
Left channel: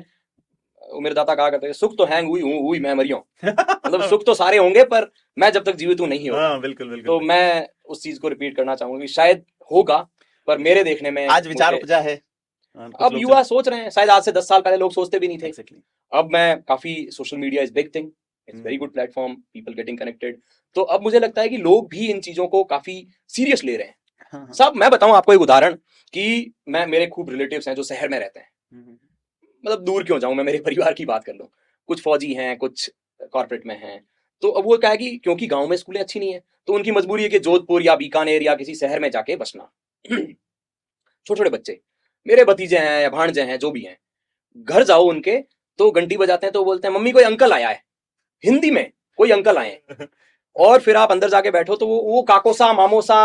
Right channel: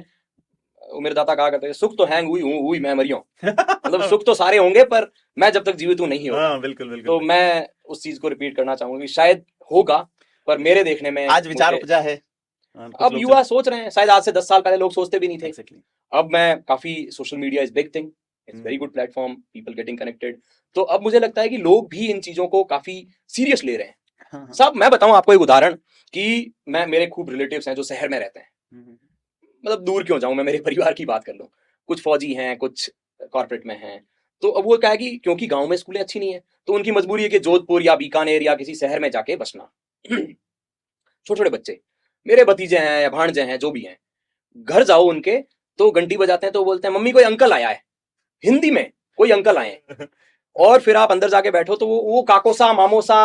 मेरे दादा कहा करते थे सुख तो हैंग हुई मैं मरी हूँ मतलब सुख तो सारे होंगे पर मैं जब तक जीवित हूँ नहीं होगा। हाँ बिल्कुल बिल्कुल। तो मैं उस चीज को रिपीट करना चाहूंगा कि शायद होगा, पर मेरे देखने में आज विचार मुझे- उपजा है, अब युवा सोच रहे हैं, शायद आज से 10 साल पहले लोग सोचते भी नहीं थे। Exactly. अब मैं काफी, social media is big thing, it's very good platform, people getting connected. तो अब मुझे लगता है कि लोग भी इन चीजों को काफी सीरियस ले रहे हैं। हाँ, हाँ। सब, मैं बताऊं आपको एक उदाहरण कि मैं, मेरे खूब रिलेटिव्स हैं जो शहर में रहते हैं, मतलब दूर क्यों जाऊं मैं, मेरे परिवार की बात कर लूं, कुछ फौजी हैं, कुछ कॉर्पोरेट में हैं। तो अब वो क्या है कि क्योंकि गांव में स्कूलें अच्छी नहीं है, तो उनकी मजबूरी है कि जोधपुर या बीकानेर या किसी शहर में जाके बसना। छोटे छोटे बच्चे, मेरे भतीजे हैं या भांजे हैं जो भी हैं, घर जाओ उनके तो घंटी बजाते हैं तो बोलते हैं मम्मी कोई अंकल आया है, हिंदी में कोई अंकल आए हैं। और फिर आप अंदर जाके बैठो तो वो काकोसा मामोसा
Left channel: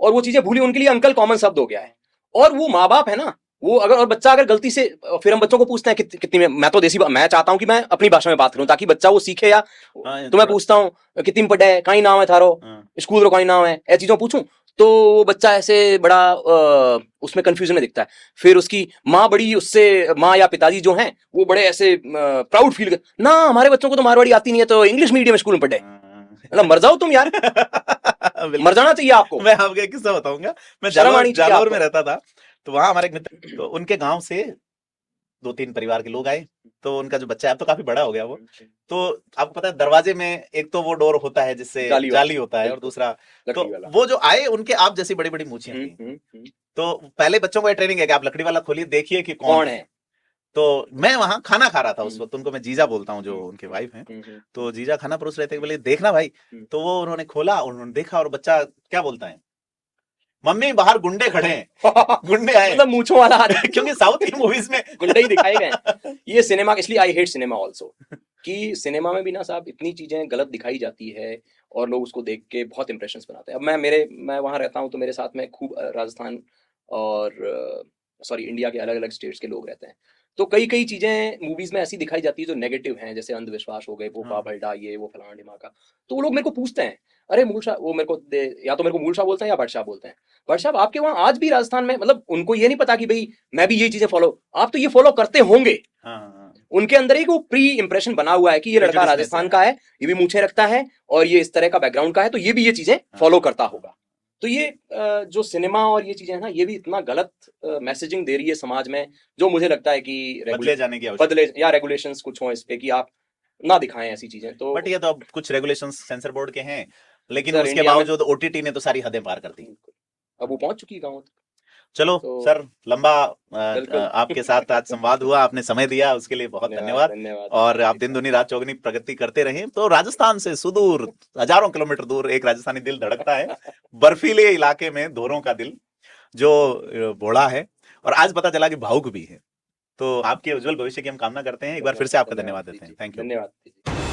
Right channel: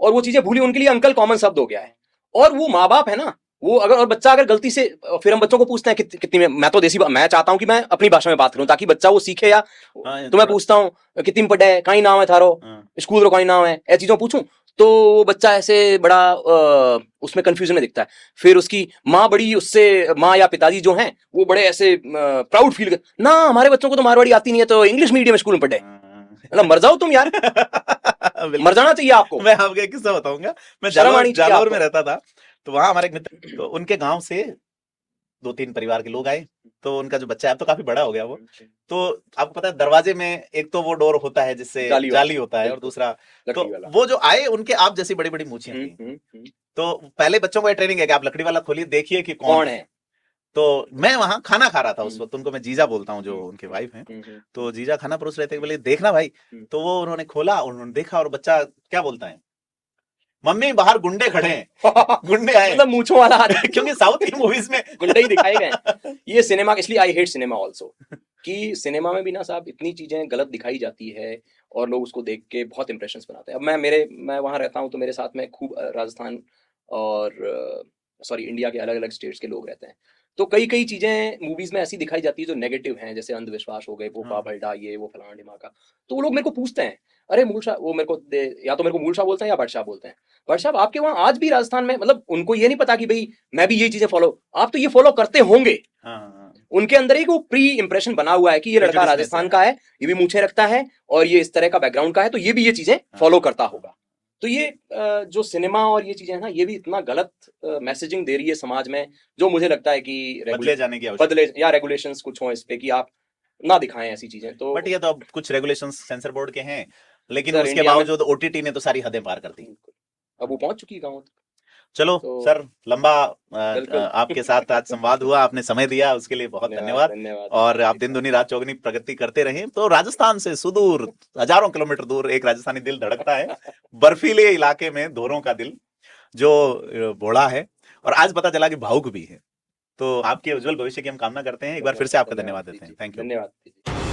और वो चीजें भूली, उनके लिए अंकल कॉमन शब्द हो गया है। और वो माँ बाप है ना, वो अगर, और बच्चा अगर गलती से, फिर हम बच्चों को पूछते हैं कितनी में, मैं तो मैं चाहता हूँ कि मैं अपनी भाषा में बात करूं ताकि बच्चा वो सीखे। या तो मैं पूछता हूँ कितनी में पढ़ा है, कहीं नाम है थारो, स्कूल रो कहीं नाम है, ऐसी चीजों पूछूं तो वो बच्चा ऐसे बड़ा उसमें कंफ्यूजन में दिखता है। फिर उसकी माँ बड़ी उससे, माँ या पिताजी जो हैं वो बड़े ऐसे प्राउड फील कर, ना हमारे बच्चों को तो मारवाड़ी आती नहीं है तो इंग्लिश मीडियम स्कूल में पढ़े। मतलब मर जाओ तुम यार मर जाना चाहिए आपको। मैं आपको एक किस्सा बताऊंगा। मैं शर्म आनी चाहिए जालौर आपको। में रहता था, तो वहां हमारे एक मित्र, तो उनके गांव से 2-3 परिवार के लोग आए, तो उनका जो बच्चा है, अब तो काफी बड़ा हो गया वो, तो आपको पता है दरवाजे में एक तो वो डोर होता है जिससे जाली होता है, और दूसरा तो वो जो आए उनके आप जैसी बड़ी बड़ी मूछियां थी। तो पहले बच्चों को ये ट्रेनिंग है कि आप लकड़ी वाला खोलिए, देखिए कि कौन है। तो मैं वहां खाना खा रहा था उस वक्त, उनको मैं जीजा बोलता हूँ जो उनके वाइफ हैं, तो जीजा खाना परोस रहे थे, बोले देखना भाई। तो वो उन्होंने खोला और उन्होंने देखा, और बच्चा क्या बोलता है, मम्मी बाहर गुंडे खड़े हैं गुंडे आए, मतलब मूंछों वाला क्योंकि साउथ की मूवीज में गुंडे ही दिखाए गए। ये सिनेमा, इसलिए आई हेट सिनेमा आल्सो, कि सिनेमा में भी ना साहब इतनी चीजें गलत दिखाई जाती है और लोग उसको देख के बहुत इंप्रेशंस बनाते हैं। अब मैं वहां रहता हूँ तो मेरे साथ में खूब राजस्थान और सॉरी इंडिया के अलग अलग स्टेट्स के लोग रहते हैं। तो कई कई चीजें मूवीज में ऐसी दिखाई जाती है जो नेगेटिव हैं, जैसे अंधविश्वास हो गए, वो बाबा ये वो फलाना ढिमाका। तो वो लोग मेरे को पूछते हैं, अरे मूलशाह, वो मेरे को या तो मेरे को मूलशाह बोलता है या बडशाह बोलते हैं, बडशाह आपके वहाँ आज भी राजस्थान में, मतलब उनको ये नहीं पता कि भाई मैं भी ये चीजें फॉलो, आप तो ये फॉलो करते होंगे। उनके अंदर एक वो प्री इंप्रेशन बना हुआ है कि ये लड़का राजस्थान का है, ये भी मूछें रखता है और ये इस तरह का बैकग्राउंड का है, तो ये भी ये चीजें फॉलो करता होगा। तो ये जो सिनेमा और ये चीजें हैं ना, ये भी इतना गलत मैसेजिंग दे रही है समाज में, जो मुझे लगता है कि बदले जाने की आवश्यकता बदले या रेगुलेशंस कुछ हो इस पे कि आप ना दिखाएं ऐसी चीजें। तो बट ये तो अब कुछ रेगुलेशंस सेंसर बोर्ड के हैं, लेकिन सर, उसके इंडिया में बावजूद ओटीटी ने तो सारी हदें पार कर दी। अब वो पहुंच चुकी है गाँव। चलो तो सर, लंबा बिल्कुल। आपके साथ आज संवाद हुआ, आपने समय दिया, उसके लिए बहुत धन्यवाद। धन्यवाद। और आप दिन दुनी रात चौगुनी प्रगति करते रहें। तो राजस्थान से सुदूर हजारों किलोमीटर दूर एक राजस्थानी दिल धड़कता है, बर्फीले इलाके में धोरों का दिल जो भोला है, और आज पता चला कि भावुक भी है। तो आपके उज्जवल भविष्य की हम कामना करते हैं। एक बार फिर से आपका धन्यवाद देते हैं। Thank you. धन्यवाद।